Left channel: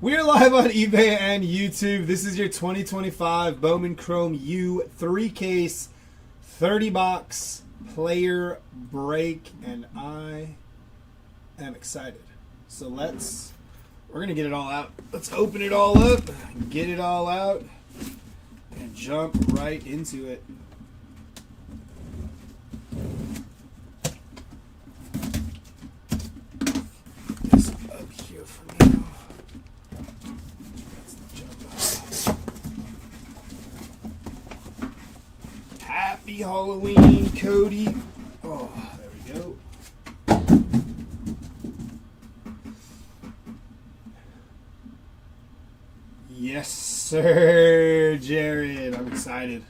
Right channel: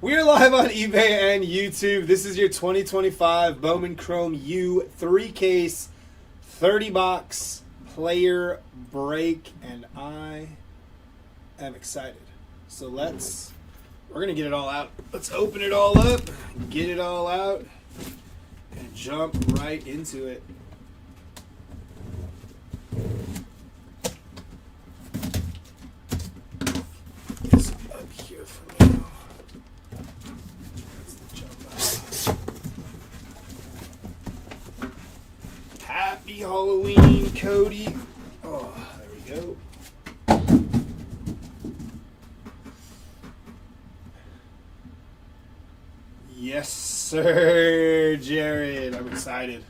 We're live on eBay and YouTube. This is your 2025 Bowman Chrome U 3-case 30-box player break, and I am excited. So we're going to get it all out. Let's open it all up, get it all out, and jump right into it. This up here for me. Happy Halloween, Cody. Oh, there we go. Yes, sir, Jared. I'm excited.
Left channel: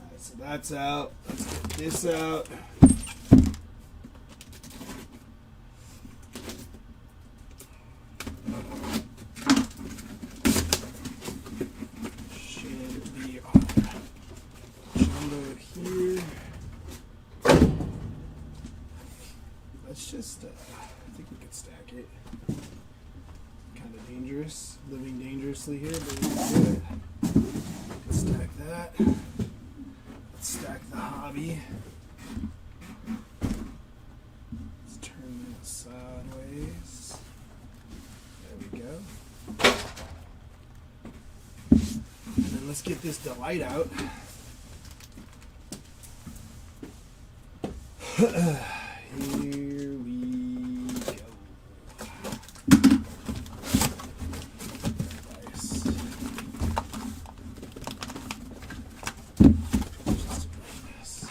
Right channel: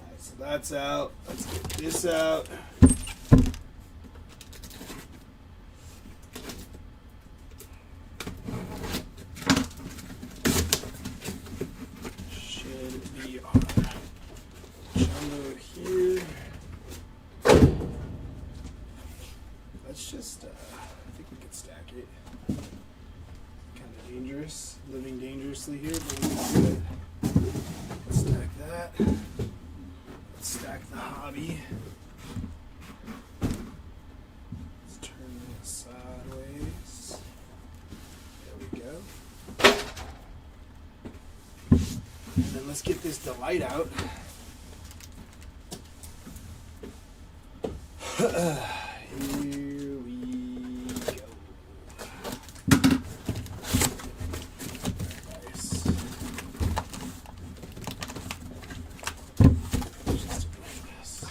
All right, so that's out. Let's get this out. Should be on jumbo here. Let's just, I think we could stack it. Kind of dangerous, living dangerously here, but we can do it. Let's stack that. Let's stack the hobby. Let's turn that sideways. There we go. And then let's get this delight out. Here we go. Nice. Just ignore this.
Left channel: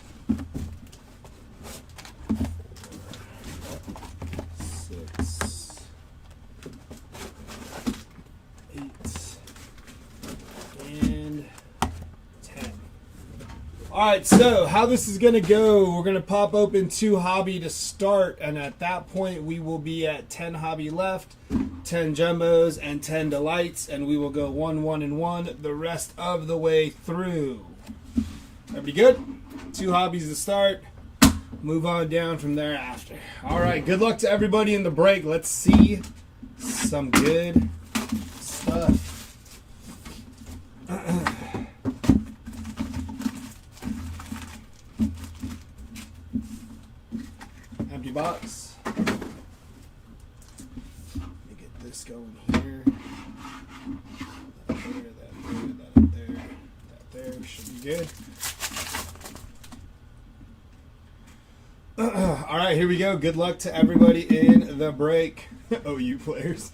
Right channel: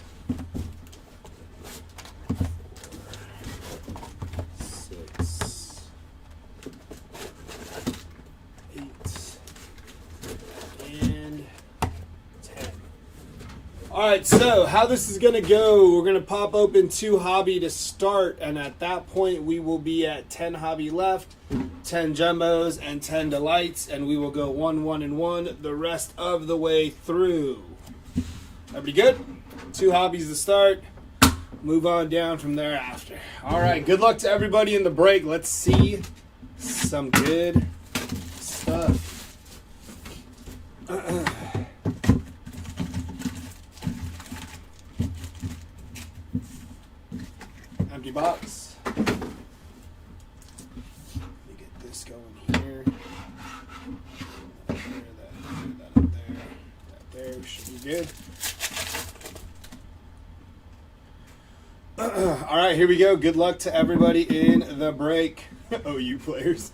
4, 6, 8, and 10. Alright, so how this is going to go, we're going to pop open 2 hobby to start, and at that point we will be at 10 hobby left, 10 jumbos, and 10 delights, and we will go 1, 1, and 1 the rest of the way through. Everybody good? 2 hobbies to start. Move on down from there after. Alright, good luck to everybody in the break. Let's see some good stuff. Empty box. Let me get this going here. That up there. That there. We should be good. Alright, here we go. Good luck to everybody in the break. OU players.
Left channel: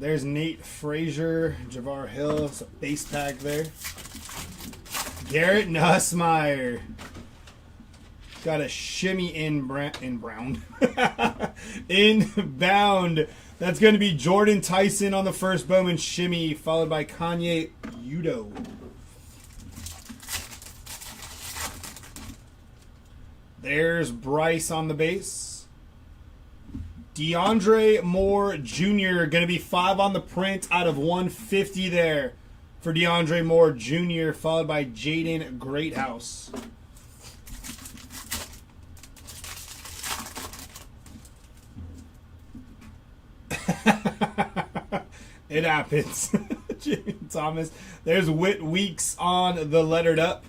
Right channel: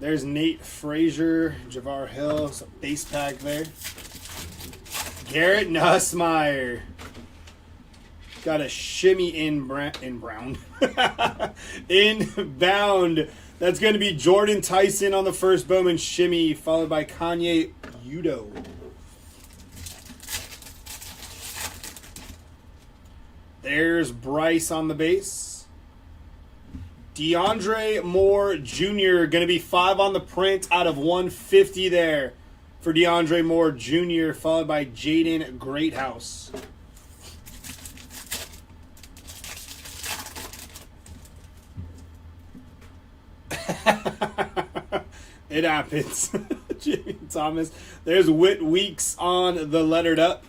There's Nate Frazier, Javar Hill, some base pack there. Garrett Nussmeier. Got a shimmy inbound. That's going to be Jordan Tyson on the first Bowman shimmy, followed by Kanye Udo. There's Bryce on the base. DeAndre Moore Jr. going to be 5 on the print out of 150 there for DeAndre Moore Jr., followed by Jaden Greathouse. It happens. Jimmy Thomas. There's Whit Weeks on the lettered up.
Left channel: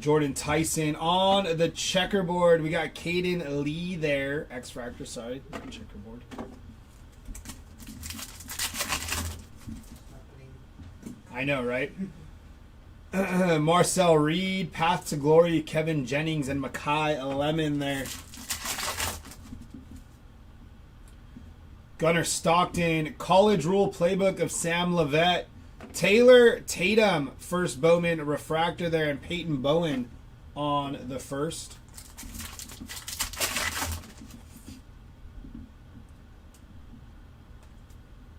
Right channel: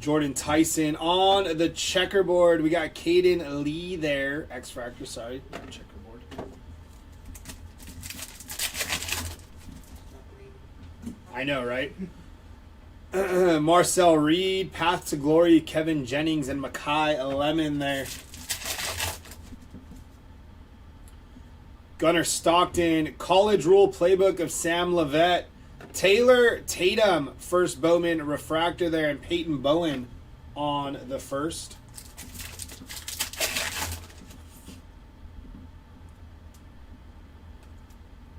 Jordan Tyson on the checkerboard. We got Caden Lee there. X-Factor, sorry. Not checkerboard. I know, right? Marcel Reed, Path to Glory, Kevin Jennings, and Makai Lemon there. Gunnar Stockton, College Rule Playbook of Sam Levette. Taylor Tatum, first Bowman refractor there, and Peyton Bowen on the first.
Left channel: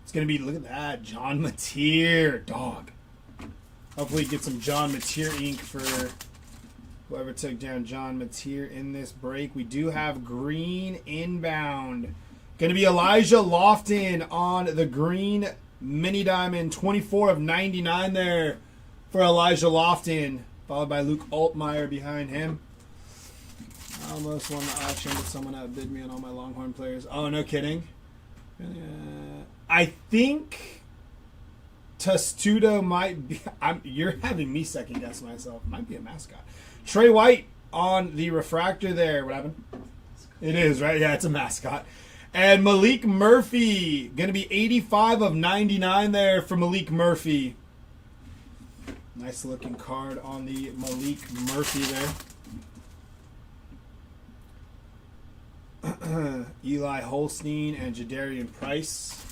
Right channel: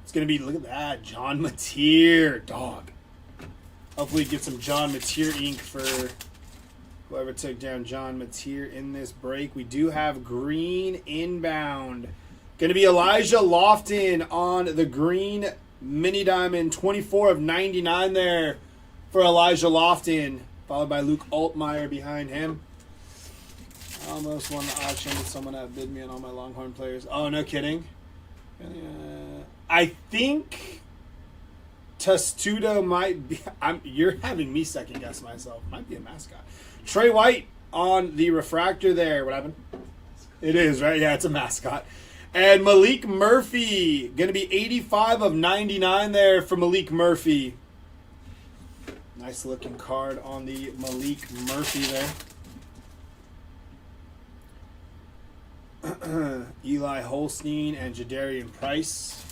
It's going to be, look at that, John Mateer, dog. Hopefully get some John Mateer ink for whoever took down John Mateer in this break. We do have green inbound. Going to be Elijah Lofton on the green mini diamond. 24 of 99 there for Elijah Lofton, followed by Luke Altmaier behind him. almost won the auction, but someone outbid me on all my Longhorn players. Oh, no kidding. I think Testudo might be. You're having me second guess myself. Might be a mascot. Trey White on the refractor there. What happened? It is, right? Yeah, it's a mascot. And Malik Murphy. Going to be 85 of 99 there for Malik Murphy. Nice looking card on the Malik Murphy there. Eli Holstein and Jadarian Price.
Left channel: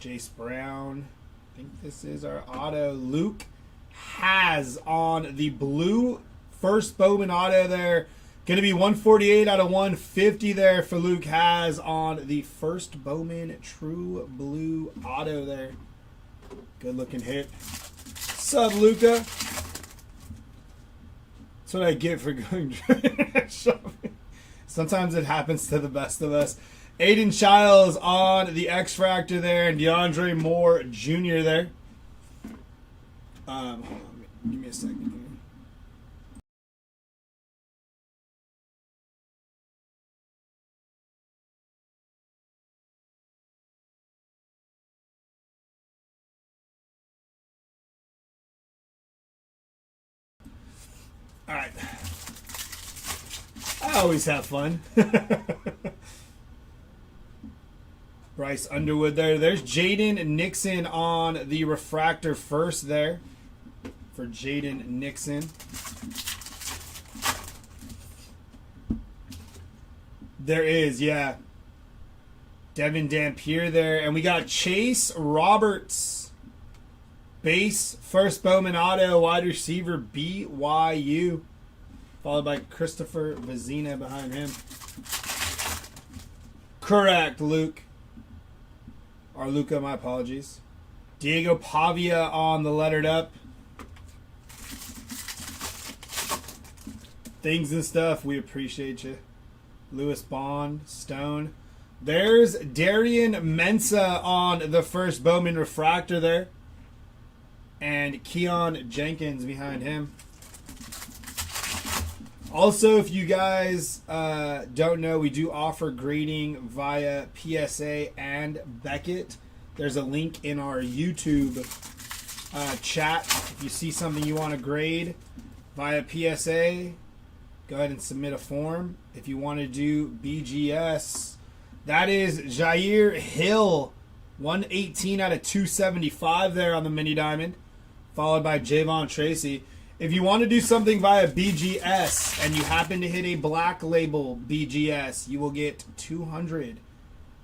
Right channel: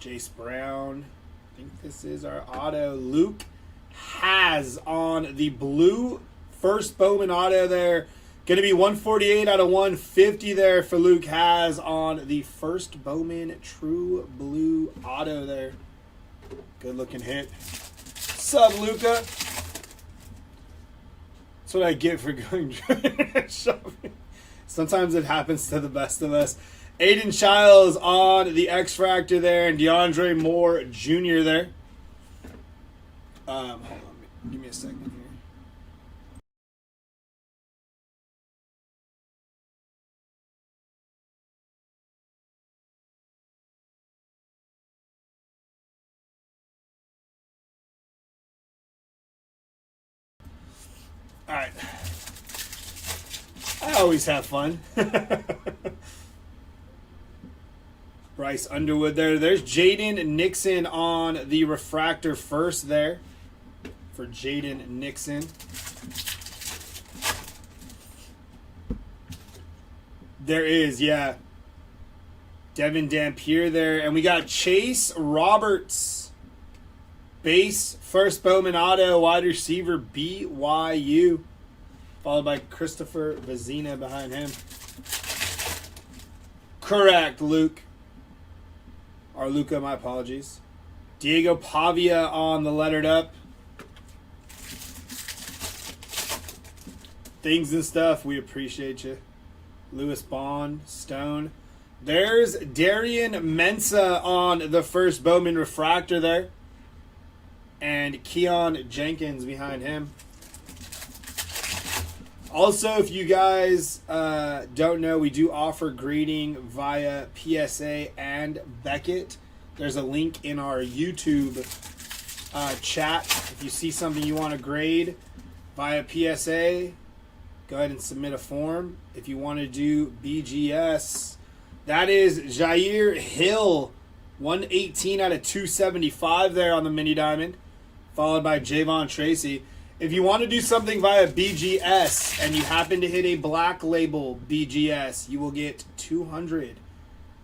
Jace Brown. I think this is our auto. Luke has on the blue first Bowman auto there. Going to be 148 out of 150 there for Luke has on the first Bowman true blue auto there. Good looking hit. Sup, Luca? That's what I get for going shopping. Sometimes it happens to the best of us. Aiden Childs on the X-Fractor there, and DeAndre Moore Jr. there. Hold on, give me a second here. All right. I always have fun. Bryce Underwood there. There's Jaden Nixon on the refractor first there for Jaden Nixon. There is, yeah. Devin Dampier there. And we got Chase Roberts. Base, first Bowman auto, wide receiver, BYU. Followed by Christopher Vizina behind him. Correct, Luke. Or Luca, my apologies. Diego Pavia on the lettered up. Things and stuff, we appreciate you. Lewis Bond, Stone. There's Darian Mensa on the first Bowman refractor there. And Keon Jenkins behind him. Also, if you guys don't know, we do offer grading via PSA and Beckett. There's a link in our YouTube chat. If you see something you want to grade via PSA, go ahead and submit a form. If you want to do BGS, that is Jair Hill, 118 out of 275 there on the mini diamond, followed by Javon Tracy. If you want to do something via BGS and you happen to hit a black label BGS, you will get 200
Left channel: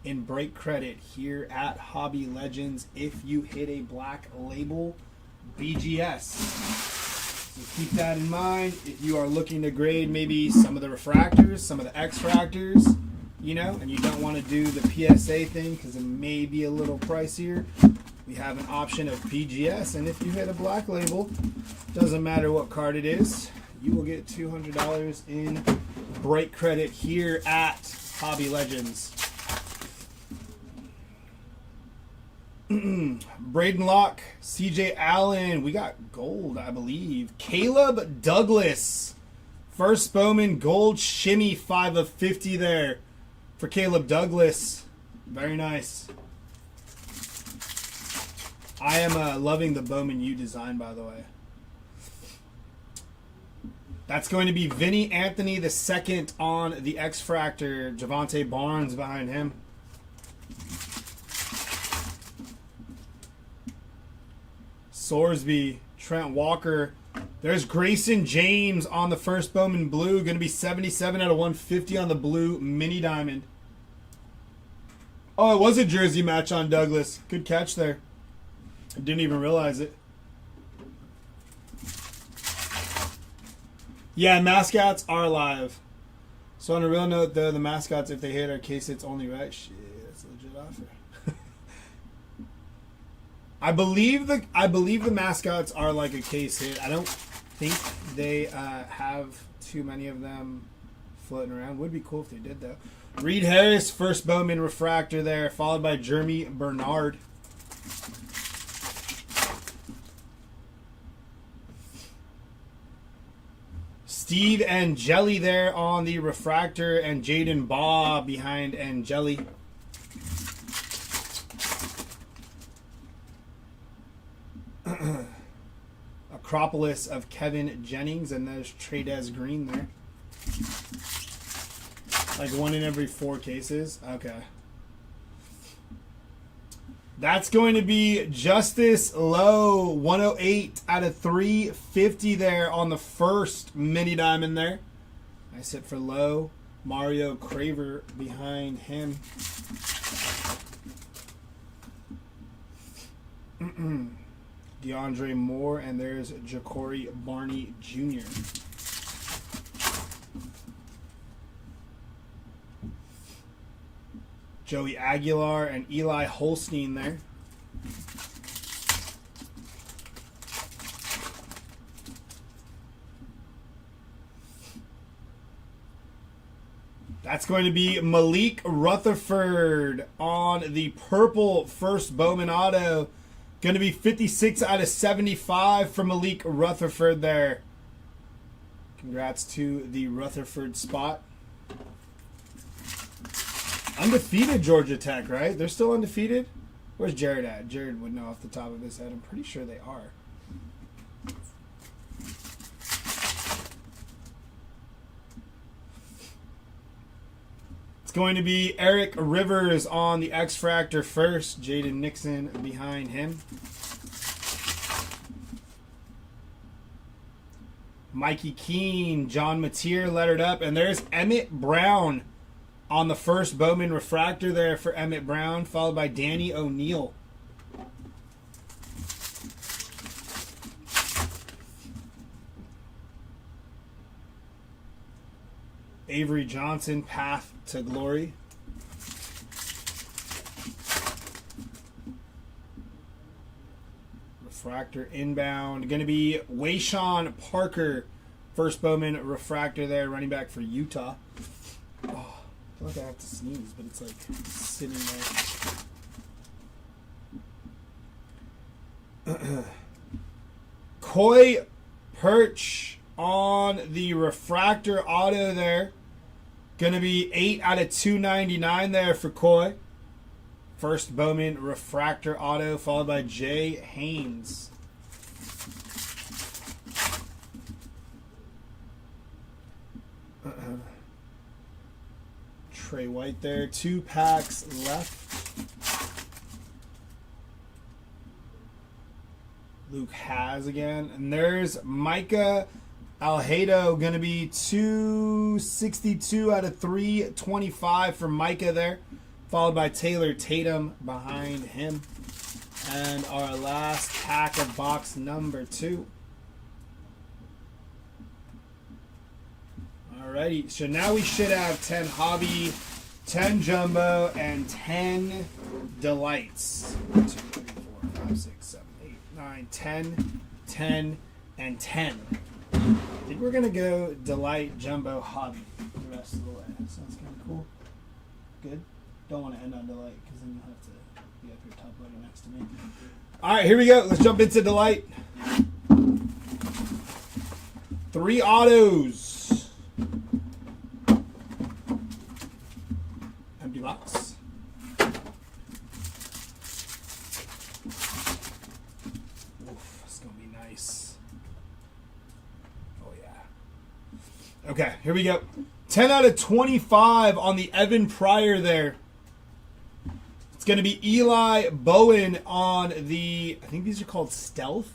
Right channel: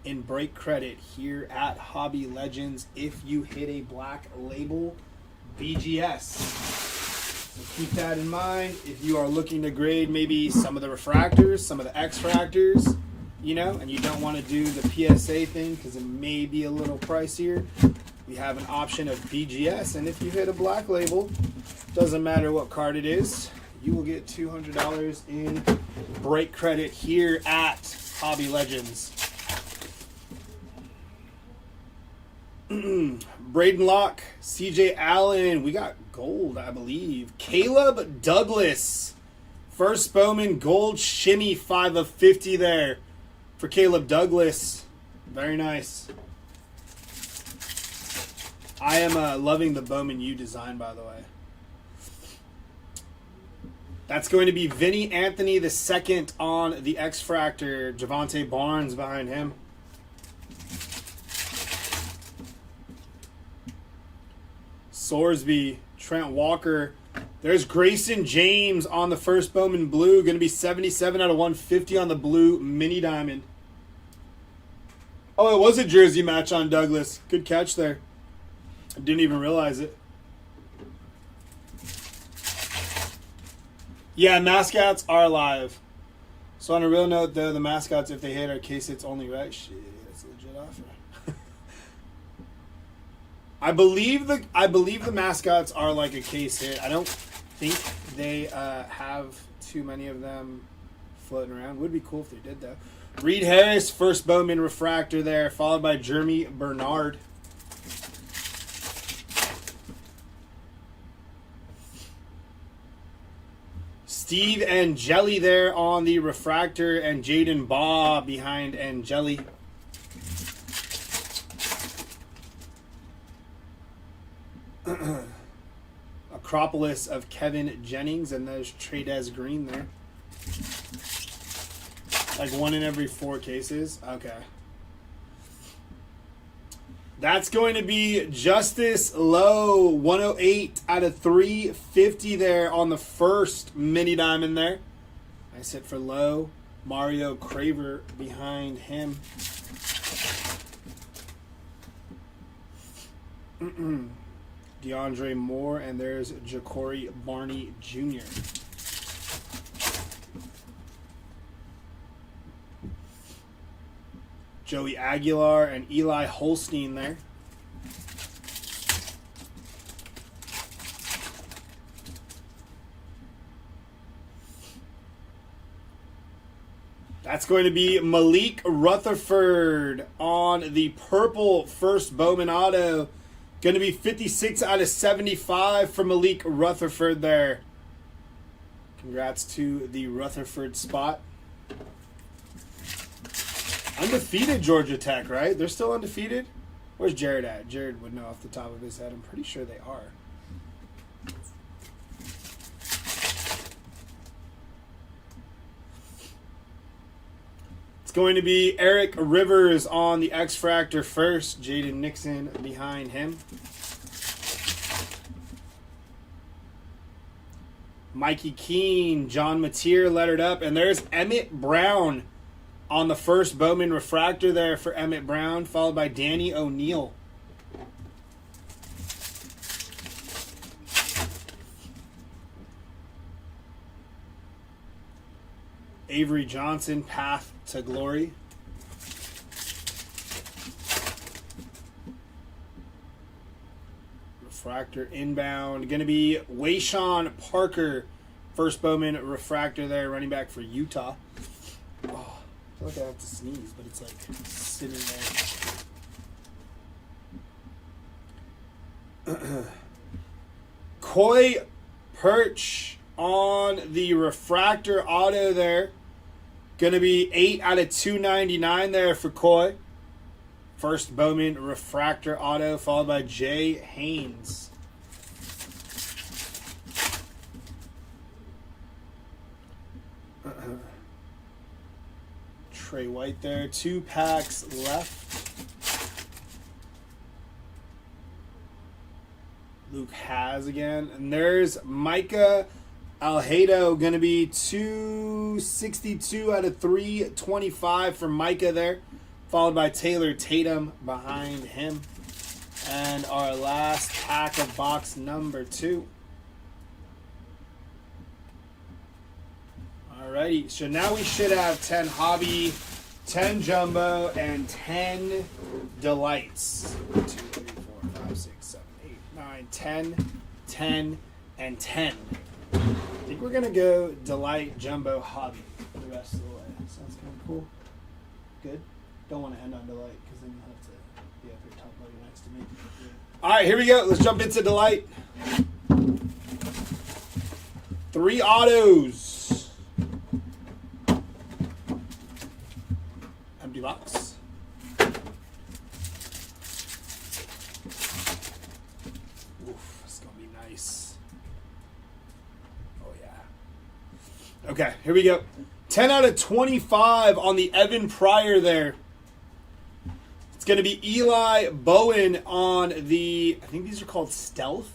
in break credit here at Hobby Legends if you hit a black label BGS. So keep that in mind if you are looking to grade maybe some of the refractors, some of the X-fractors, you know, and you don't want to do the PSA thing because it may be a little pricier. We have an option of BGS, and if you hit a black label, doesn't matter what card it is, you will get $200 in break credit here at Hobby Legends. Braden Locke, CJ Allen, we got gold, I believe. Caleb Douglas, first Bowman gold shimmy 5 of 50 there for Caleb Douglas. Very nice. I am loving the Bowman U design, by the way. That's going to be Vinny Anthony the second on the X-Fractor. Javonte Barnes behind him. Sorsby, Trent Walker. There's Grayson James on the first Bowman blue. Going to be 77 out of 150 on the blue mini diamond. Oh, it was a jersey match on Douglas. Good catch there. I didn't even realize it. Yeah, mascots are live. So on a real note, though, the mascots, if they hit, are case hits only, right? Shit, that's a legit offer. I believe the mascots are like a case hit. I don't think they have too many of them floating around. Would be cool if they did, though. Reed Harris, first Bowman refractor there, followed by Jeremy Bernard. Steve and Jelly there on the refractor, and Jaden Baugh behind and Jelly. Acropolis of Kevin Jennings, and there's Tradez Green there. Like 1 in every 4 cases. Okay. That's going to be Justice Lowe, 108 out of 350 there on the first mini diamond there. Nice hit for Lowe. Mario Craver behind him. DeAndre Moore, and there's Ja'Cory Barney Jr. Joey Aguilar and Eli Holstein there. That's going to be Malik Rutherford on the purple first Bowman auto. Going to be 56 out of 75 for Malik Rutherford there. Congrats to the Rutherford spot. Undefeated Georgia Tech, right? They're still undefeated? Where's Jared at? Jared would know off the top of his head. I'm pretty sure they are. It's going to be Eric Rivers on the X-Fractor first. Jaden Nixon behind him. Mikey Keene, John Mateer lettered up. And there's Emmett Brown on the first Bowman refractor there for Emmett Brown, followed by Danny O'Neal. Avery Johnson, Path to Glory. Refractor inbound. Going to be Wayshawn Parker, first Bowman refractor there, running back for Utah. Oh, I feel like I have to sneeze, but it's like sitting there. Koi Perch on the refractor auto there. Going to be 8 out of 299 there for Koi. First Bowman refractor auto, followed by Jay Haynes. Trey White there. 2 packs left. Luke Has again. And there's Micah Alhedo, going to be 262 out of 325 for Micah there, followed by Taylor Tatum behind him. And our last pack of box number 2. Alrighty, so now we should have 10 Hobby, 10 Jumbo, and 10 Delights. 1, 2, 3, 4, 5, 6, 7, 8, 9, 10, 10, and 10. I think we're going to go Delight, Jumbo, Hobby the rest of the way. So that's kind of cool. Good. Don't want to end on Delight because then you'll have to be up here top loading next to me. All right, here we go. Let's jump into Delight. 3 autos. Empty box. Oof, it's going to be nice. Okay, here we go. 10 out of 25 on the Evan Pryor there. It's going to be Eli Bowen on the, I think these are called Stealth,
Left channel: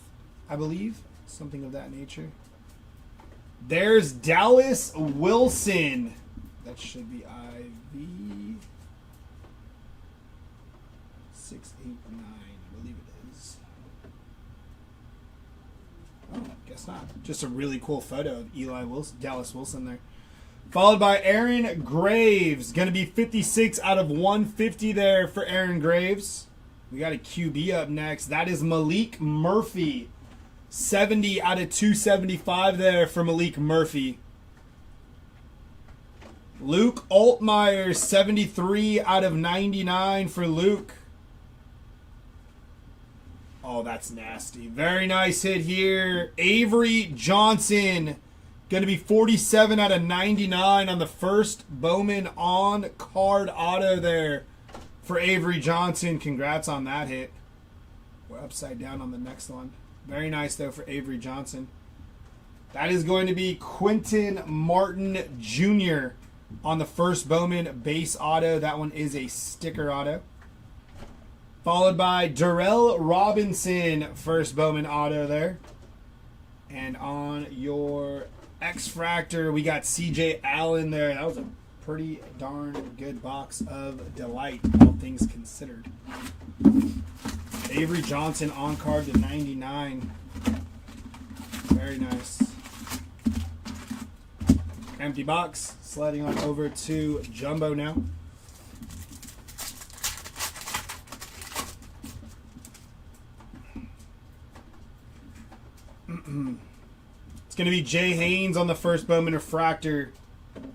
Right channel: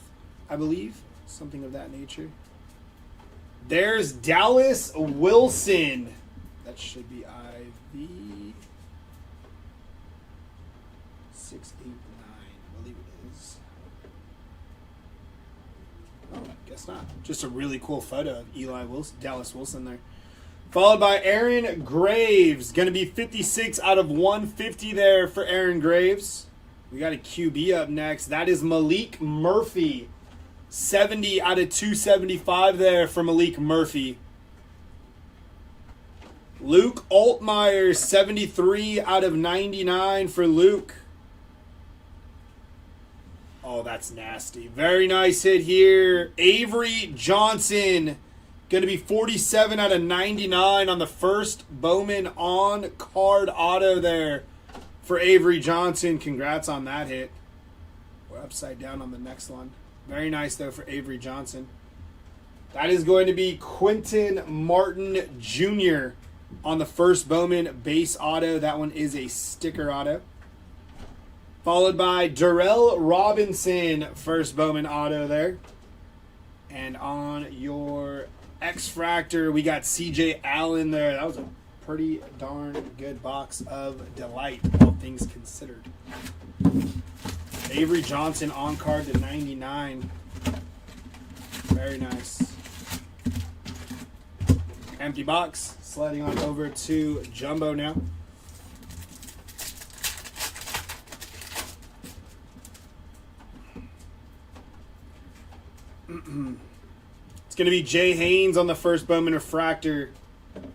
I believe. Something of that nature. There's Dallas Wilson. That should be IV 689, I believe it is. Oh, I guess not. Just a really cool photo of Eli Wilson, Dallas Wilson there. Followed by Aaron Graves. Going to be 56 out of 150 there for Aaron Graves. We got a QB up next. That is Malik Murphy. 70 out of 275 there for Malik Murphy. Luke Altmaier, 73 out of 99 for Luke. Oh, that's nasty. Very nice hit here. Avery Johnson. Going to be 47 out of 99 on the first Bowman on card auto there for Avery Johnson. Congrats on that hit. We're upside down on the next one. Very nice, though, for Avery Johnson. That is going to be Quentin Martin Jr. on the first Bowman base auto. That one is a sticker auto. Followed by Darrell Robinson, first Bowman auto there. And on your X-Fractor, we got CJ Allen there. That was a pretty darn good box of delight, all things considered. Avery Johnson on card to 99. Very nice. Empty box. Sliding on over to Jumbo now. It's going to be Jay Haynes on the first Bowman Refractor.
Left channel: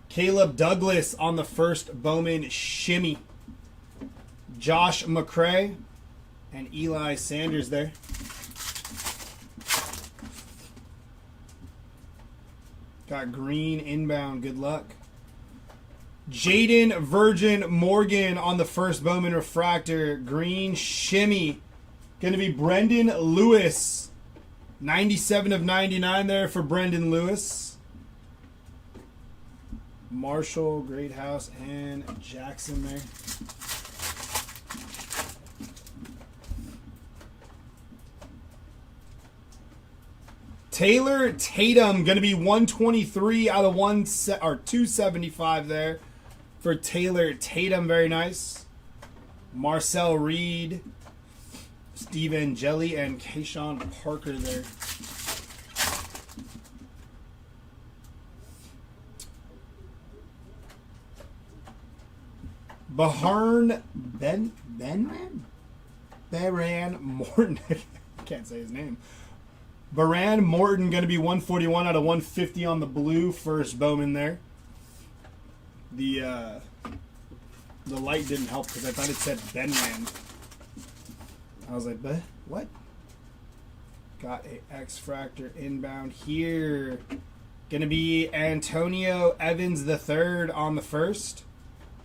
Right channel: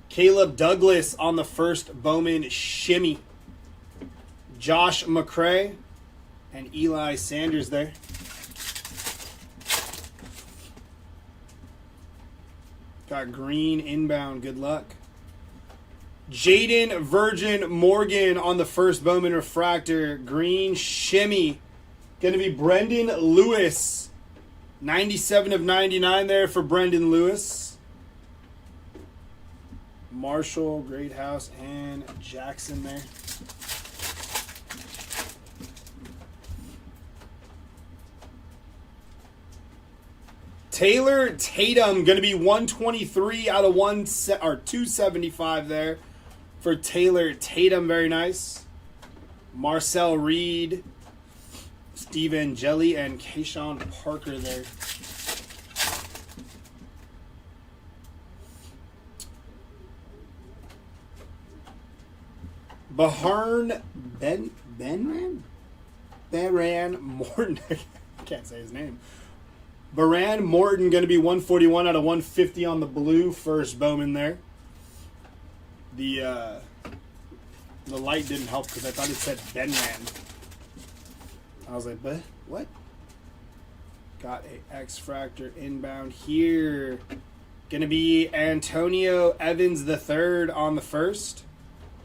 Caleb Douglas on the first Bowman Shimmy. Josh McCray and Eli Sanders there. Got green inbound. Good luck. Jaden Virgin Morgan on the first Bowman Refractor. Green Shimmy. Going to be Brendan Lewis. 97 of 99 there for Brendan Lewis. Marshall, Greathouse, and Jackson there. Taylor Tatum going to be 123 out of 275 there for Taylor Tatum. Very nice. Marcel Reed, Steven Jelly, and Kayshawn Parker there. Baran Morton. I can't say his name. Baran Morton going to be 141 out of 150 on the blue first Bowman there. The light didn't help because I thought it said Benman. I was like, but what? Got a X-Fractor inbound here. Going to be Antonio Evans III on the first.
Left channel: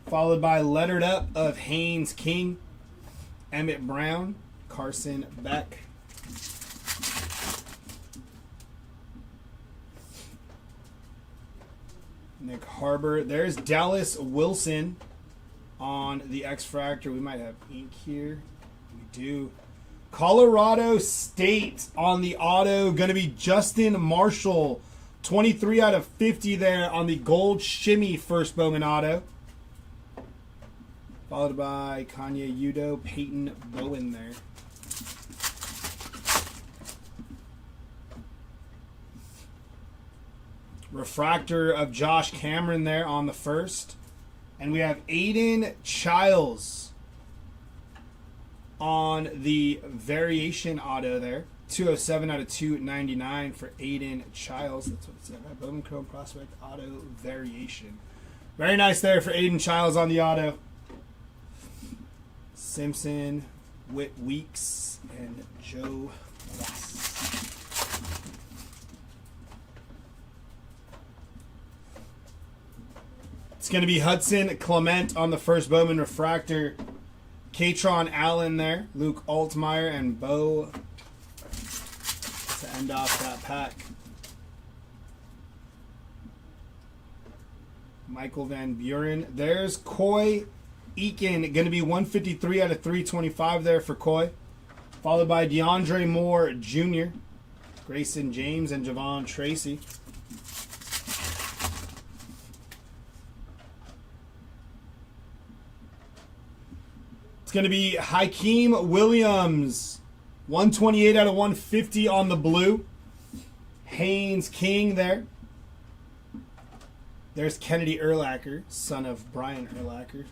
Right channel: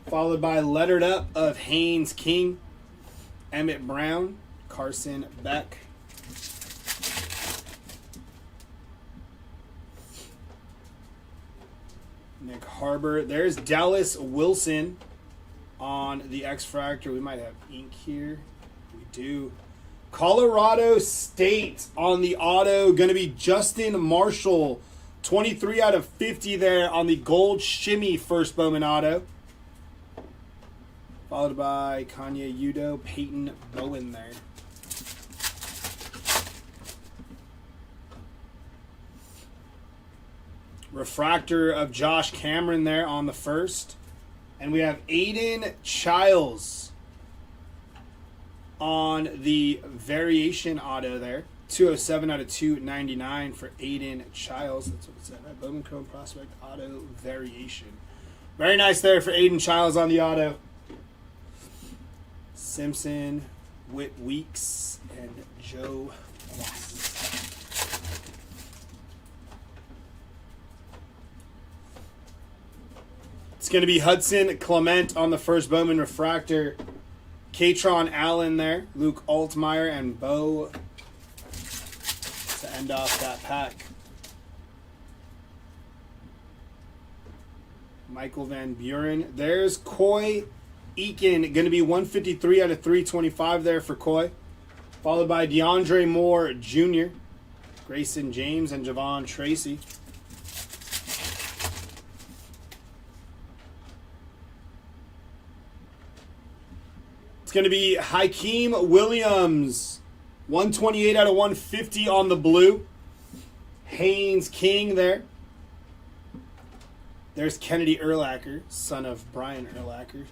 Followed by lettered up of Haynes King, Emmett Brown, Carson Beck. Nick Harbor. There's Dallas Wilson on the X-Fractor. We might have ink here. We do. Colorado State on the auto. Going to be Justin Marshall. 23 out of 50 there on the gold shimmy first Bowman auto. Followed by Kanye Udo, Peyton Bowen there. Refractor of Josh Cameron there on the first. And we have Aiden Childs on the variation auto there. 207 out of 299 for Aiden Childs. That's what it said, right? Bowman Chrome Prospect Auto Variation. Very nice there for Aiden Childs on the auto. Simpson, Whit Weeks, and Joe Moss. It's going to be Hudson Clement on the first Bowman Refractor. Katron Allen there. Luke Altmaier and Bo to end off that pack. Michael Van Buren. There's Coy Eakin. Going to be 153 out of 325 there for Coy. Followed by DeAndre Moore Jr., Grayson James, and Javon Tracy. Going to be Hakeem Williams, 128 out of 150 on the blue. Haynes King there. There's Kennedy Urlacher, son of Brian Urlacher.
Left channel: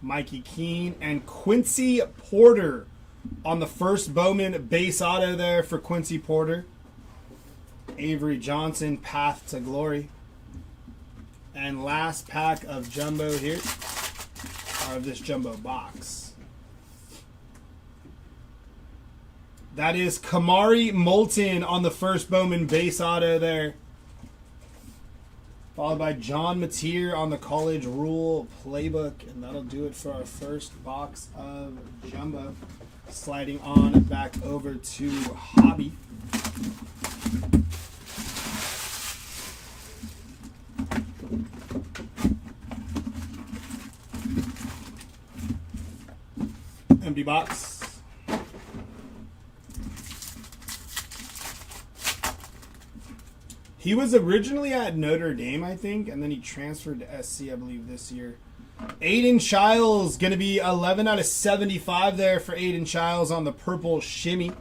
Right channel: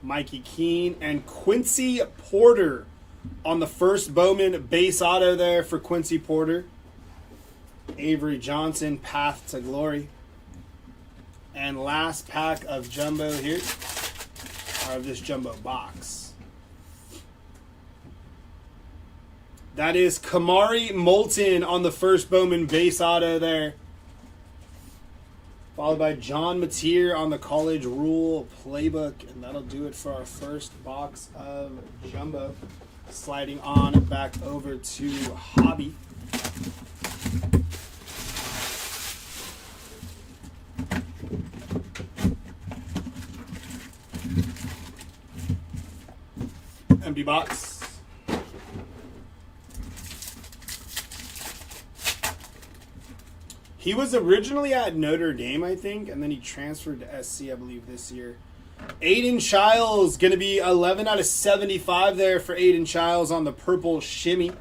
Mikey Keene and Quincy Porter on the first Bowman base auto there for Quincy Porter. Avery Johnson, Path to Glory. And last pack of Jumbo here, or of this Jumbo box. That is Kamari Moulton on the first Bowman base auto there. Followed by John Mateer on the college rule playbook. And that'll do it for our first box of Jumbo. Sliding on back over to Hobby. Empty box. He was originally at Notre Dame, I think, and then he transferred to SC, I believe, this year. Aiden Childs, going to be 11 out of 75 there for Aiden Childs on the purple shimmy.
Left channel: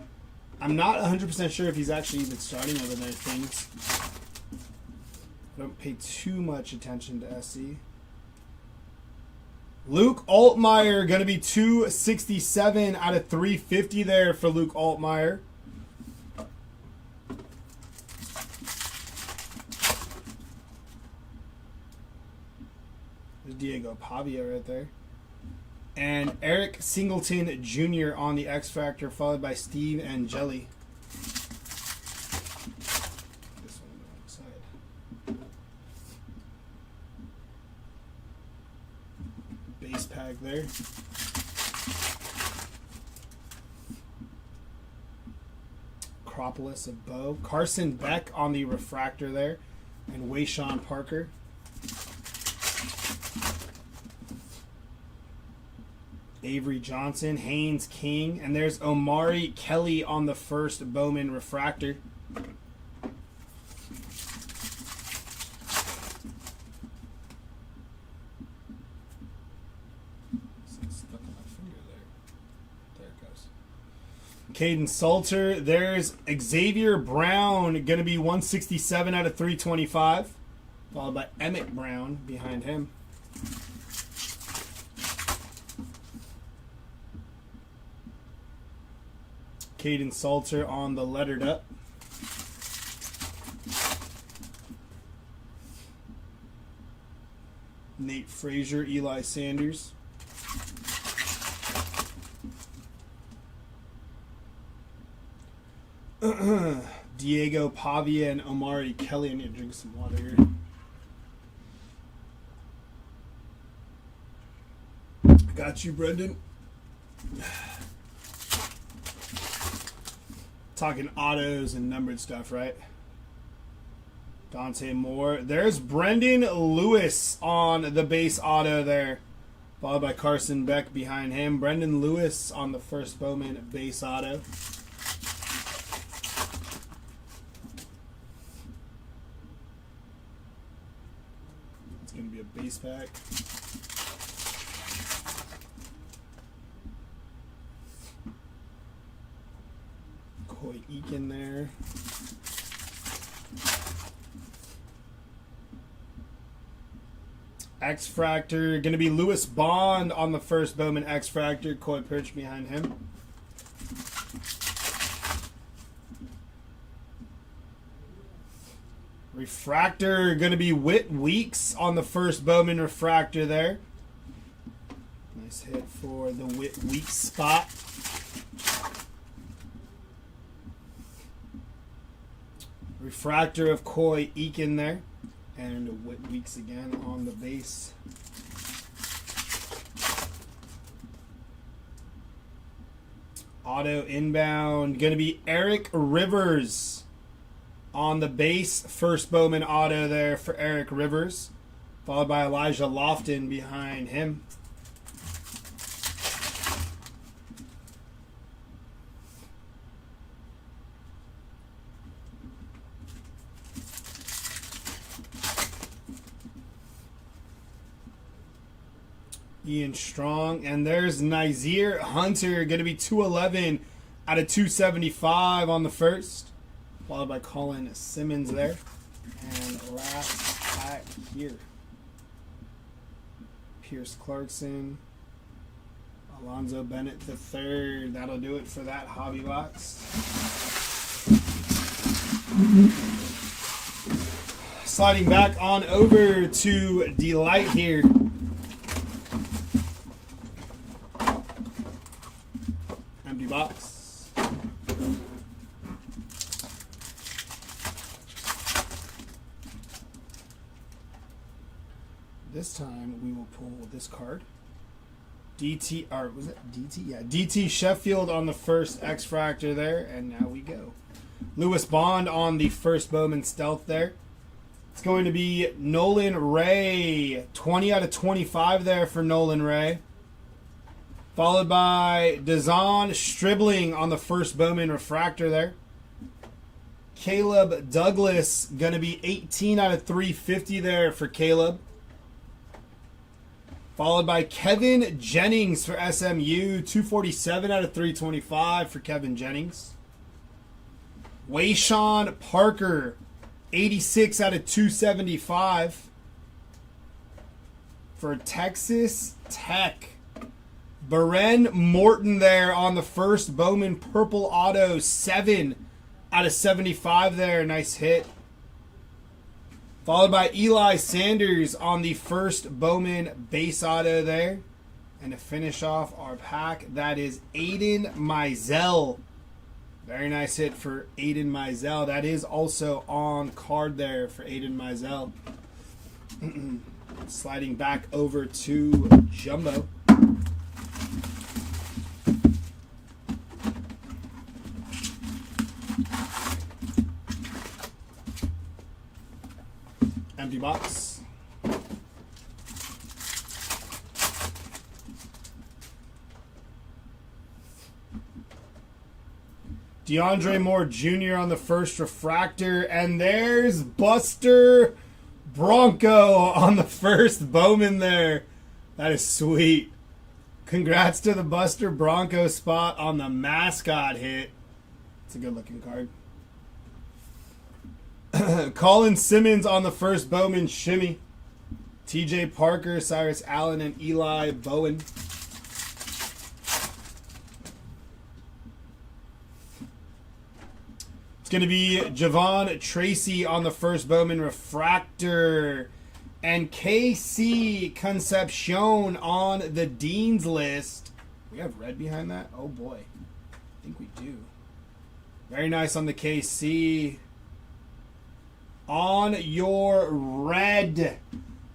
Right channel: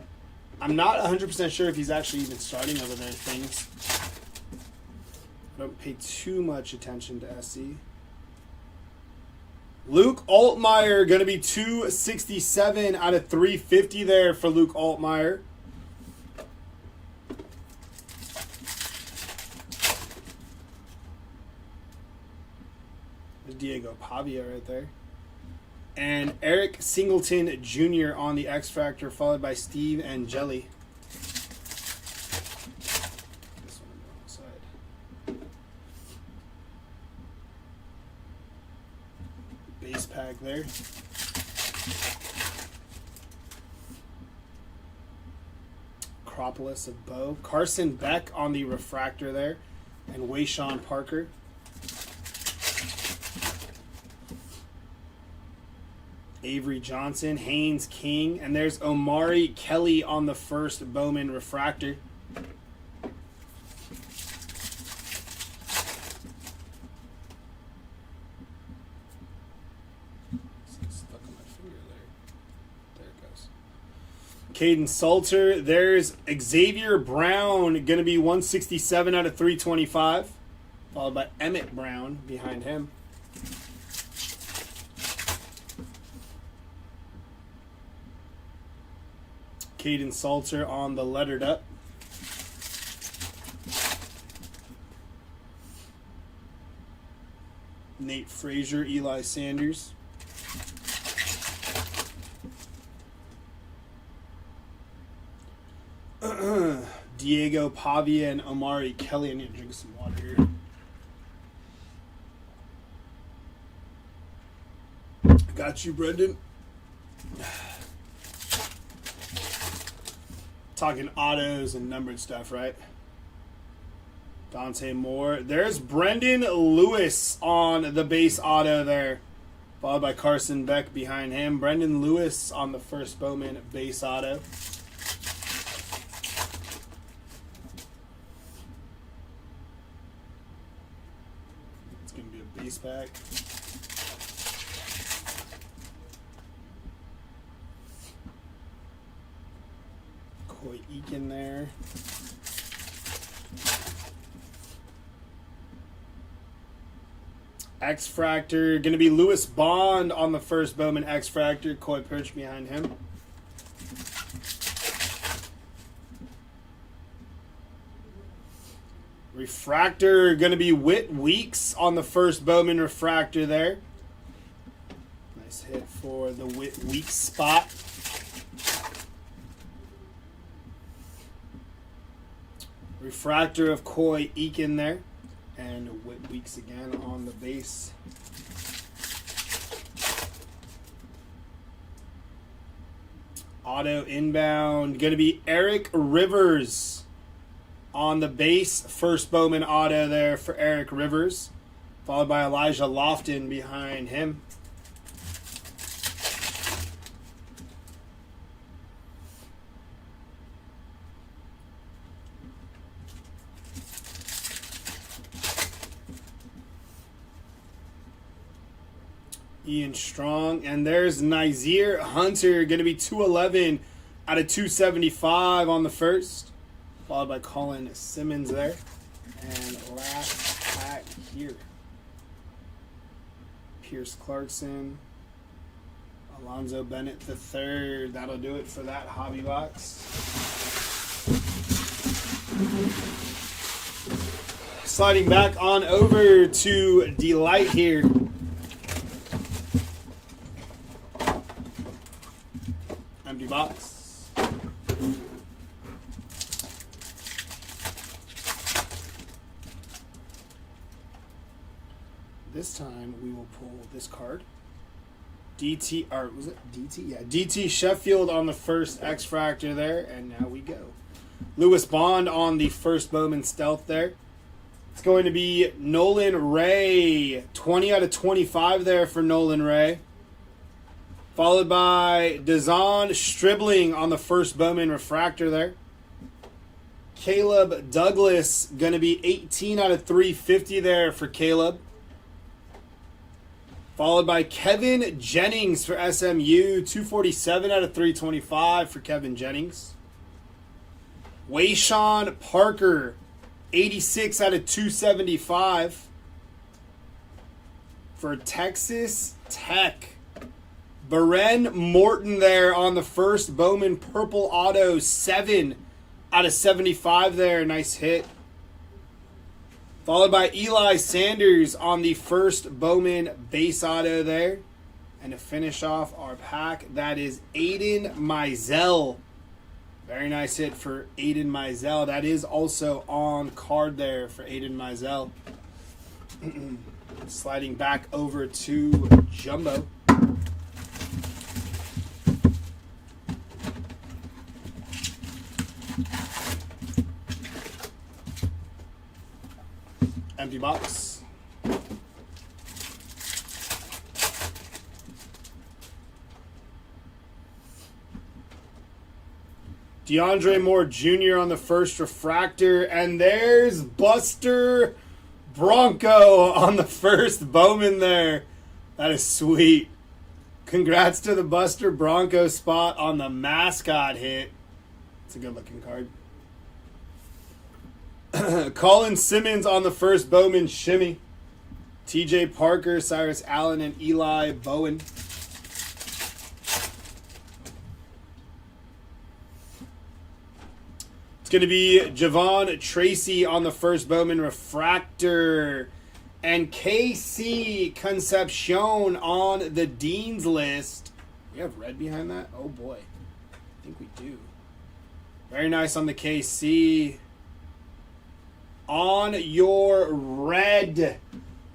I'm not 100% sure if he's actually even starting other than things. I don't pay too much attention to SC. Luke Altmaier, going to be 267 out of 350 there for Luke Altmaier. There's Diego Pavia right there. And Eric Singleton Jr. on the X Factor, followed by Steve Angeli. Base pack there. Acropolis of Bo. Carson Beck on the refractor there. And Wayshawn Parker. Avery Johnson, Haynes King, and there's Omari Kelly on the first Bowman refractor. Stuck on my finger there. There it goes. Caden Salter. There's Xavier Brown, going to be 167 out of 325, followed by Emmett Brown behind him. Caden Salter on the lettered up. Nate Frazier, Eli Sanders. Diego Pavia and Omari Kelly. I need to drink some water here. Got you, Brendan. Talking autos and numbered stuff, right? Dante Moore. There's Brendan Lewis on the base auto there. Followed by Carson Beck behind him. Brendan Lewis on the first Bowman base auto. It's going to be a base pack. Coy Eakin there. X-Fractor, going to be Lewis Bond on the first Bowman X-Fractor. Coy Perch behind him. Refractor, going to be Whit Weeks on the first Bowman Refractor there. Nice hit for the Whit Weeks spot. Refractor of Coy Eakin there. And Whit Weeks again on the base. Auto inbound. Going to be Eric Rivers on the base. First Bowman auto there for Eric Rivers. Followed by Elijah Lofton behind him. Ian Strong, and there's Nazir Hunter, going to be 211 out of 275 on the first, followed by Colin Simmons there, and last pack here, Pierce Clarkson, Alonzo Bennett III. That'll do it for that hobby box. Sliding back on over to Delight here. Empty box. this time we will pull this card. DT, or was it DT? Yeah, DT Sheffield on the first X-Fractor there, and now we go. Lewis Bond on the first Bowman Stealth there. It's going to be Nolan Ray, 20 out of 25 there for Nolan Ray. Followed by Dazon Stribling on the first Bowman Refractor there. Caleb Douglas, going to be 18 out of 350 there for Caleb. Followed by Kevin Jennings for SMU, 247 out of 325 for Kevin Jennings. Wayshawn Parker, 86 out of 275 for Texas Tech. Beren Morton there on the first Bowman Purple Auto, 7 out of 75 there. Nice hit. Followed by Eli Sanders on the first Bowman Base Auto there. And to finish off our pack, that is Aiden Mizell. Very nice hit for Aiden Mizell. That is also on card there for Aiden Mizell. Sliding back over to Jumbo. Empty box. DeAndre Moore Jr. on the first Refractor, and there's Buster Bronco on the first Bowman there. That is sweet. Congrats to the Buster Bronco spot on the mascot hit. It's a good looking card. Colin Simmons on the first Bowman Shimmy. TJ Parker, Cyrus Allen, and Eli Bowen. It's going to be Javon Tracy on the first Bowman Refractor. And KC Concepcion on the Dean's List. We have red behind that? Oh boy. I think we do. Very nice on the KC. On your red,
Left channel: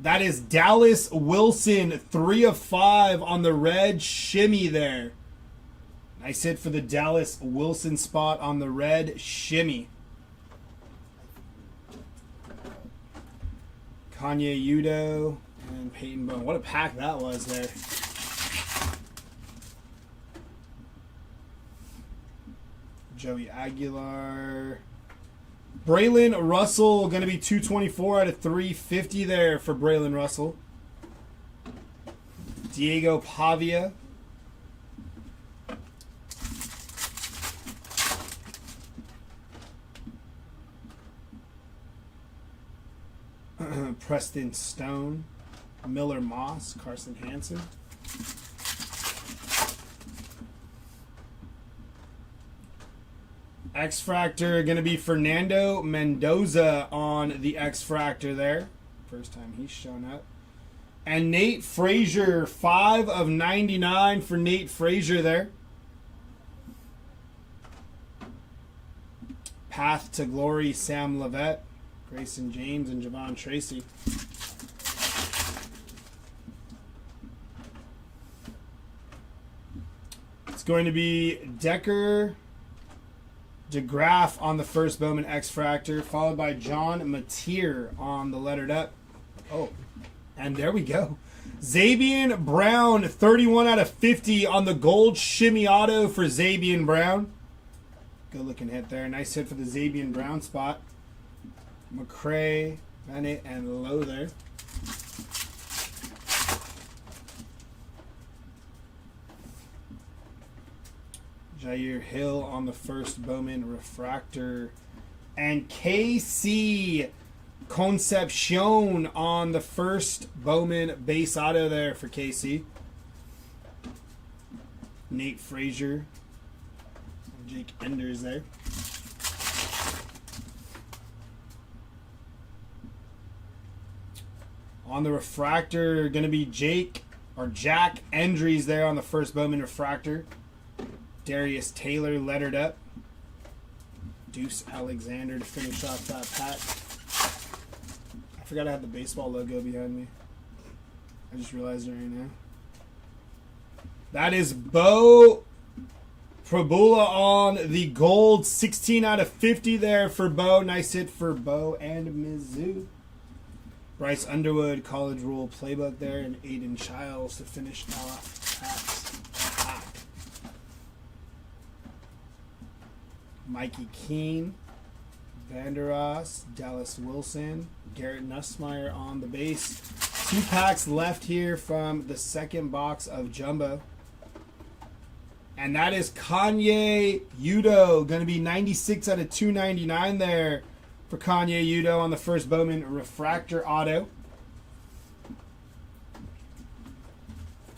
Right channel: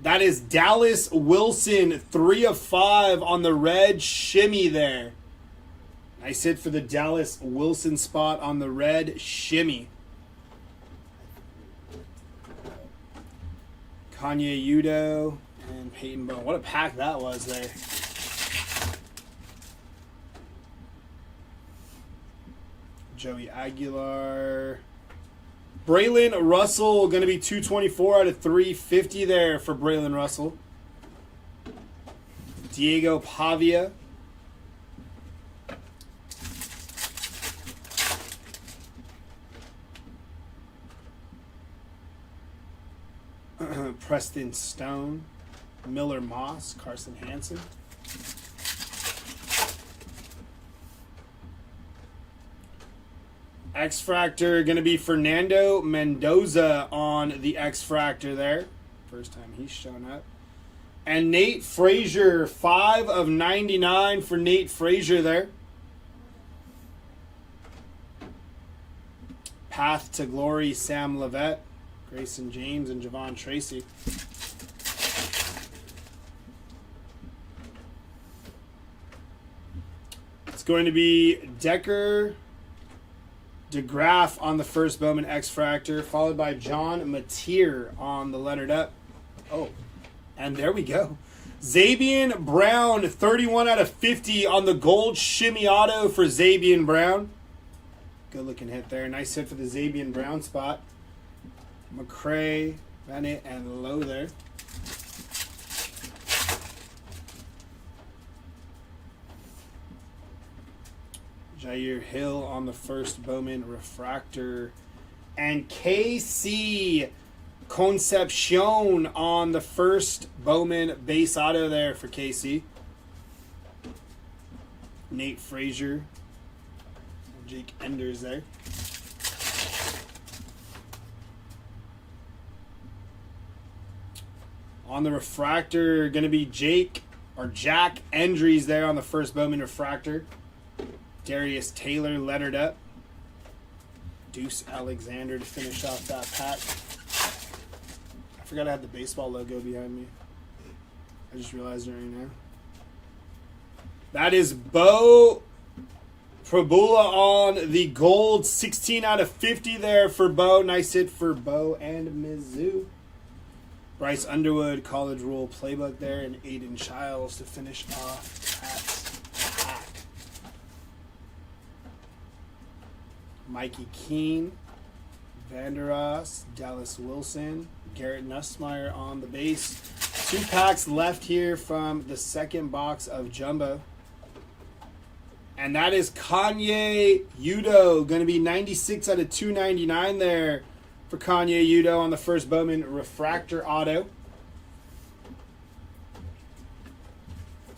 that is Dallas Wilson, 3 of 5 on the red shimmy there. Nice hit for the Dallas Wilson spot on the red shimmy. Kanye Udo and Peyton Bowen. What a pack that was there. Joey Aguilar. Braylon Russell, going to be 224 out of 350 there for Braylon Russell. Diego Pavia. Preston Stone. Miller Moss. Carson Hansen. X-Fractor going to be Fernando Mendoza on the X-Fractor there. First time he's shown up. And Nate Frazier, 5 of 99 for Nate Frazier there. Path to Glory, Sam Levette, Grayson James, and Javon Tracy. It's going to be Decker DeGraff on the first Bowman X-Fractor, followed by John Mateer on the lettered up. Oh, and there we go. Zabian Brown, 31 out of 50 on the gold shimmy auto for Zabian Brown. Good looking hit there. Nice hit for the Zabian Brown spot. McCray, Bennett, and Lowe there. Jair Hill on the first Bowman Refractor. And KC Concepcion on the first Bowman Base Auto there for KC. Nate Frazier. Jake Enders there. On the Refractor, going to be Jack Endries there on the first Bowman Refractor. Darius Taylor lettered up. Deuce Alexander to finish off that pack. I forgot I had the baseball logo behind me. I just realized it right now. That is Bo Prabula on the gold. 16 out of 50 there for Bo. Nice hit for Bo and Mizzou. Bryce Underwood, College Rule Playbook there, and Aiden Childs to finish off that pack. Mikey Keene, Vanderas, Dallas Wilson, Garrett Nussmeier on the base. 2 packs left here from the second box of Jumbo. And that is Kanye Udo. Going to be 96 out of 299 there for Kanye Udo on the first Bowman Refractor Auto.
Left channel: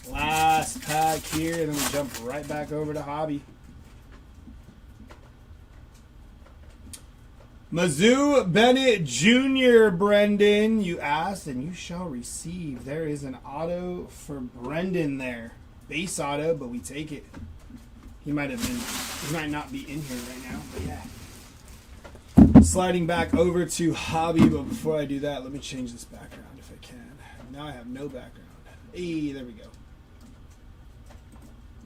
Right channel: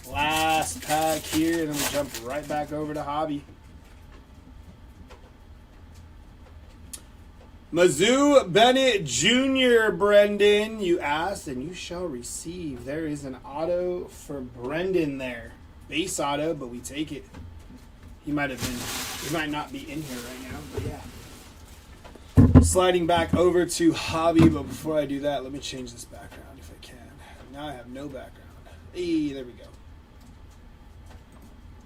Last pack here, and then we jump right back over to Hobby. Mizzou Bennett Jr., Brendan, you asked and you shall receive. There is an auto for Brendan there. Base auto, but we take it. He might not be in here right now, but yeah. Sliding back over to Hobby, but before I do that, let me change this background if I can. Now I have no background. Hey, there we go.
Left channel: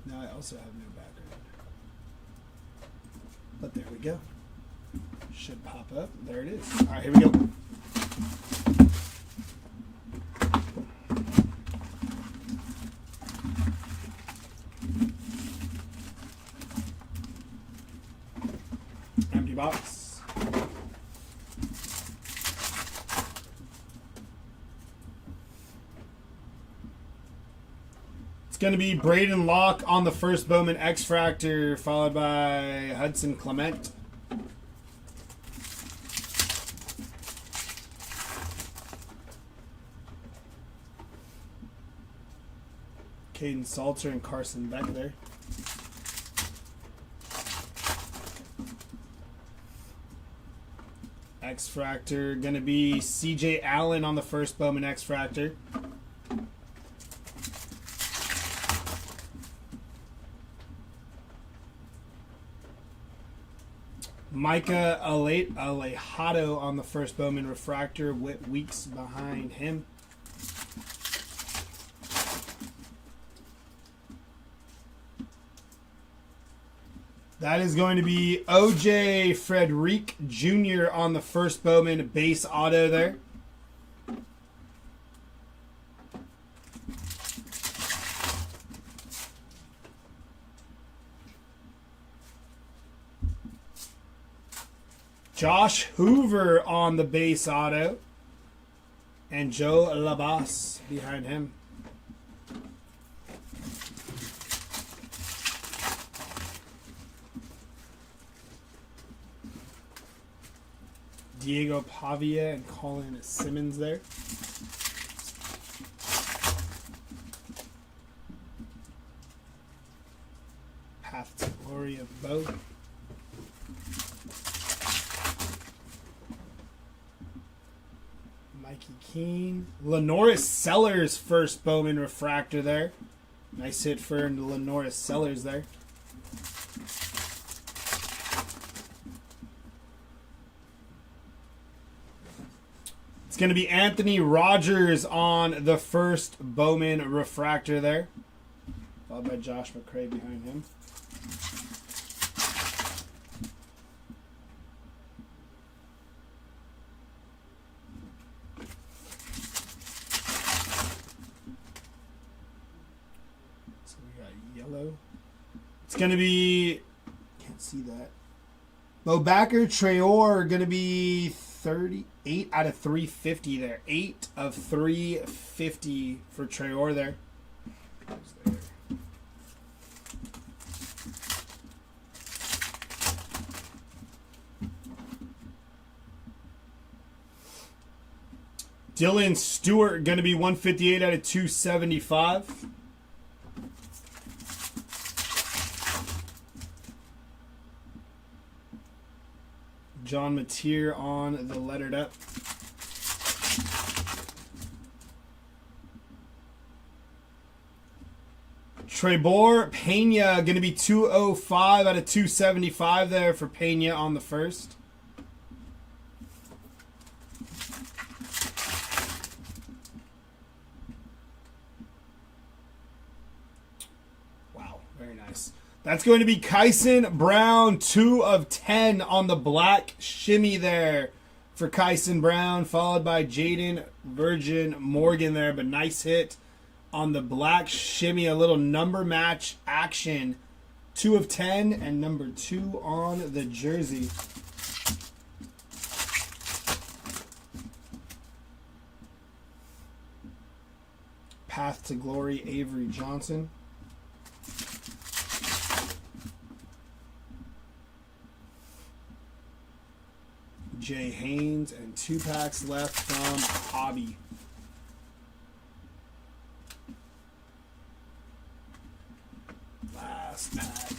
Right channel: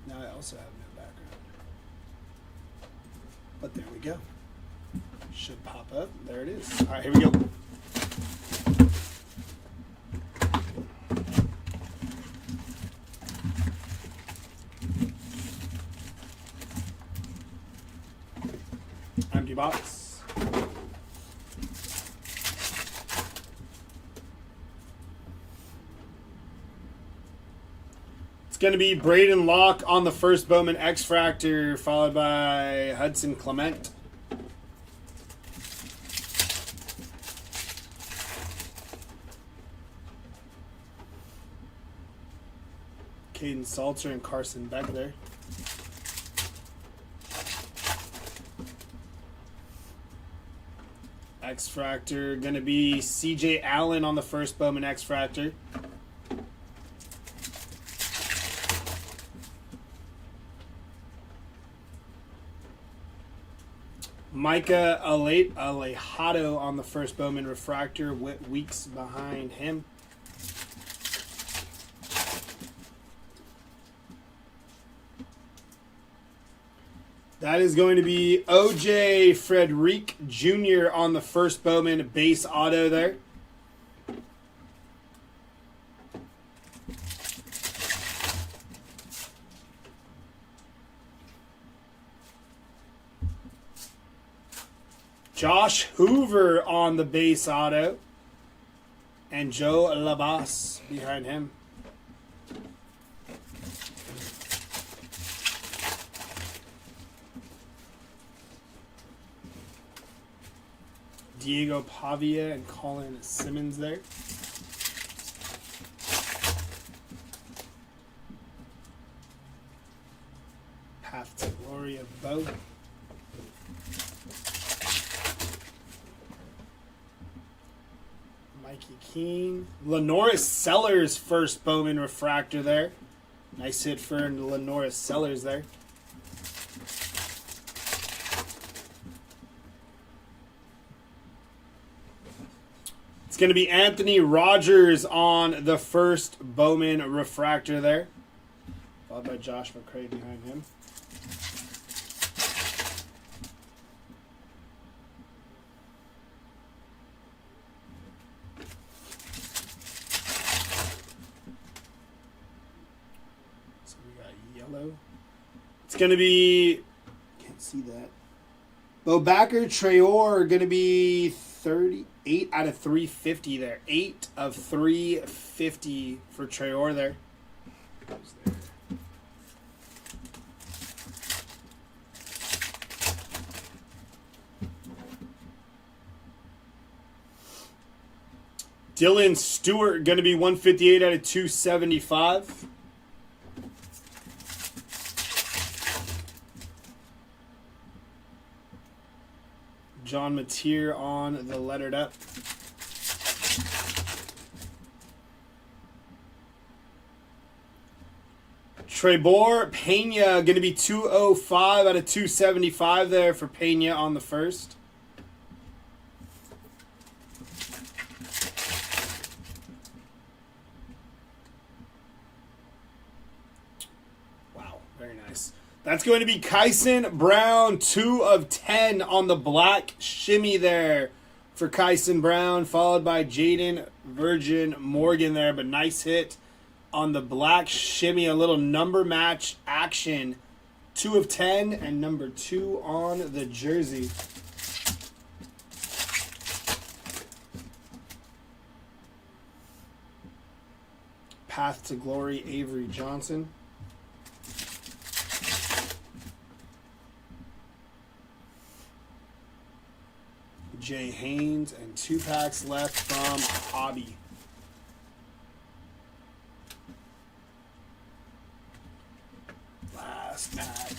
Now I also have no background. But there we go. Should pop up. There it is. All right, here we go. Empty box. It's going to be Braden Locke on the first Bowman X-Fractor, followed by Hudson Clement. Caden Salter and Carson Beck there. X-Fractor, going to be CJ Allen on the first Bowman X-Fractor. Micah Alejado on the first Bowman Refractor, with Weeks behind him. That is going to be OJ Frederick Jr. on the first Bowman base auto there. Josh Hoover on the base auto. And Joe Labas behind him. Diego Pavia and Colin Simmons there. Path to Glory of Bo. Mikey Keene. Lenoris Sellers first Bowman Refractor there. Nice hit for Lenoris Sellers there. Going to be Anthony Rogers on the first Bowman Refractor there, followed by Josh McCray behind him. So we got yellow. It's going to be, can't see that. Bobacker Traore going to be 38 out of 350 there. 8 of 350 for Traore there. Dylan Stewart going to be 158 out of 275. John Mateer on the lettered up. Trebor Pena going to be 205 out of 275 there for Pena on the first. That's going to be Kyson Brown, 2 of 10 on the black shimmy there for Kyson Brown, followed by Jaden Virgin Morgan there. But nice hit on the black shimmy, a little number match action. 2 of 10 and number 2 on the jersey. Path to Glory, Avery Johnson. Jay Haynes, and 2 packs left from Hobby. Last pack.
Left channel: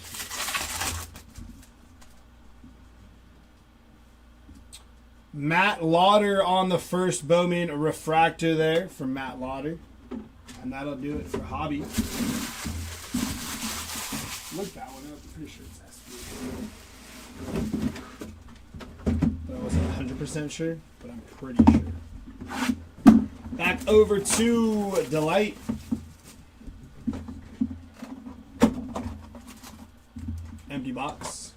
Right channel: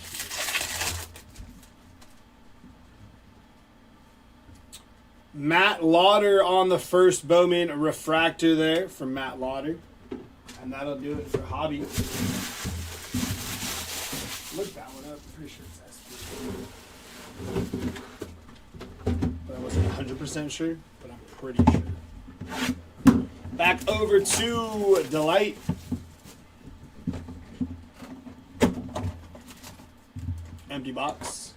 Matt Lauder on the first Bowman refractor there for Matt Lauder. And that'll do it for Hobby. Look that one up. I'm pretty sure it's SP. But I wasn't 100% sure, but I'm pretty sure. Back over to Delight. Empty box.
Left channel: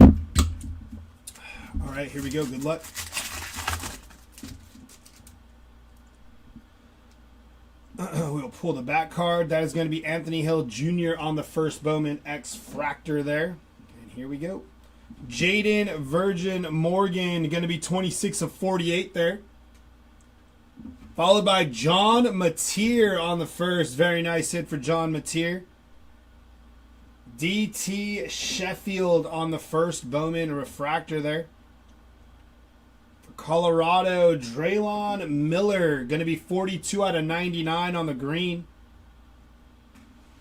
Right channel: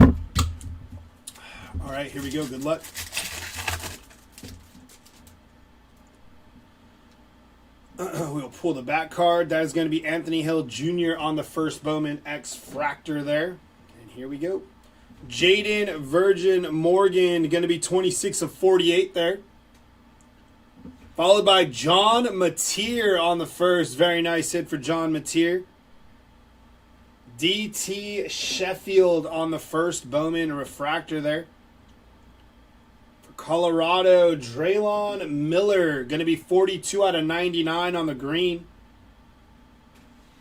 All right, here we go. Good luck. We'll pull the back card. That is going to be Anthony Hill Jr. on the first Bowman X Fractor there. And here we go. Jaden Virgin Morgan, going to be 26 of 48 there. Followed by John Mateer on the first. Very nice hit for John Mateer. DT Sheffield on the first Bowman Refractor there. Colorado, Draylon Miller, going to be 42 out of 99 on the green.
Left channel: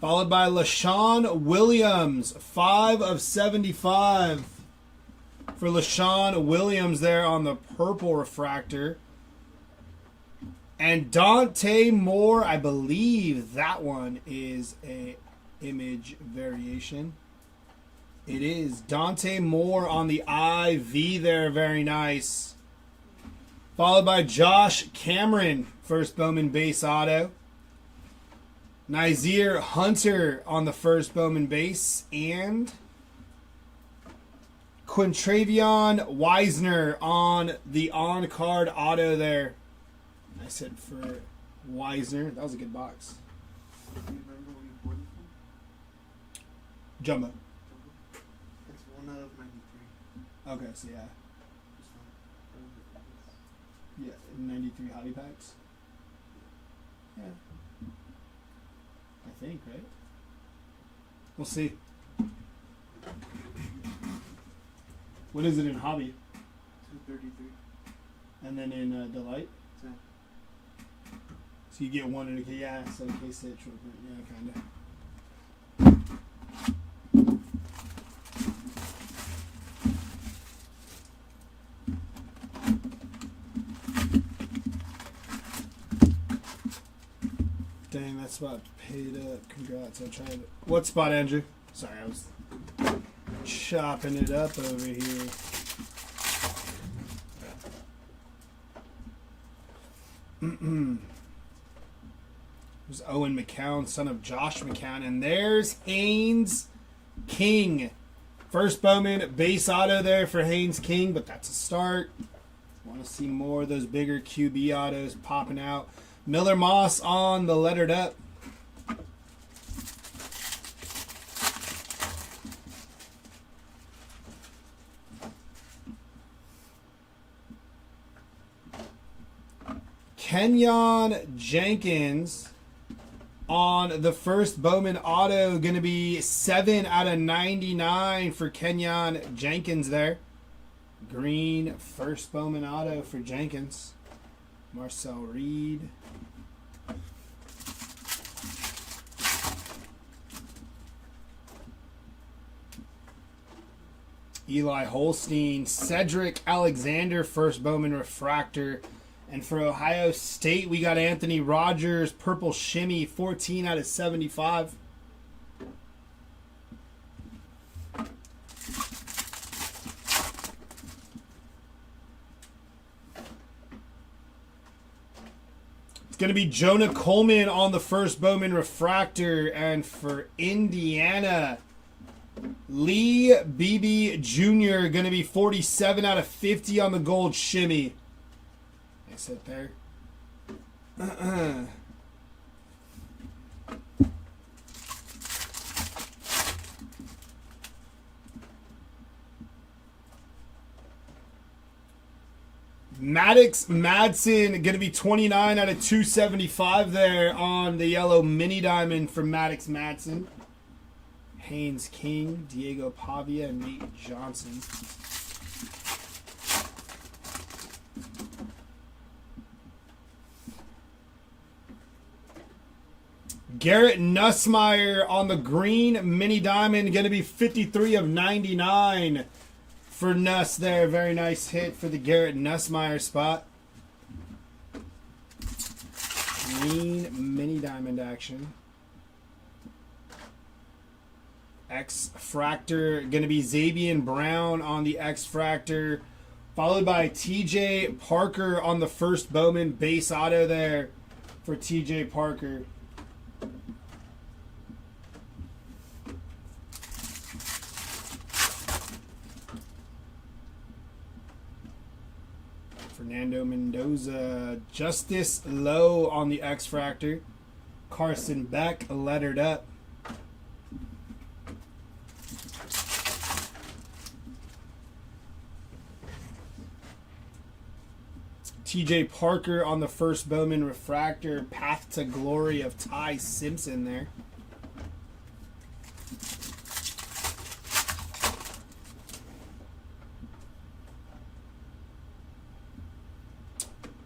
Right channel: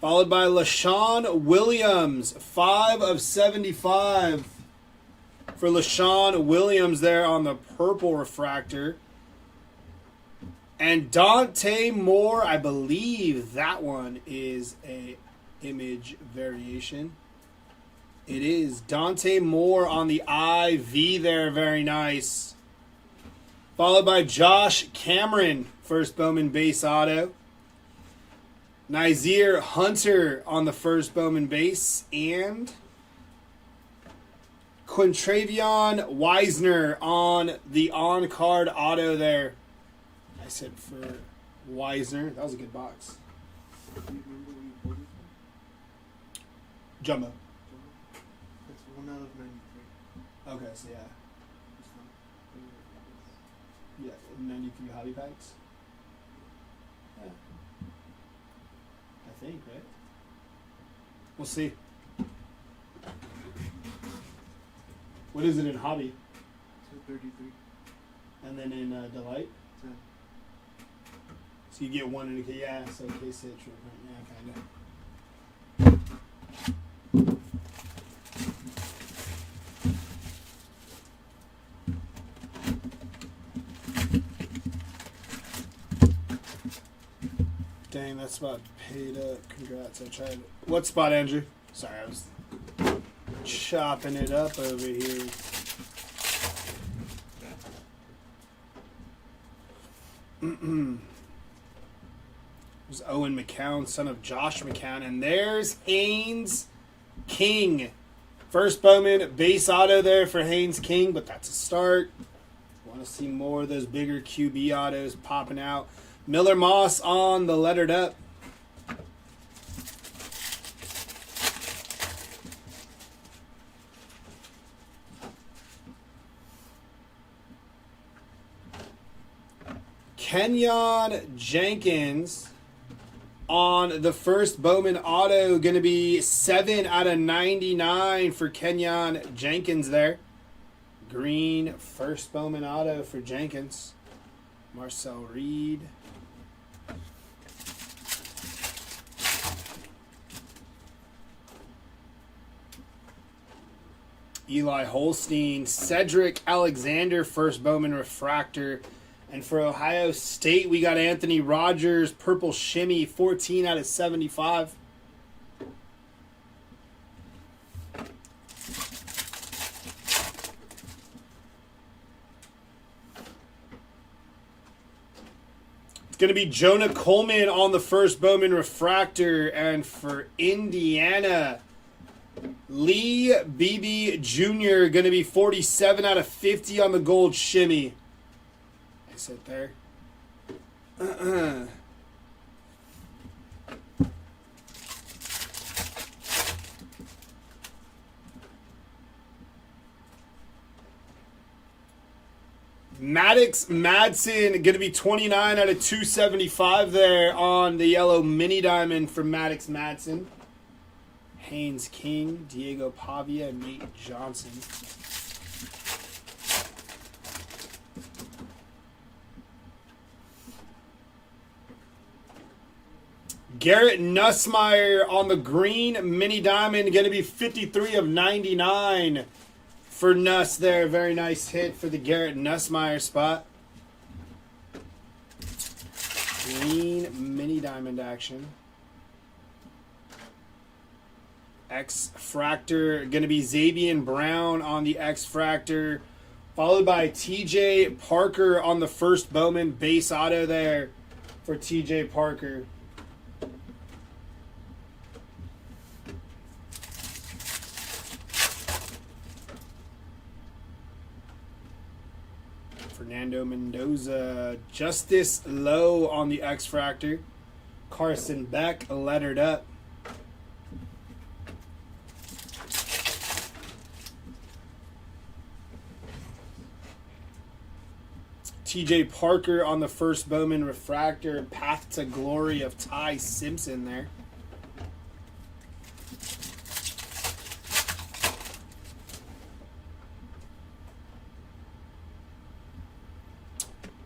Followed by LaShawn Williams, 5 of 75 for LaShawn Williams there on the purple refractor. And Dante Moore, I believe that one is a image variation. It is Dante Moore on the IV there, very nice. Followed by Josh Cameron, first Bowman base auto. Nazir Hunter on the first Bowman base. And Quintravion Wisner on the on-card auto there. I said for Wisner. That was a good box. Do you remember where you bought it from? Jumbo. It's 1 out of 93. Okay, so yeah. Yeah, 93 hobby packs. Yeah. I think, right? We'll see. What is it in hobby? 233. And then in Delight? 10. So you get one in a case. Yeah, so case hit, short print. Yeah, kind of. Dang, that spot paid up. Congrats, I tried. What spot, Andrew? Sorry, I was chopping it up over here. There's Owen McCown, son of Josh McCown. And there's Haynes King. First Bowman base auto there for Haynes King, but that's a start. Want to see more of those bigger QB autos popping out. Miller Moss on the lettered up. Kenyon Jenkins on the first Bowman auto. Going to be 7 out of 99 for Kenyon Jenkins there. Green first Bowman auto for Jenkins. Marcel Reed. Eli Holstein, Cedric Alexander, first Bowman refractor. And for Ohio State, we got Anthony Rogers, purple shimmy, 14 out of 75. going to be Jonah Coleman on the first Bowman refractor. And for Indiana, Lee Beebe Jr. going to be 47 out of 50 on the gold shimmy. Nice hit there. Maddox Madsen going to be 29 out of 275 there on the yellow mini diamond from Maddox Madsen. Haynes King, Diego Pavia, and Nate Johnson. Garrett Nussmeier on the green mini diamond, going to be 53 of 99 for Nuss there. Very nice hit for the Garrett Nussmeier spot. Green mini diamond action. X-Fractor, going to be Xavier Brown on the X-Fractor, followed by TJ Parker on the first Bowman base auto there for TJ Parker. Fernando Mendoza, Justice Lowe on the X-Fractor. Carson Beck lettered up. TJ Parker on the first Bowman refractor. Path to Glory of Ty Simpson there.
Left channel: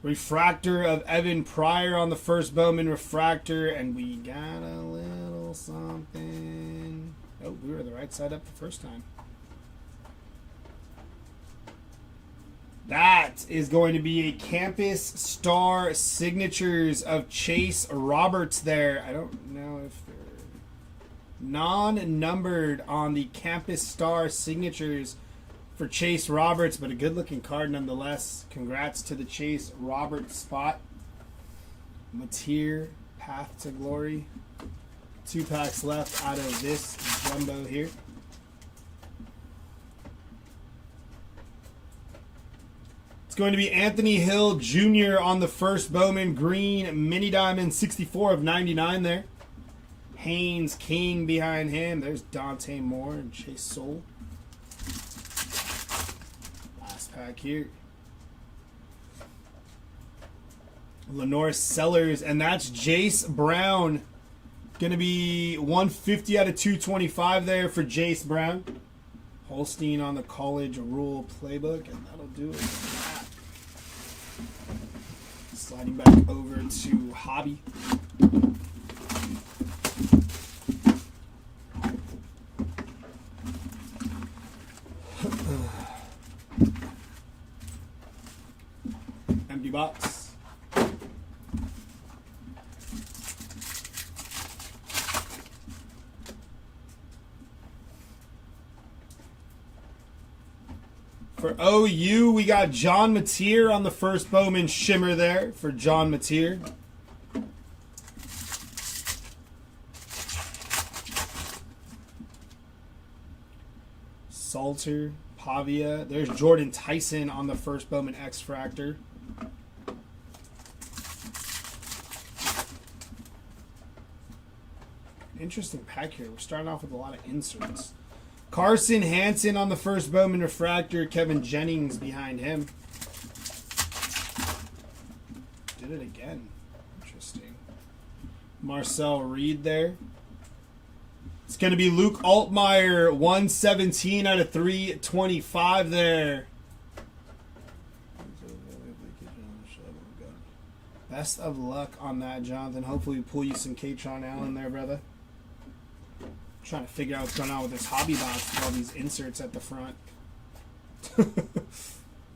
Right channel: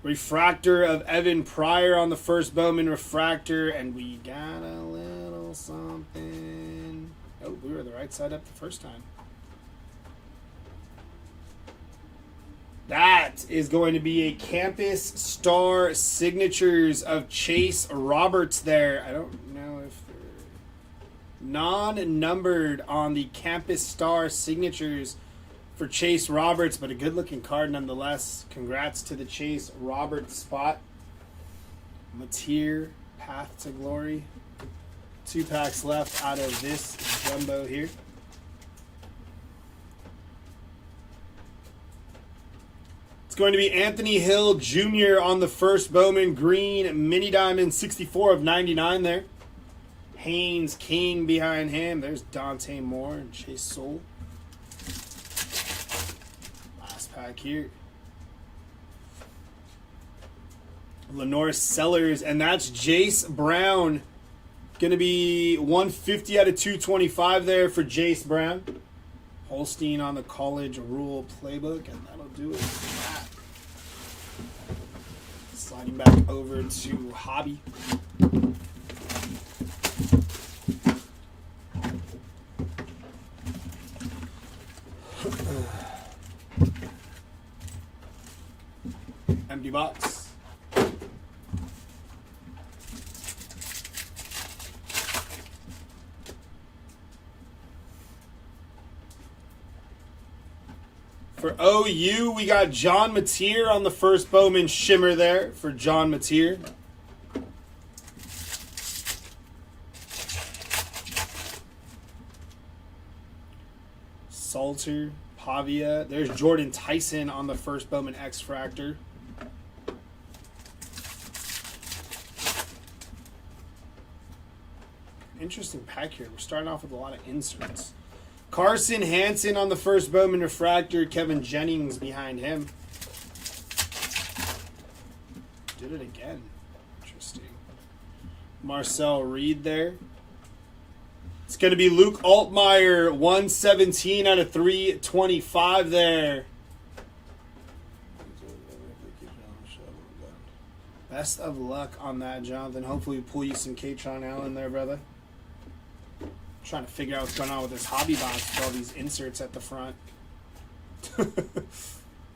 Refractor of Evan Pryor on the first Bowman refractor. And we got a little something. Oh, we were the right side up the first time. That is going to be a Campus Star Signatures of Chase Roberts there. I don't know if they're non-numbered on the Campus Star Signatures for Chase Roberts, but a good-looking card nonetheless. Congrats to the Chase Roberts spot. Mateer, Path to Glory. 2 packs left out of this jumbo here. It's going to be Anthony Hill Jr. on the first Bowman green mini diamond, 64 of 99 there. Haynes King behind him. There's Dante Moore and Chase Soul. Last pack here. Lenore Sellers, and that's Jace Brown. Going to be 150 out of 225 there for Jace Brown. Holstein on the college rule playbook, and that'll do it for that. Sliding back over to Hobby. Empty box. For OU, we got John Mateer on the first Bowman shimmer there for John Mateer. Salter, Pavia. There's Jordan Tyson on the first Bowman X-Fractor. Interesting pack here. We're starting off with a lot of inserts. Carson Hansen on the first Bowman refractor. Kevin Jennings behind him. Did it again. Interesting. Marcel Reed there. It's going to be Luke Altmaier, 117 out of 325 there. Best of luck on that, Jonathan. Hopefully we pull you some Katron Allen there, brother. Trying to figure out what's going on with this hobby box with all these inserts at the front.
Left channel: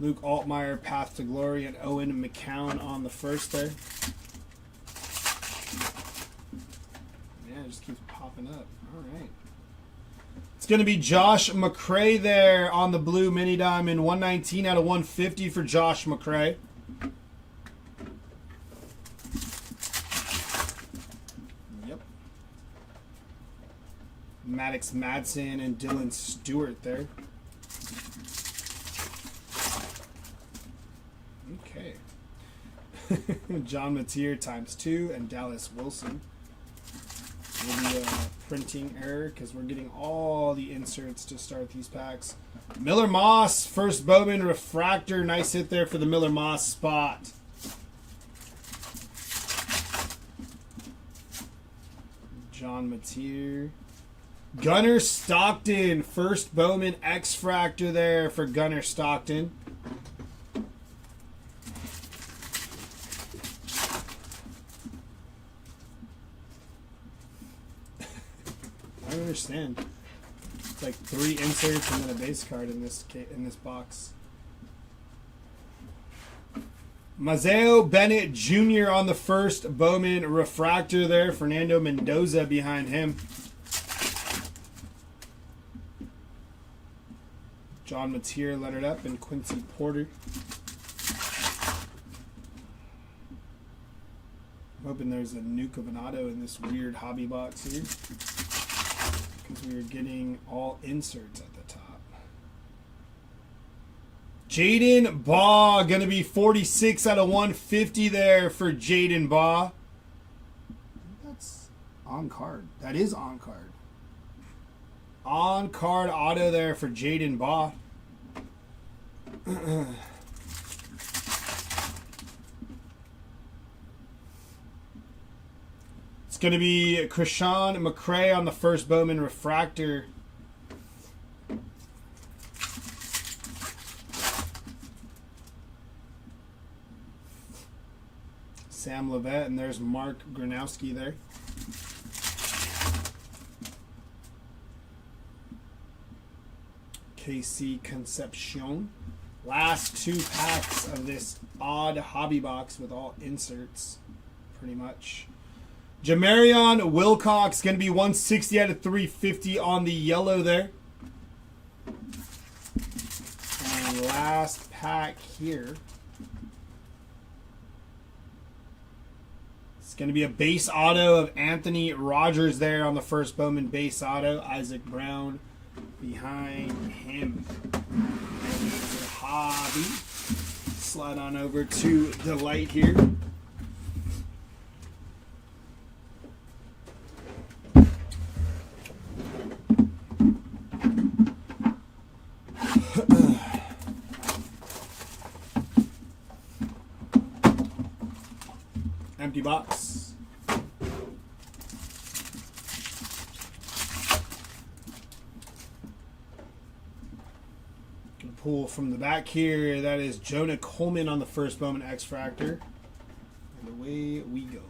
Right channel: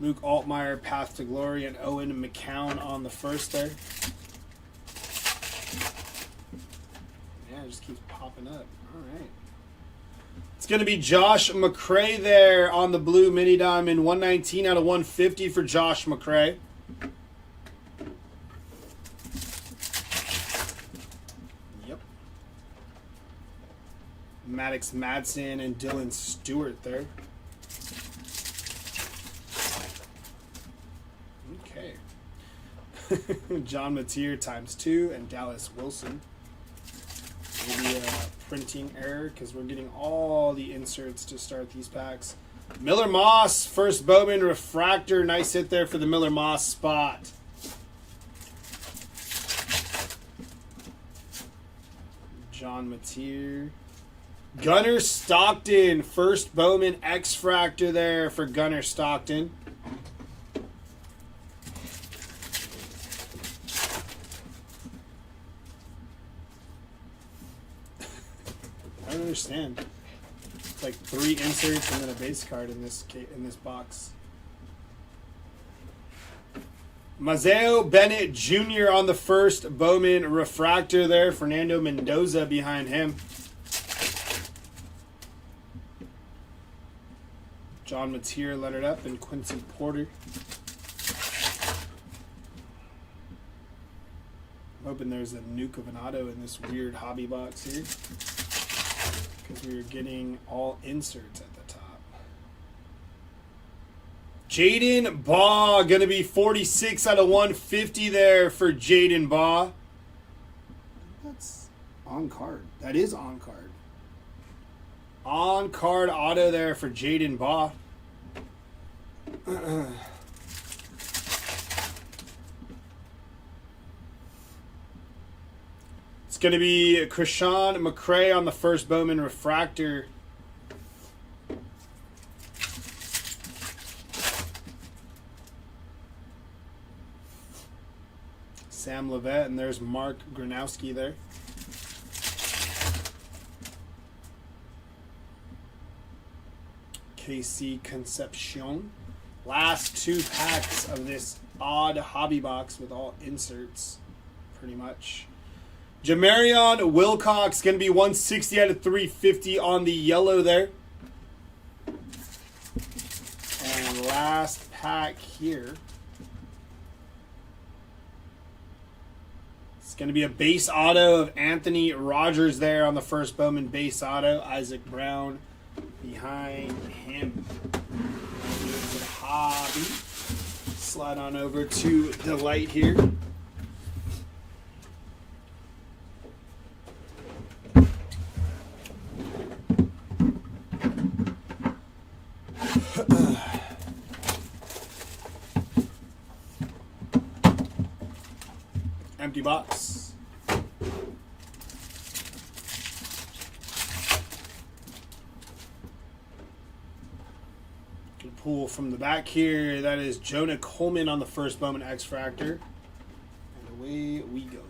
Luke Altmaier, Path to Glory, and Owen McCown on the first there. Yeah, it just keeps popping up. All right. It's going to be Josh McCray there on the blue mini diamond. 119 out of 150 for Josh McCray. Maddox Madsen and Dylan Stewart there. Okay. John Mateer ×2 and Dallas Wilson. Maybe a printing error because we're getting all the inserts to start these packs. Miller Moss, first Bowman refractor. Nice hit there for the Miller Moss spot. John Mateer. Gunnar Stockton, first Bowman X-Fractor there for Gunnar Stockton. I don't understand. It's like 3 inserts and then a base card in this box. Mazeo Bennett Jr. on the first Bowman refractor there. Fernando Mendoza behind him. John Mateer lettered up and Quincy Porter. I'm hoping there's a nuke of an auto in this weird hobby box here, because we were getting all inserts at the top. Jaden Baugh, going to be 46 out of 150 there for Jaden Baugh. That's on card. That is on card. On card auto there for Jaden Baugh. It's going to be Krishan McCray on the first Bowman refractor. Sam Levette, and there's Mark Gronowski there. KC Concepcion. Last 2 packs of this odd hobby box with all inserts, pretty much. Jamarion Wilcox, going to be 160 out of 350 on the yellow there. And last pack here. It's going to be a base auto of Anthony Rogers there on the first Bowman base auto. Isaac Brown behind him. Hobby. Slide on over to the light here. Empty box. Pull from the back here. That is Jonah Coleman on the first Bowman X-Fractor. And away we go.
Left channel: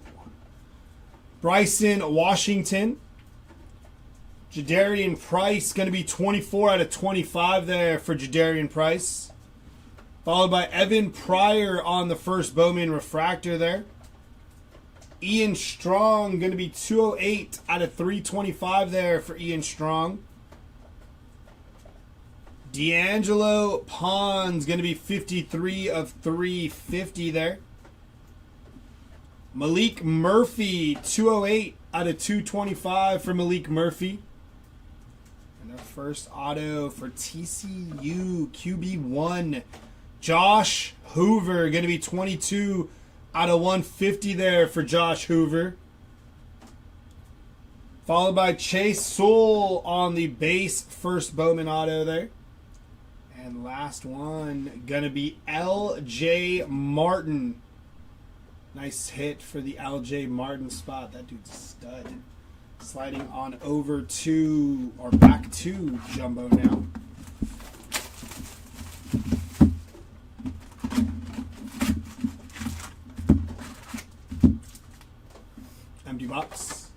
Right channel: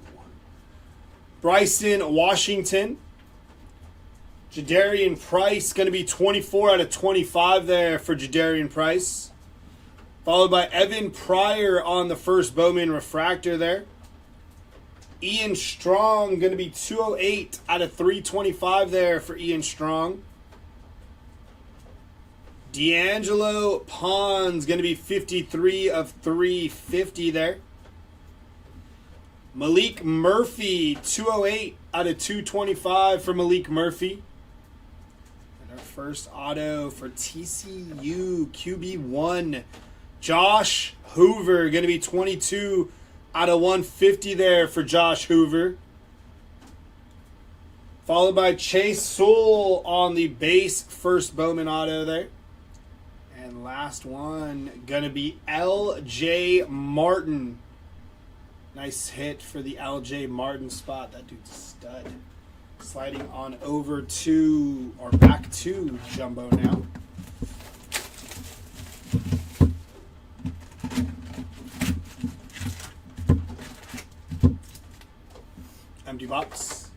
Bryson Washington. Jadarian Price, going to be 24 out of 25 there for Jadarian Price. Followed by Evan Pryor on the first Bowman refractor there. Ian Strong, going to be 208 out of 325 there for Ian Strong. D'Angelo Pons, going to be 53 of 350 there. Malik Murphy, 208 out of 225 for Malik Murphy. And our first auto for TCU, QB1. Josh Hoover, going to be 22 out of 150 there for Josh Hoover. Followed by Chase Sewell on the base first Bowman auto there. And last one, going to be L.J. Martin. Nice hit for the L.J. Martin spot. That dude's a stud. Sliding on over to, or back to Jumbo now. Empty box.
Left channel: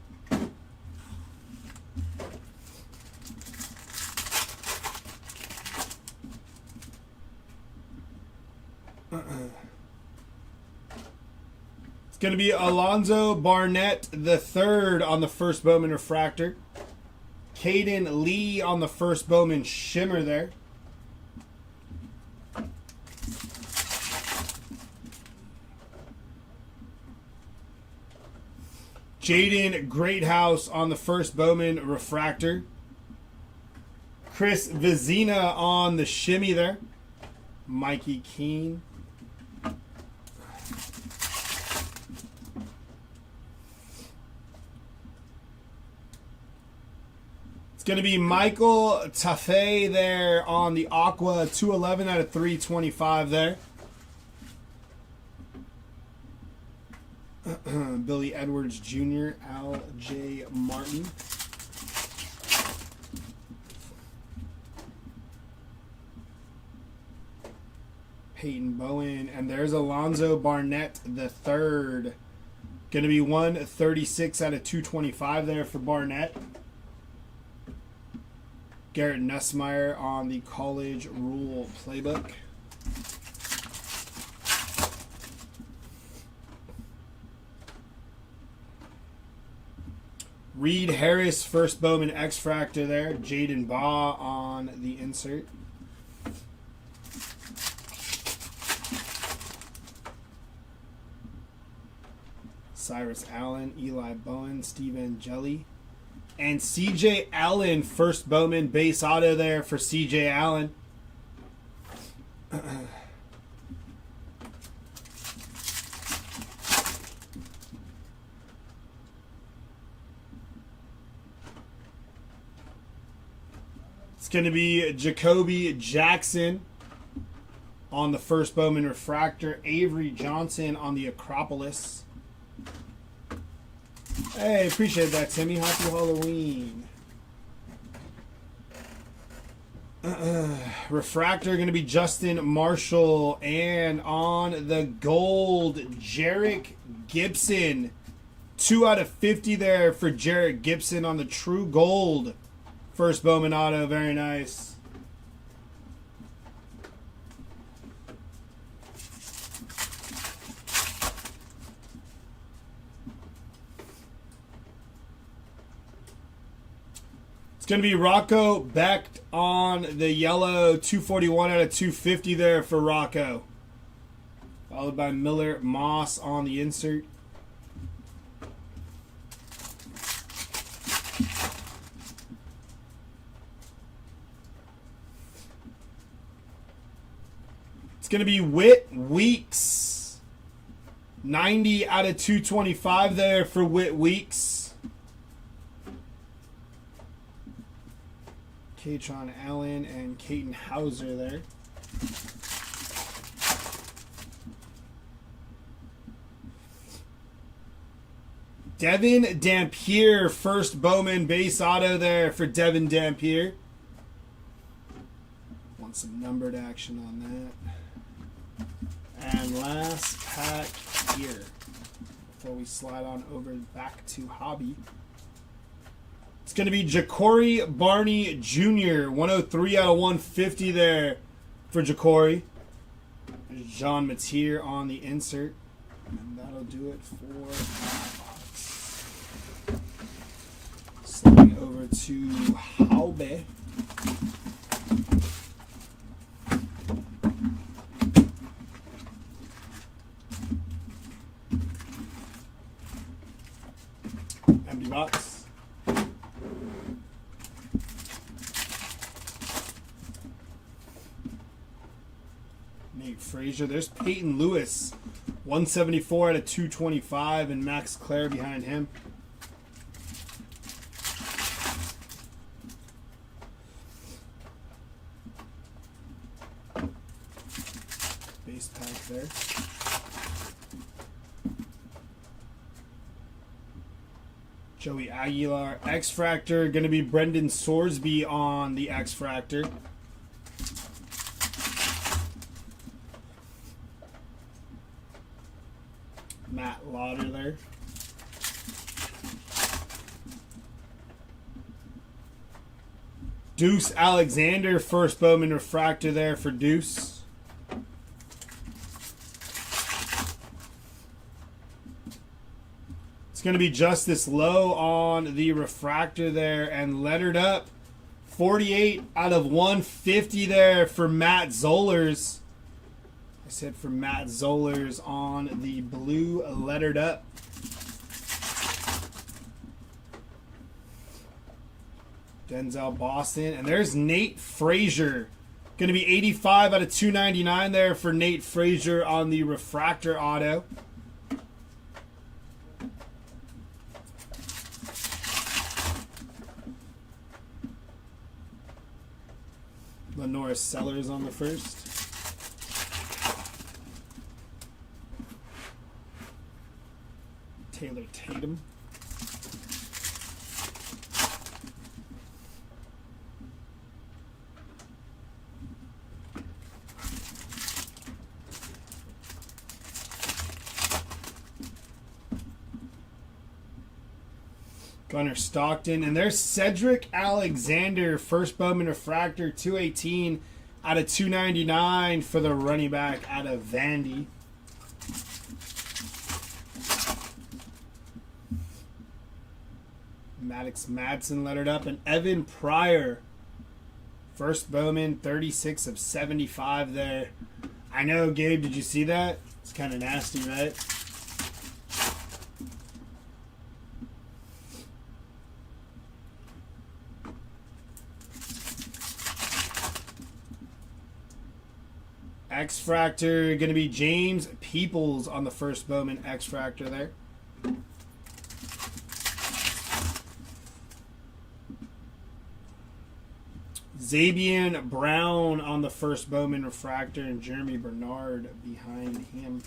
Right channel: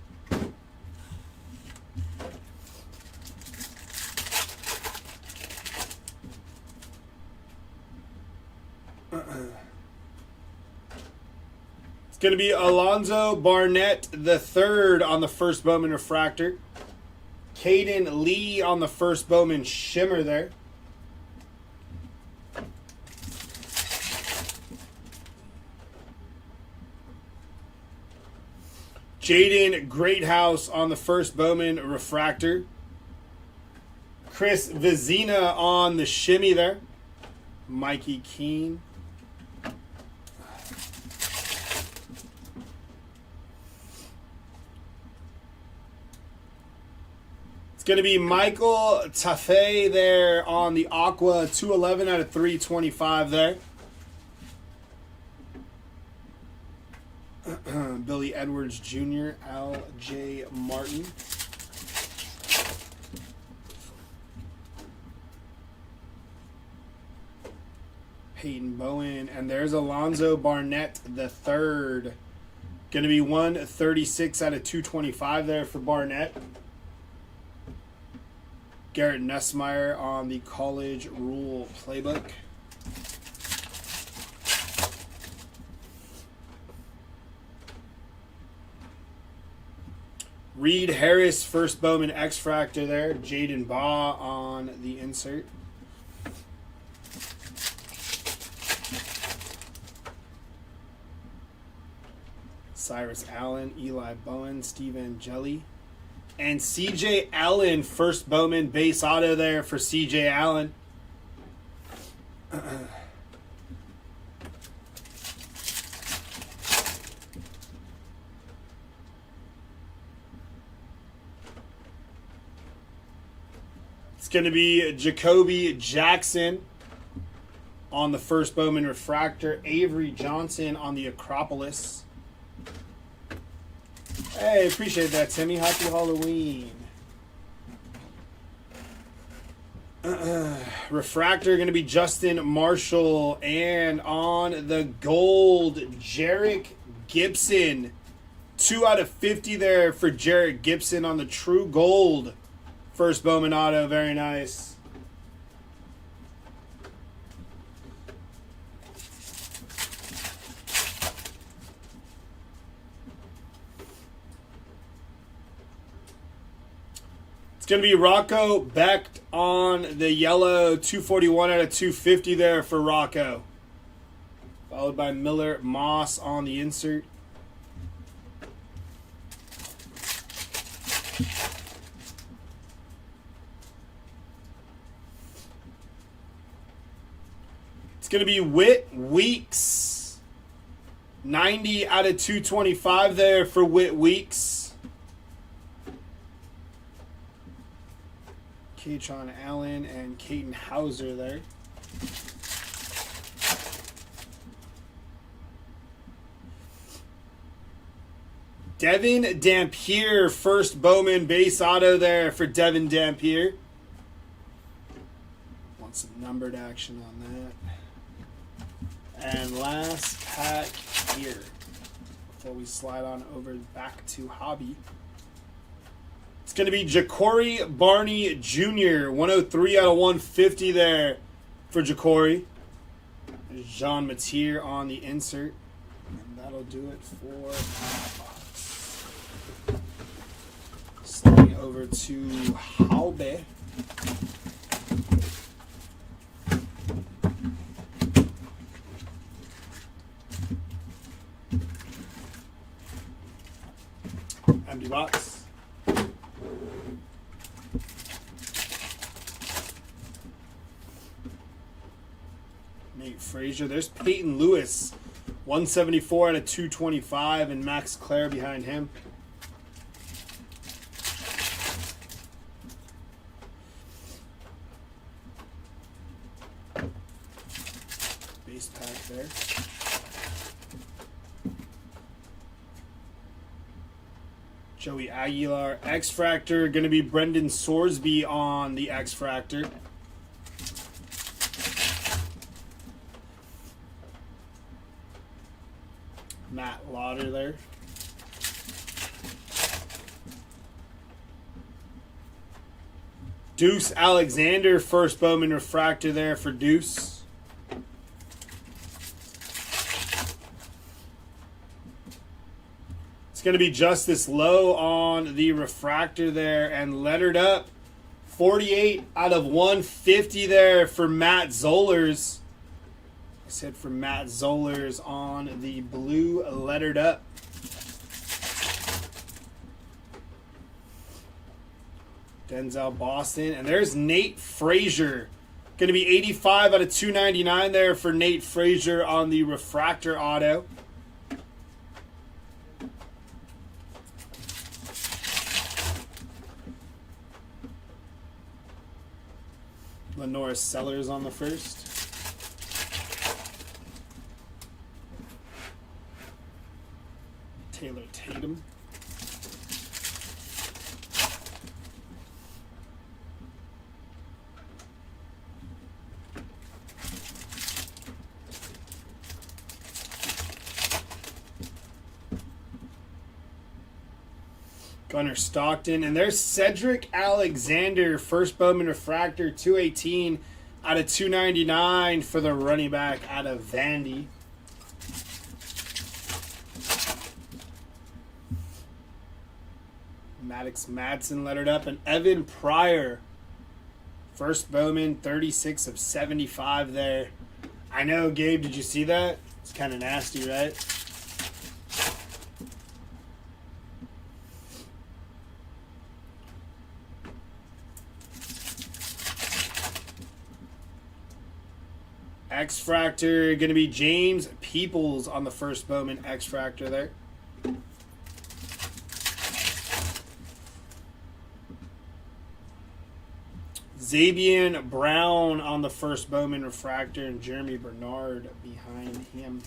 It's going to be Alonzo Barnett III on the first Bowman refractor. Caden Lee on the first Bowman shimmer there. Jaden Greathouse on the first Bowman refractor. Chris Vizina on the shimmy there. Mikey Keene. It's going to be Michael Tafe there on the Aqua, 211 out of 325 there. Billy Edwards Jr., L.J. Martin. Peyton Bowen, and there's Alonzo Barnett the third. Going to be 136 out of 225 there for Barnett. Garrett Nussmeier on the College Rule Playbook. Reed Harris, first Bowman X-Fractor there. Jaden Baugh on the insert. Cyrus Allen, Eli Bowen, Steve Angeli. And CJ Allen, first Bowman base auto there for CJ Allen. It's going to be Jacoby Jackson on the first Bowman refractor. Avery Johnson on the Acropolis. Hey, appreciate that, Timmy. Happy Halloween. Refractor going to be Justin Marshall. And on the gold, Jarek Gibson. 2 out of 50 there for Jarek Gibson on the true gold. First Bowman auto. Very nice. Going to be Rocco Becht on the yellow, 241 out of 250 there for Rocco. Followed by Miller Moss on the insert. It's going to be Whit Weeks. 90 out of 225 there for Whit Weeks. Katron Allen and Caden Hauser there. Devin Dampier, first Bowman base auto there for Devin Dampier. Want some numbered action on that. And last pack here before we slide on over back to Hobby. It's going to be Ja'Cory Barney Jr. 103 out of 150 there for Ja'Cory. Jean Matier on the insert. And that'll do it for sliding over to Halbe. Empty box. Frazier. There's Peyton Lewis, 174 out of 225, and Max Clare behind him. Base pack there. Joey Aguilar, X-Fractor. Going to be Brendan Sorsby on the X-Fractor. Matt Lauder there. Deuce Alexander, first Bowman refractor there for Deuce. It's going to be Justice Lowe on the refractor there, and lettered up 48 out of 150 there for Matt Zollers. I said for Matt Zollers on the blue lettered up. Denzel Boston. And there's Nate Frazier. Going to be 85 out of 299 there for Nate Frazier on the refractor auto. Lenora Sellers on the first. Taylor Tatum. Gunnar Stockton. And there's Cedric Alexander, first Bowman refractor, 218 out of 299 for the running back out of Vandy. Maddox Madsen lettered up. And Evan Pryor, first Bowman, 36 of 75 there. I know, Gabe, did you see that? It's kind of nasty, right? X-Fractor, going to be James Peoples on the first Bowman X-Fractor there. Zabian Brown on the first Bowman refractor, and Jeremy Bernard behind him.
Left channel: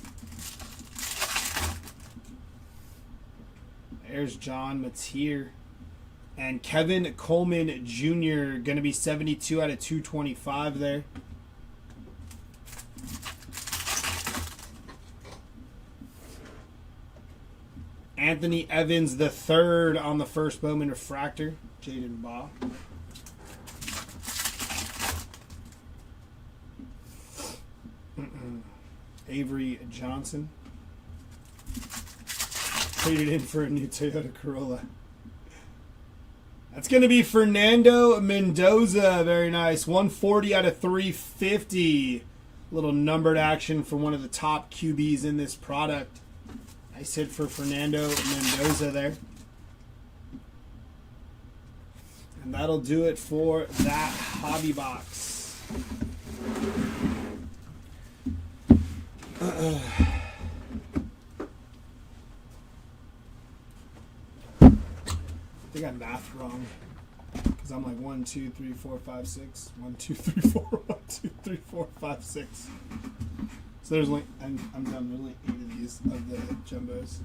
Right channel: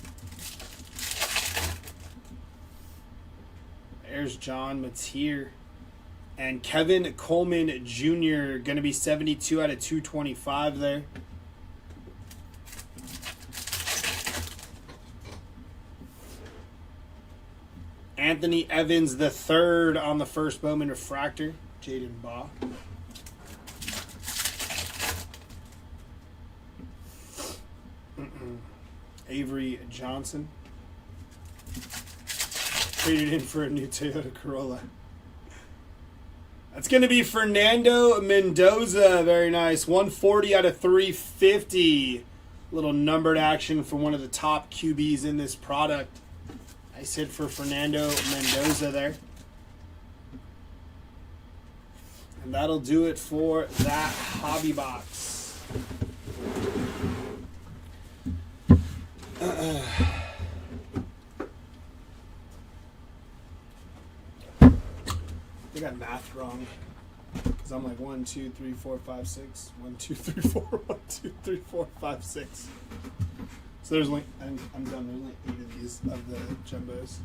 There's John Mateer. And Kevin Coleman Jr. going to be 72 out of 225 there. Anthony Evans III on the first Bowman refractor, Jaden Baugh. Avery Johnson. Traded in for a new Toyota Corolla. That's going to be Fernando Mendoza. Very nice. 140 out of 350. Little numbered action for one of the top QBs in this product. Nice hit for Fernando Mendoza there. And that'll do it for that hobby box. I think I math wrong. Because I'm like 1, 2, 3, 4, 5, 6. 1, 2, 3, 4. 1, 2, 3, 4, 5, 6. So there's like, I'm done. There's like 8 of these of the jumbos.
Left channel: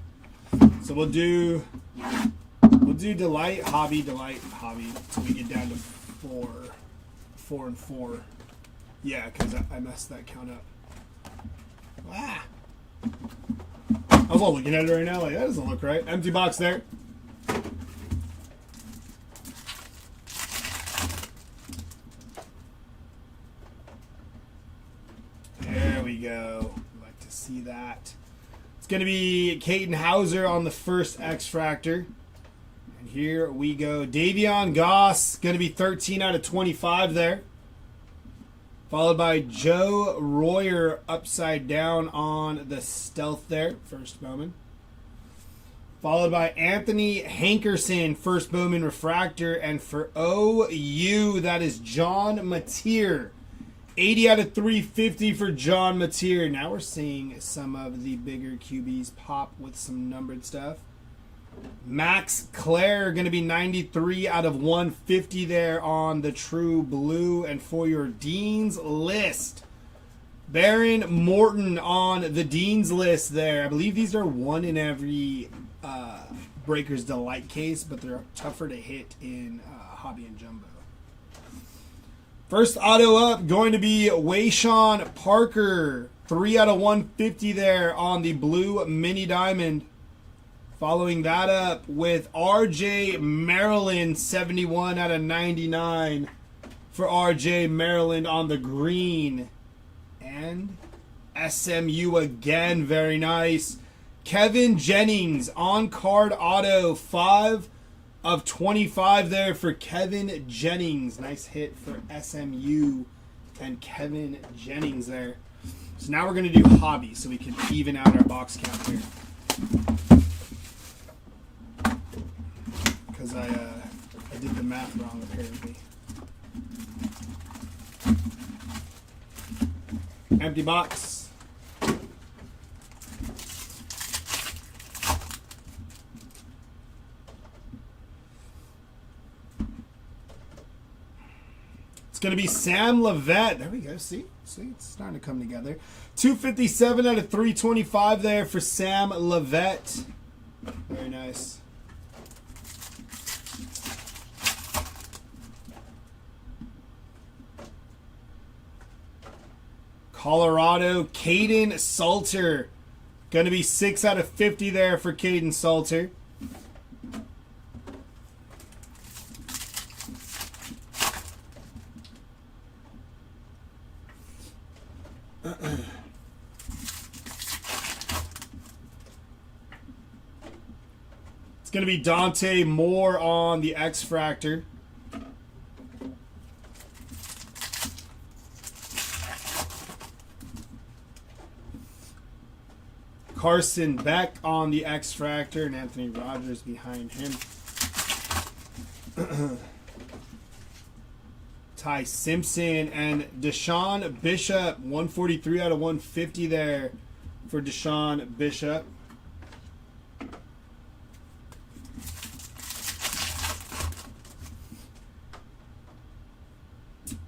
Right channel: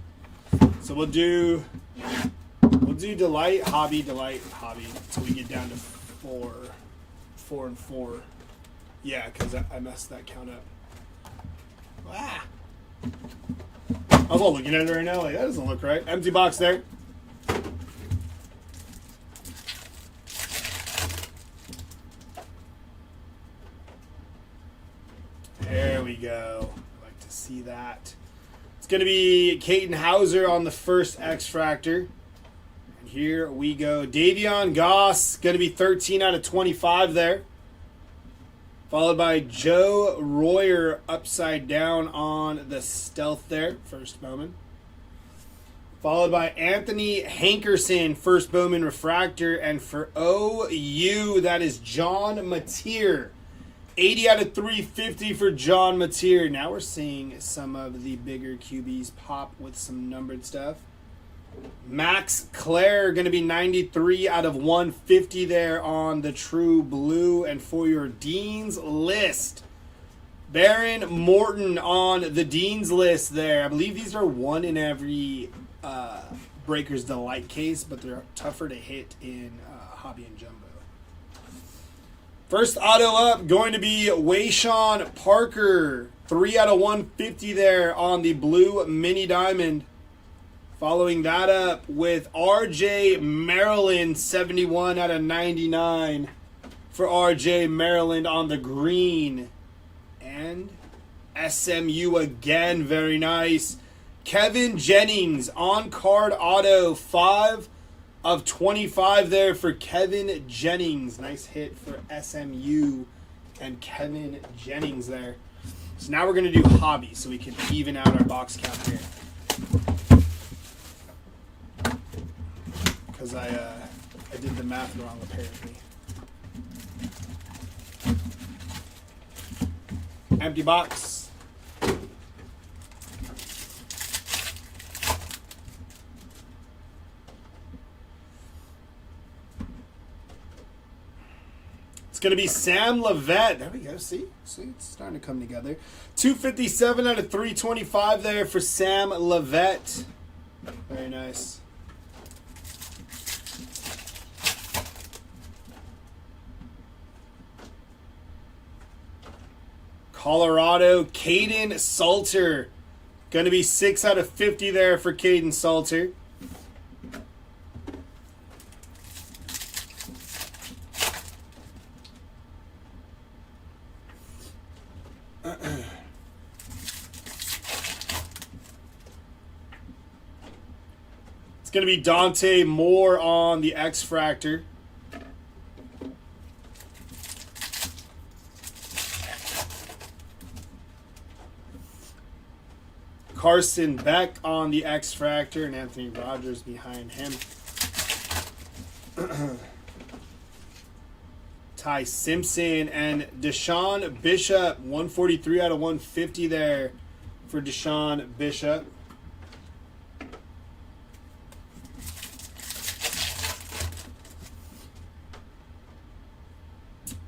So we'll do delight, hobby, until we get down to 4 and 4. Yeah, because I messed that count up. Ah. I was all looking at it right now, like that doesn't look right. Empty box there. There we go. I'd like to see that. It's going to be Caden Hauser on the first X-Fractor. And here we go. Davion Goss, going to be 13 out of 25 there. Followed by Joe Royer upside down on the stealth there. First Bowman. Followed by Anthony Hankerson, first Bowman refractor. And for OU, that is John Mateer. 80 out of 350 for John Mateer. Now we're seeing some of the bigger QBs pop with some numbered stuff. Max Clare going to be 93 out of 150 there on the True Blue. And for your Dean's List, Baron Morton on the Dean's List there. I believe these are one in every Breaker's Delight case, but they're tougher to hit in Hobby and Jumbo. First auto up going to be Wayshawn Parker. 3 out of 150 there on the Blue Mini Diamond. Following that up with RJ Maryland, 71 out of 99 for RJ Maryland on the green. And SMU again, very nice. Kevin Jennings on card auto, 5 of 25 there for Kevin Jennings. Nice hit for SMU and Kevin Jennings there. So now we're going to do hobby so we can even out our box count here. Because I I did the math wrong apparently. Empty box. It's going to be Sam Levette. There we go. See, it's starting to come together. 257 out of 325 there for Sam Levette. Very nice. Colorado, Caden Salter. Going to be 6 out of 50 there for Caden Salter. It's going to be Dante Moore on the X-Fractor. Carson Beck on the X-Fractor and Anthony Rogers behind him. Ty Simpson and Deshaun Bishop. 143 out of 150 there for Deshaun Bishop.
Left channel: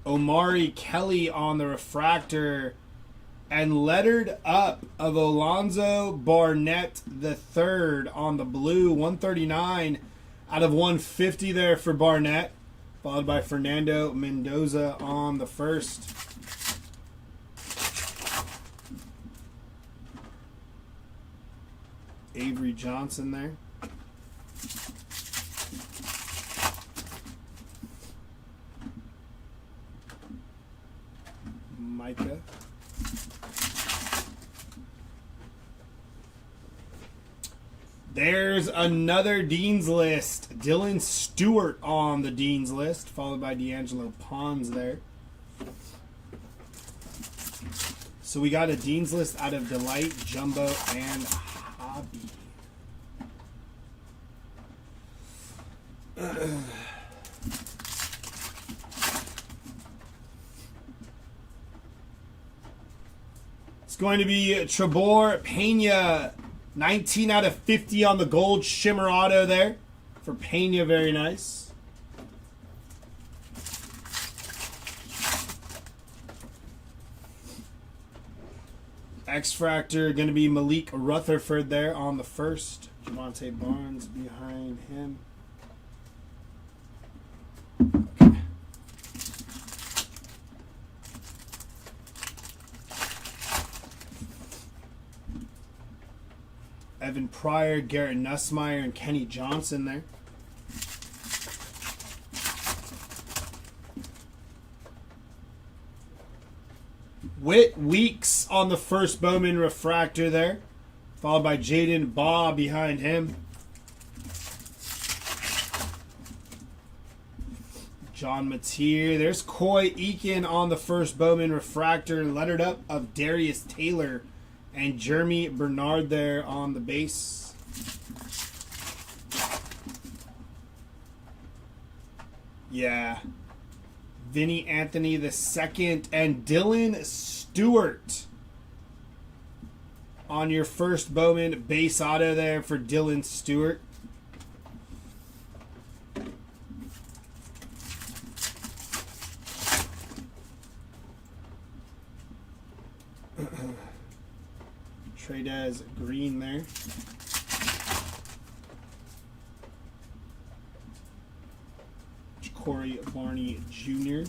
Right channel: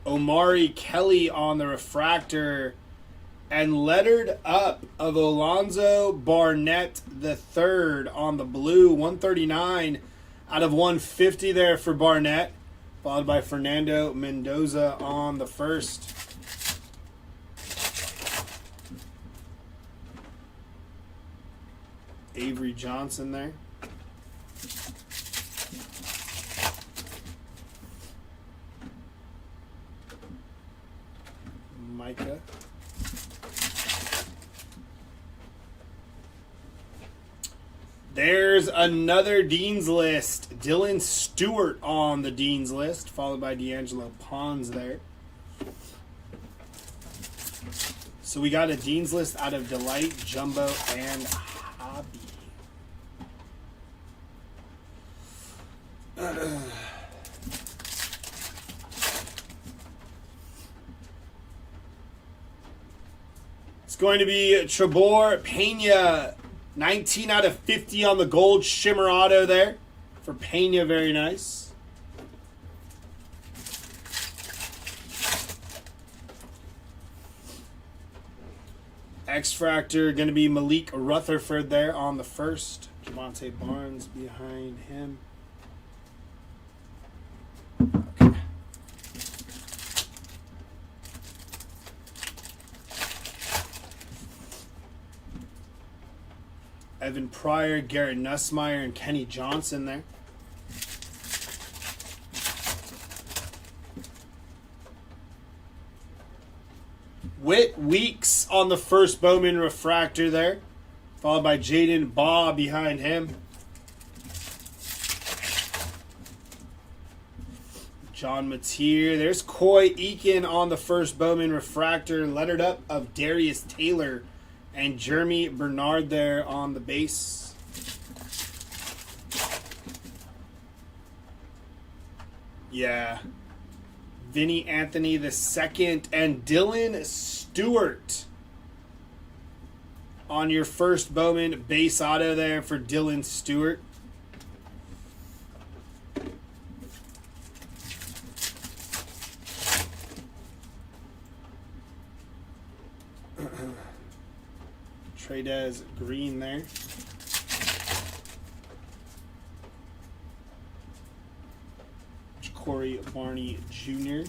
Omari Kelly on the refractor, and lettered up of Alonzo Barnett III on the blue. 139 out of 150 there for Barnett, followed by Fernando Mendoza on the first. Avery Johnson there. Micah. There's another Dean's List. Dylan Stewart on the Dean's List, followed by D'Angelo Pons there. So we got a Dean's List out of Delight, Jumbo, and Hobby. It's going to be Trebor Pena. 19 out of 50 on the gold shimmer auto there for Pena. Very nice. X-Fractor going to be Malik Rutherford there on the first. Javonte Barnes behind him. Okay. Evan Pryor, Garrett Nussmeier, and Kenny Johnson there. Whit Weeks on the first Bowman refractor there, followed by Jaden Baugh behind him. John Mateer. There's Coy Eakin on the first Bowman refractor, lettered up of Darius Taylor and Jeremy Bernard there on the base. Yeah. Vinny Anthony II and Dylan Stewart on your first Bowman base auto there for Dylan Stewart. Tradez Green there. Corey Barney Jr.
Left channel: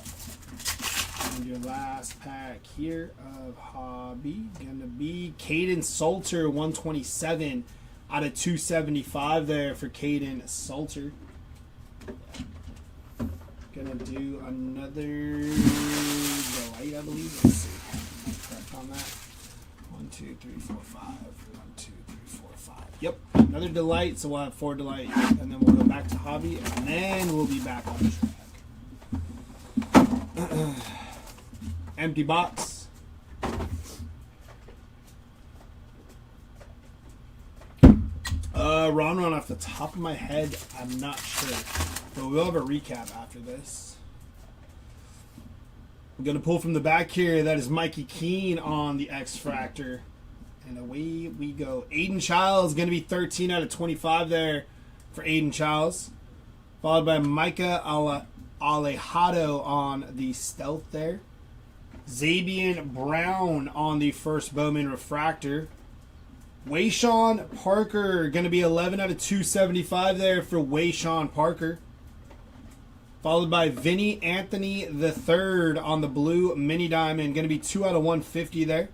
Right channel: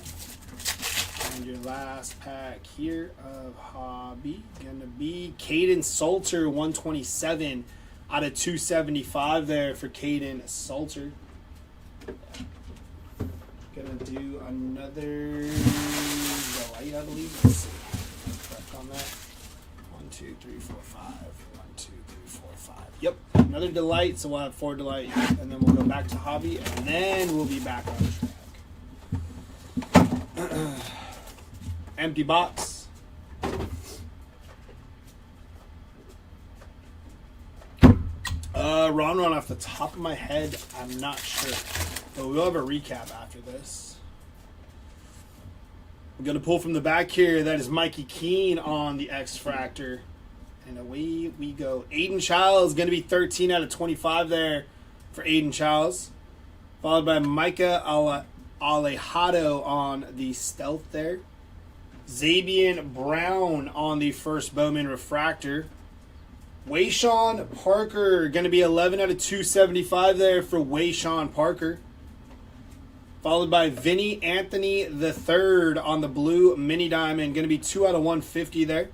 And your last pack here of Hobby gonna be Caden Salter, 127 out of 275 there for Caden Salter. Gonna do another light, I believe. Let's see. Correct on that. 1, 2, 3, 4, 5. 1, 2, 3, 4, 5. Yep, another delight. So we'll have 4 delight, and then we'll go back to Hobby, and then we'll be back on track. Empty box. Ron off the top of my head, I'm not sure. But we'll have a recap after this. I'm going to pull from the back here. That is Mikey Keene on the X-Fractor. And away we go. Aiden Childs going to be 13 out of 25 there for Aiden Childs. Followed by Micah Alejado on the Stealth there. Zabian Brown on the first Bowman Refractor. Wayshawn Parker going to be 11 out of 275 there for Wayshawn Parker. Followed by Vinny Anthony III on the blue Mini Diamond. Going to be 2 out of 150 there.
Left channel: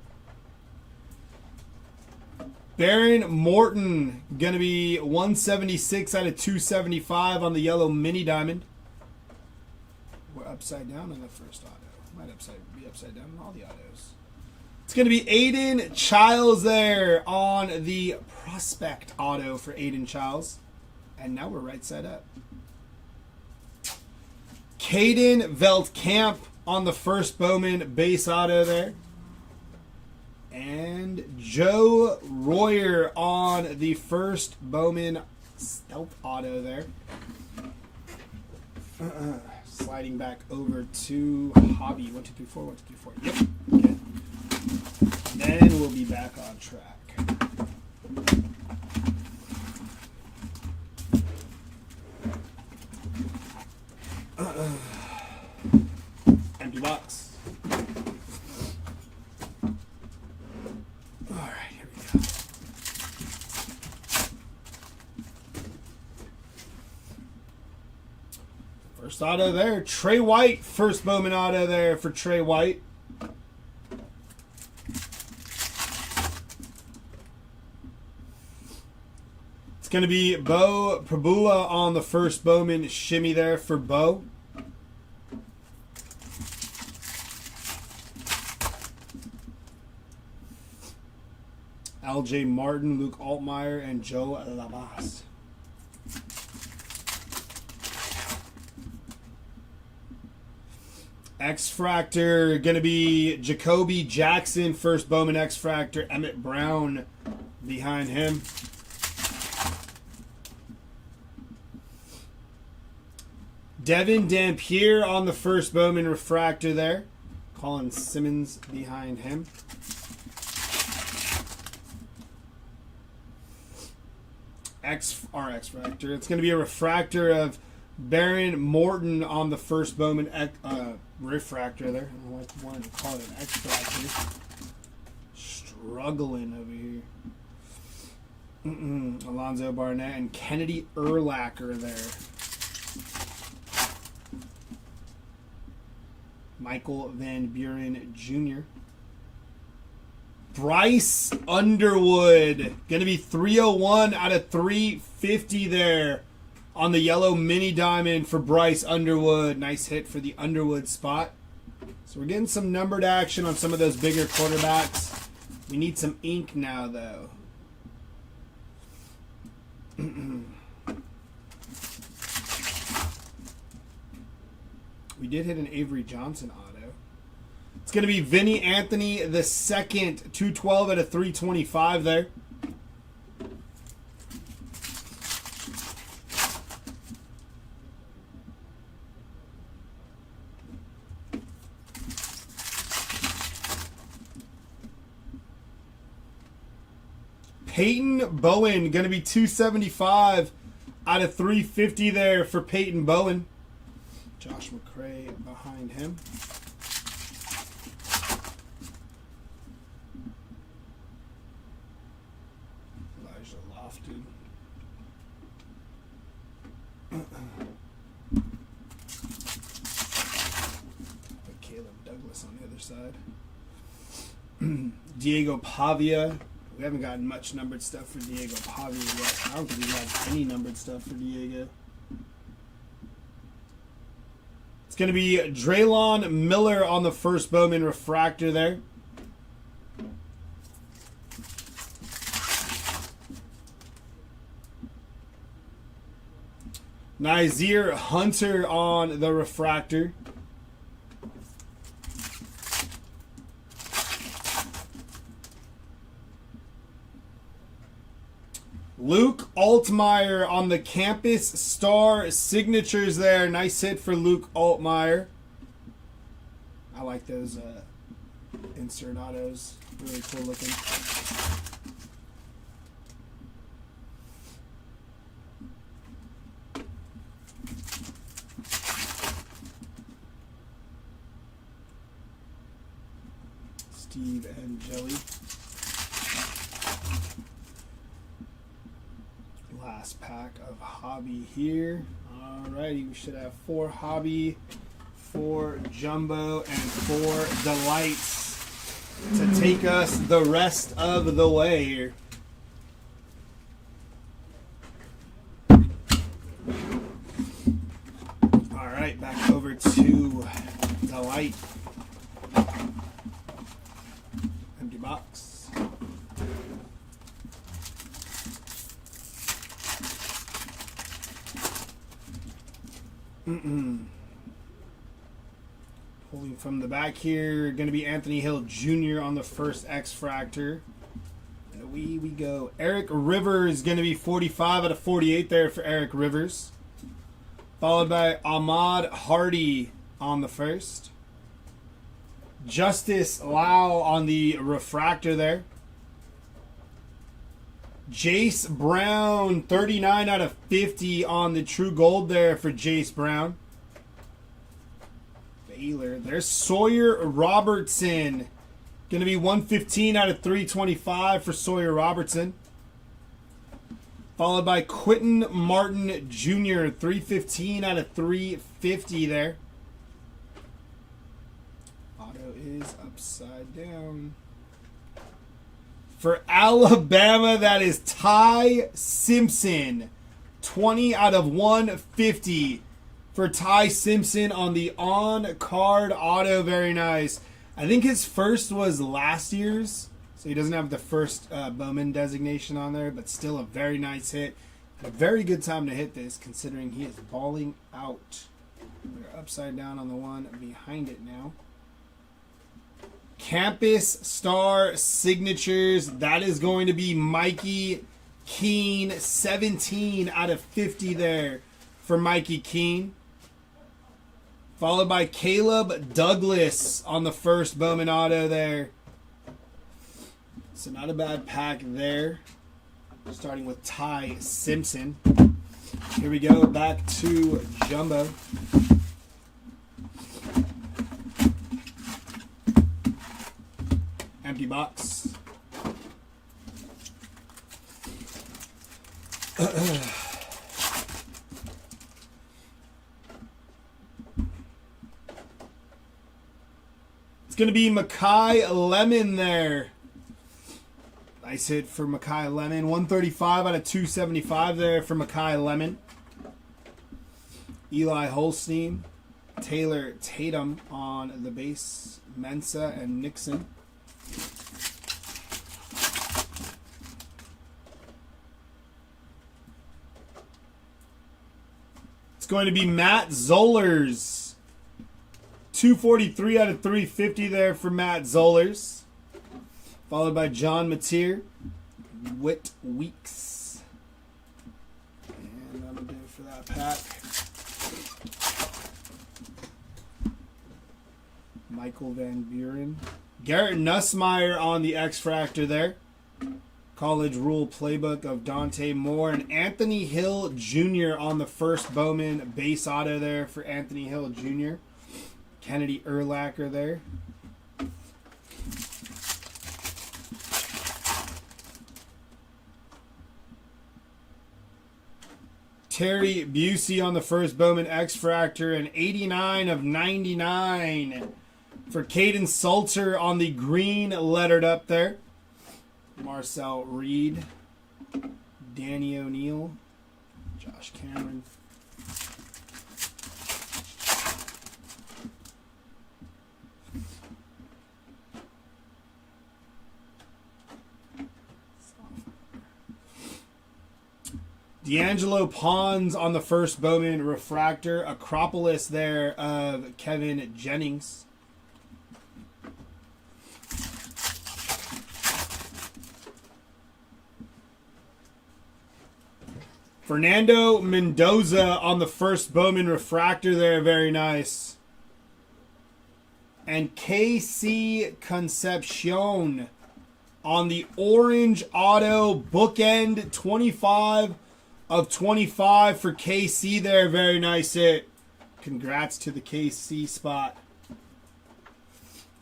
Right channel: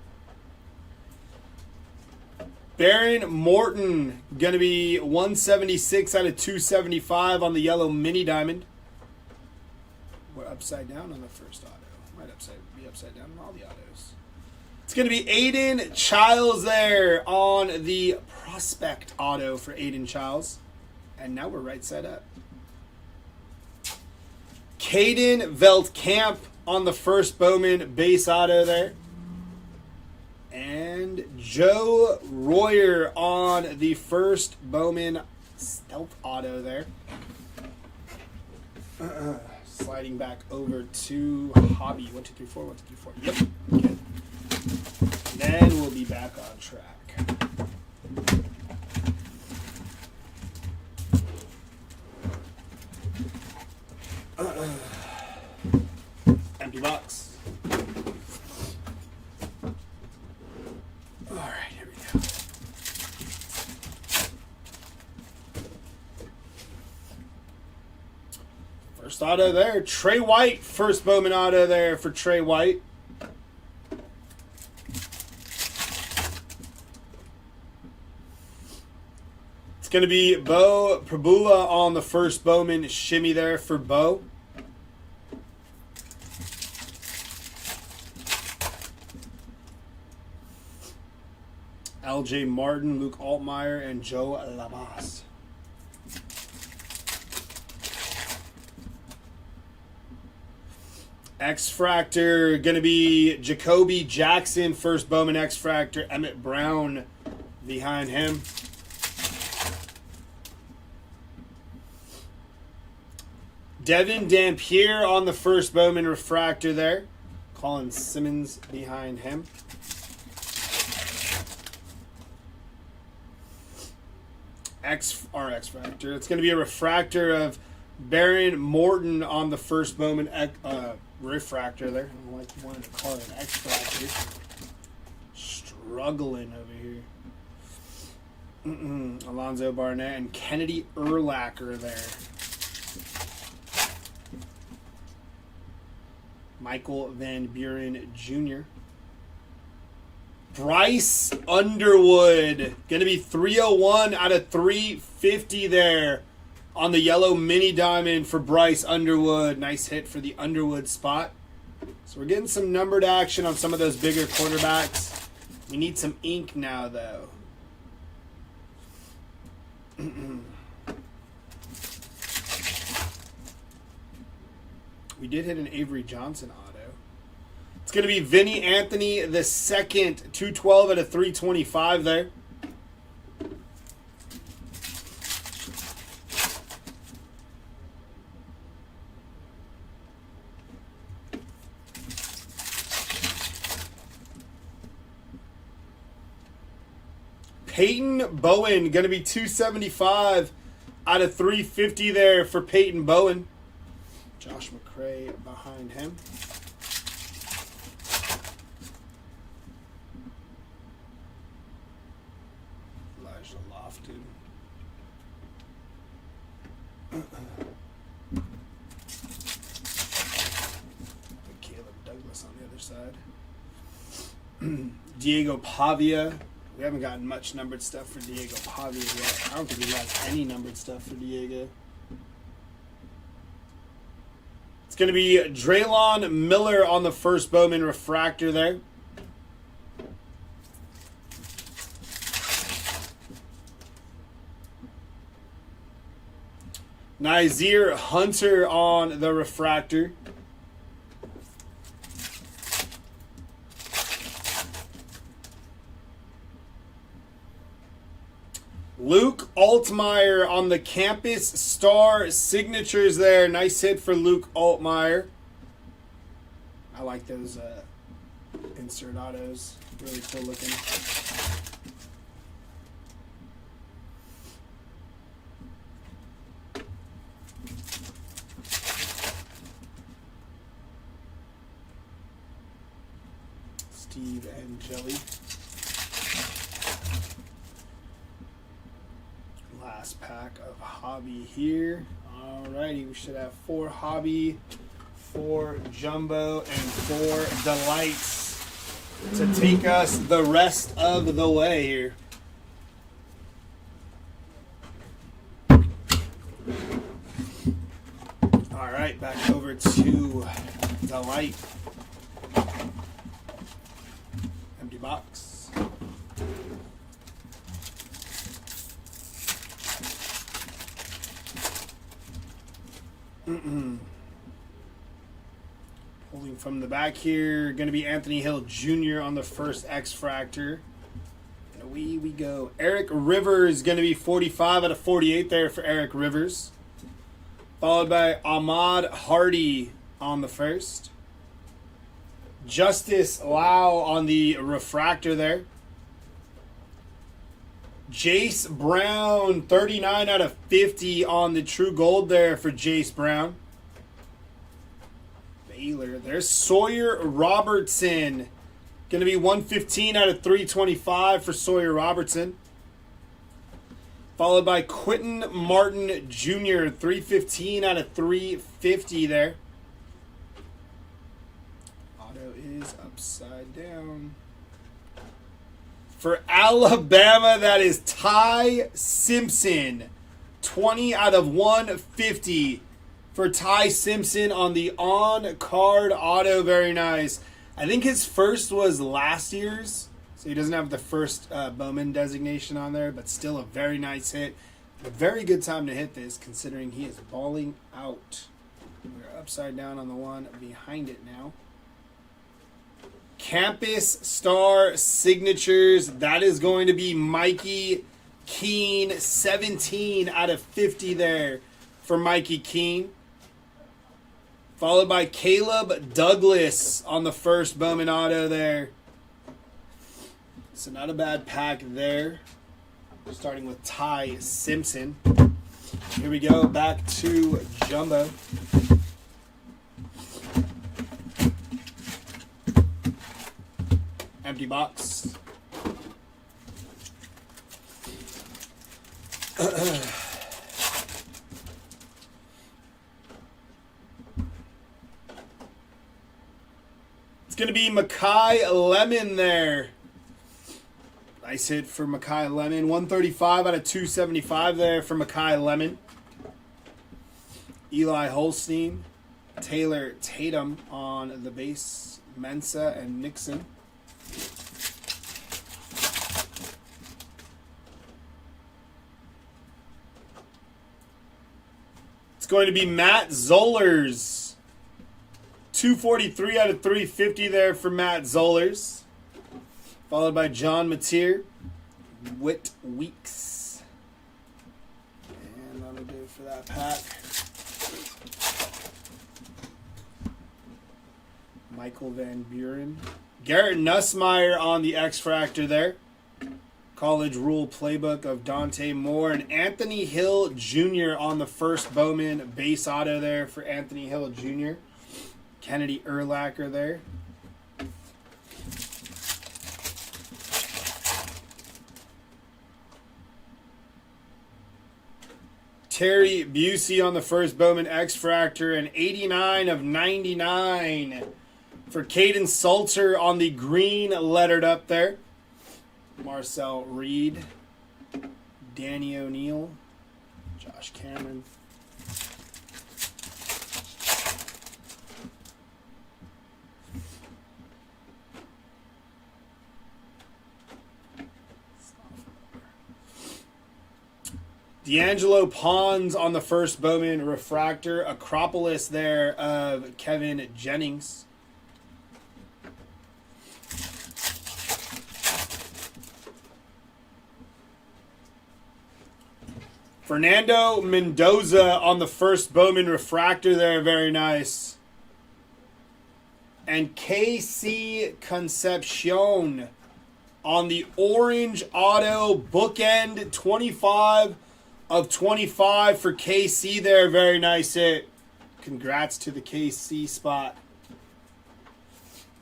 Baron Morton, going to be 176 out of 275 on the yellow Mini Diamond. We're upside down on the first auto. Might be upside down on all the autos. It's going to be Aiden Childs there on the Prospect auto for Aiden Childs. And now we're right side up. Caden Veldkamp on the first Bowman base auto there. And Joe Royer on the first Bowman Stealth auto there. Sliding back over to Hobby. 1, 2, 3, 4. 1, 2, 3, 4. Yep. Okay. Then we'll be back on track. Empty box. First auto there. Trey White. First Bowman auto there for Trey White. It's going to be Bo Prabula on the first Bowman shimmy there for Bo. LJ Martin, Luke Altmaier, and Joe Lamas. X-Fractor, going to be Jacoby Jackson, first Bowman X-Fractor. Emmett Brown behind him. Devin Dampier on the first Bowman Refractor there. Colin Simmons behind him. X-Fractor. It's going to be a refractor of Baron Morton on the first Bowman Refractor there. I don't know why you wanted to call it an X-Fractor. Struggling over here. Alonzo Barnett and Kennedy Urlacher there. Michael Van Buren Jr. Bryce Underwood. Going to be 301 out of 350 there on the yellow Mini Diamond for Bryce Underwood. Nice hit for the Underwood spot. So we're getting some numbered action on some of those bigger quarterbacks. We need some ink now, though. We did hit an Avery Johnson auto. It's going to be Vinny Anthony the second, 212 out of 325 there. Peyton Bowen, going to be 275 out of 350 there for Peyton Bowen. Josh McCray behind him. Elijah Lofton. Caleb Douglas on the other side. Diego Pavia. We haven't gotten much numbered stuff for Diego Pavia yet. I don't think we got any numbered stuff for Diego. It's going to be Draylon Miller on the first Bowman Refractor there. Nazir Hunter on the Refractor. Luke Altmaier on the Campus Star signatures there. Nice hit for Luke Altmaier. I like those insert autos. Really cool looking. Steve and Jelly. Last pack of hobby here. Alrighty, we should have 4 hobby, 4 jumbo, and 4 delights to take us the rest of the way here. Alright, back over to delight. Empty box. Pulling from the back here, going to be Anthony Hill Jr. on the first X-Fractor. And away we go. Eric Rivers going to be 45 out of 48 there for Eric Rivers. Followed by Ahmad Hardy on the first. Justice Lau on the refractor there. Jace Brown, 39 out of 50 on the True Gold there for Jace Brown. Baylor. There's Sawyer Robertson. Going to be 115 out of 325 for Sawyer Robertson. Followed by Quentin Martin Jr., 315 out of 350 there. Auto is upside down. For Alabama, that is Ty Simpson. 20 out of 150 for Ty Simpson on the on-card auto. Very nice. I think his first was last year's, so he doesn't have the first Bowman designation on there, but still a very nice hit. A very good time to hit this, considering he is balling out. We're upside down on the one behind it now. Campus Star signatures. That is going to be Mikey Keene. 17 out of 50 there for Mikey Keene. Followed by Caleb Douglas on the first Bowman auto there. So not a bad pack there. Starting with Ty Simpson. Here we go. Back to Jumbo. Empty box. It's going to be Makai Lemon there. Nice hit for Makai Lemon. 135 out of 275 there for Makai Lemon. Eli Holstein. Taylor Tatum on the base. Mensa and Nixon. It's going to be Matt Zollers. 243 out of 350 there for Matt Zollers. Followed by John Mateer. Whit Weeks. And that'll do it for that pack. Michael Van Buren. Garrett Nussmeier on the X-Fractor there. College Rule Playbook of Dante Moore. And Anthony Hill Jr. on the first Bowman base auto there for Anthony Hill Jr. Kennedy Urlacher there. Terry Busey on the first Bowman X-Fractor. And 89 of 99 for Caden Salter on the green lettered up there. Marcel Reed. Danny O'Neill. Josh Cameron. D'Angelo Pons on the first Bowman refractor. Acropolis there of Kevin Jennings. Fernando Mendoza on the first Bowman refractor there. Very nice. And KC Concepcion on the orange auto bookend. 25 of 25 for KC there. Very nice hit. Congrats to the KC spot.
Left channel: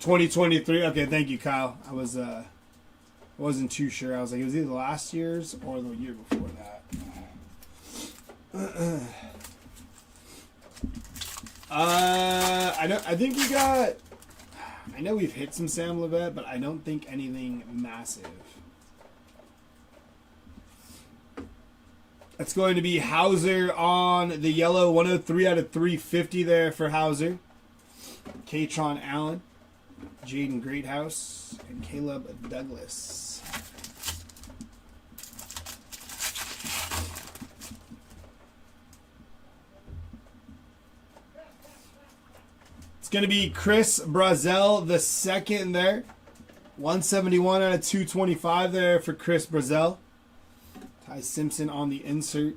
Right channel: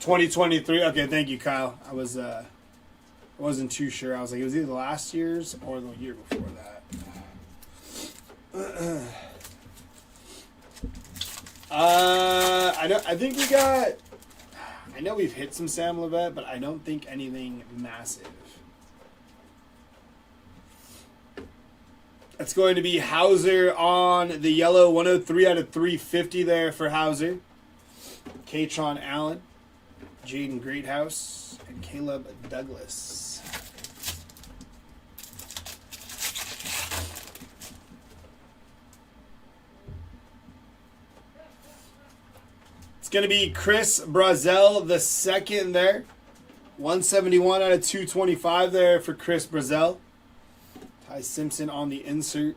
2023. Okay, thank you, Kyle. I wasn't too sure. I was like, it was either last year's or the year before that. I think we got. I know we've hit some Sam Levet, but I don't think anything massive. That's going to be Hauser on the yellow, 103 out of 350 there for Hauser. Katron Allen, Jaden Greathouse, and Caleb Douglas. It's going to be Chris Brazel the second there. 171 out of 225 there for Chris Brazel. Ty Simpson on the insert.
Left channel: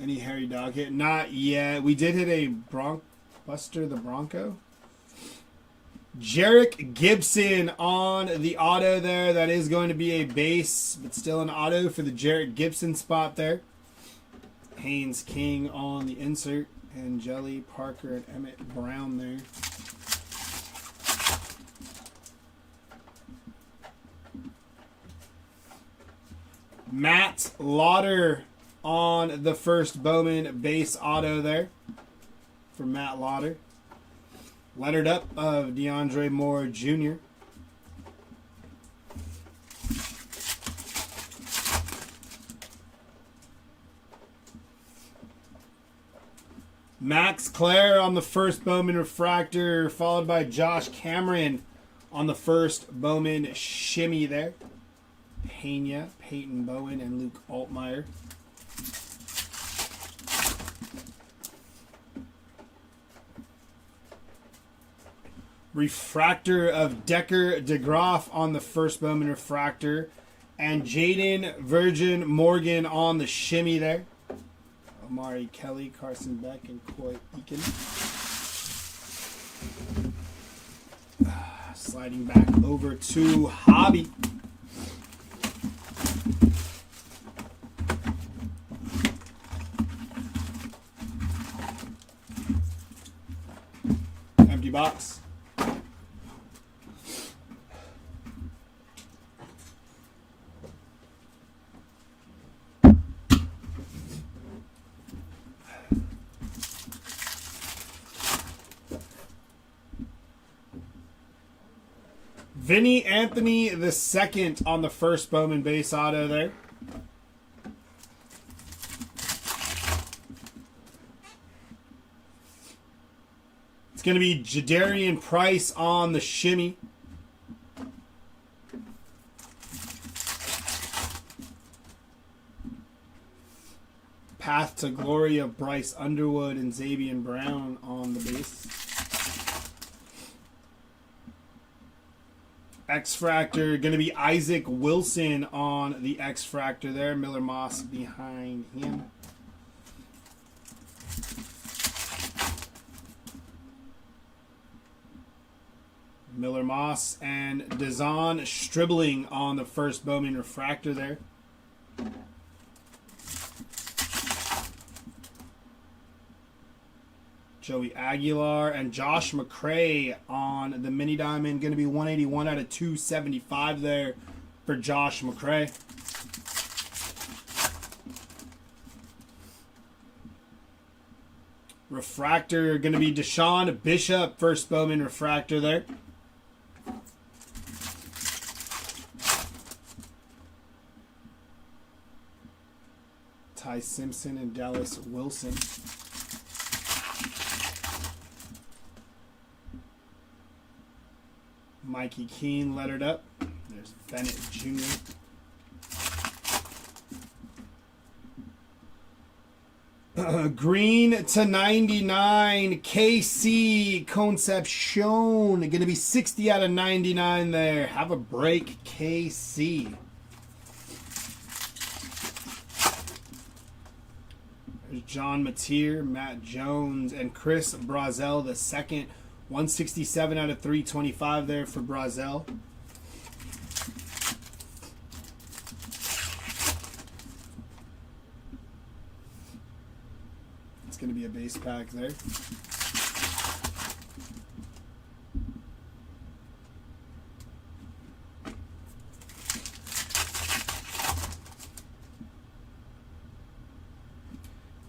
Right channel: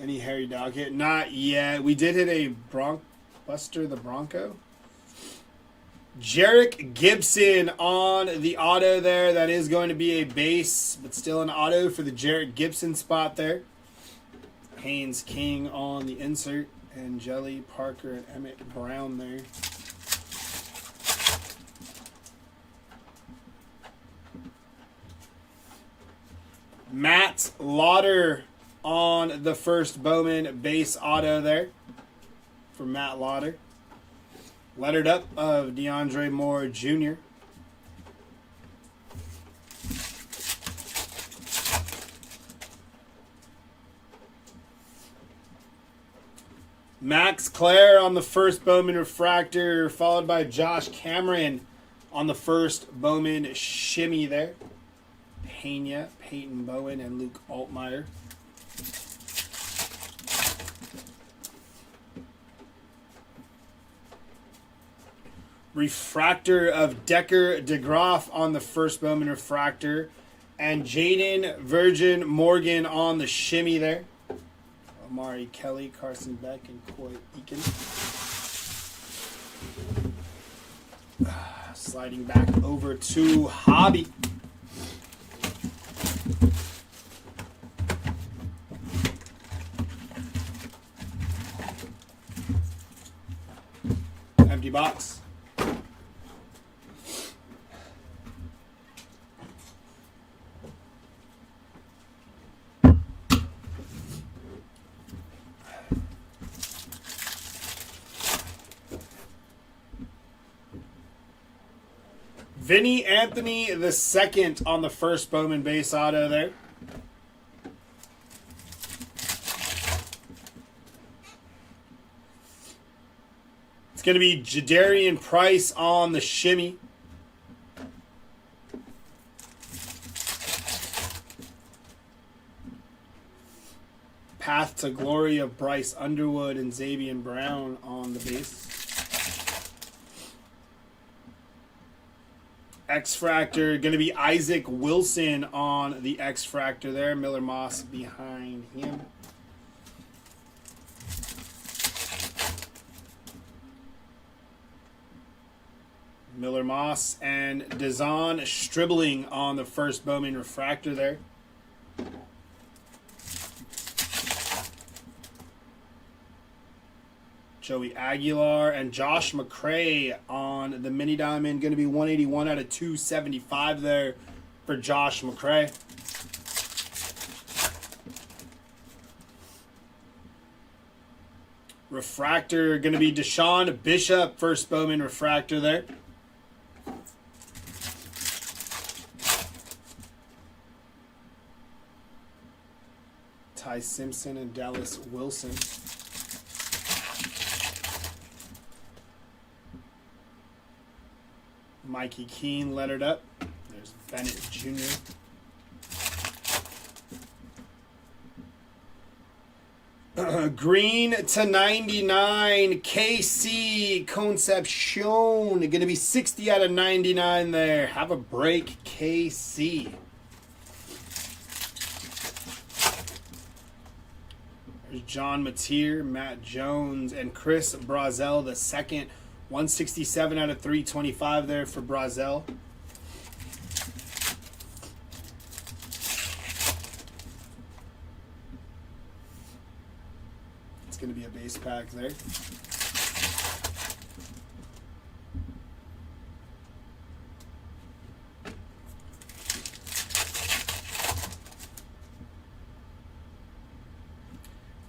Any Harry Dog hit? Not yet. We did hit a Buster the Bronco. Jarek Gibson on the auto there. That is going to be a base, but still an auto for the Jarek Gibson spot there. Haynes King on the insert. And Jelly Parker and Emmett Brown there. Matt Lauder on the first Bowman base auto there for Matt Lauder. Lettered up of DeAndre Moore Jr. Max Clare on the first Bowman refractor, followed by Josh Cameron on the first Bowman shimmy there. Pena, Peyton Bowen, and Luke Altmaier. Refractor of Decker DeGroff on the first Bowman refractor. And Jaden Virgin Morgan on the shimmy there. Amari Kelly, Carson Beck, and Coy Eakin. Sliding back over to Hobby. Empty box. Vinny Anthony the second on the first Bowman base auto there. It's going to be Jadarian Price on the shimmy. Path to Glory of Bryce Underwood and Xavier Brown on the base. X-Fractor, going to be Isaac Wilson on the X-Fractor there. Miller Moss behind him. Miller Moss and Dazon Stribling on the first Bowman refractor there. Joey Aguilar and Josh McCray on the mini diamond. Going to be 181 out of 275 there for Josh McCray. Refractor going to be Deshaun Bishop, first Bowman refractor there. Ty Simpson and Dallas Wilson. Mikey Keene lettered up. There's Bennett Jr. Green to 99, KC Concepcion. Going to be 60 out of 99 there. Have a break, KC. There's John Mateer, Matt Jones, and Chris Brazel, the second. 167 out of 325 there for Brazel. It's going to be a base pack there.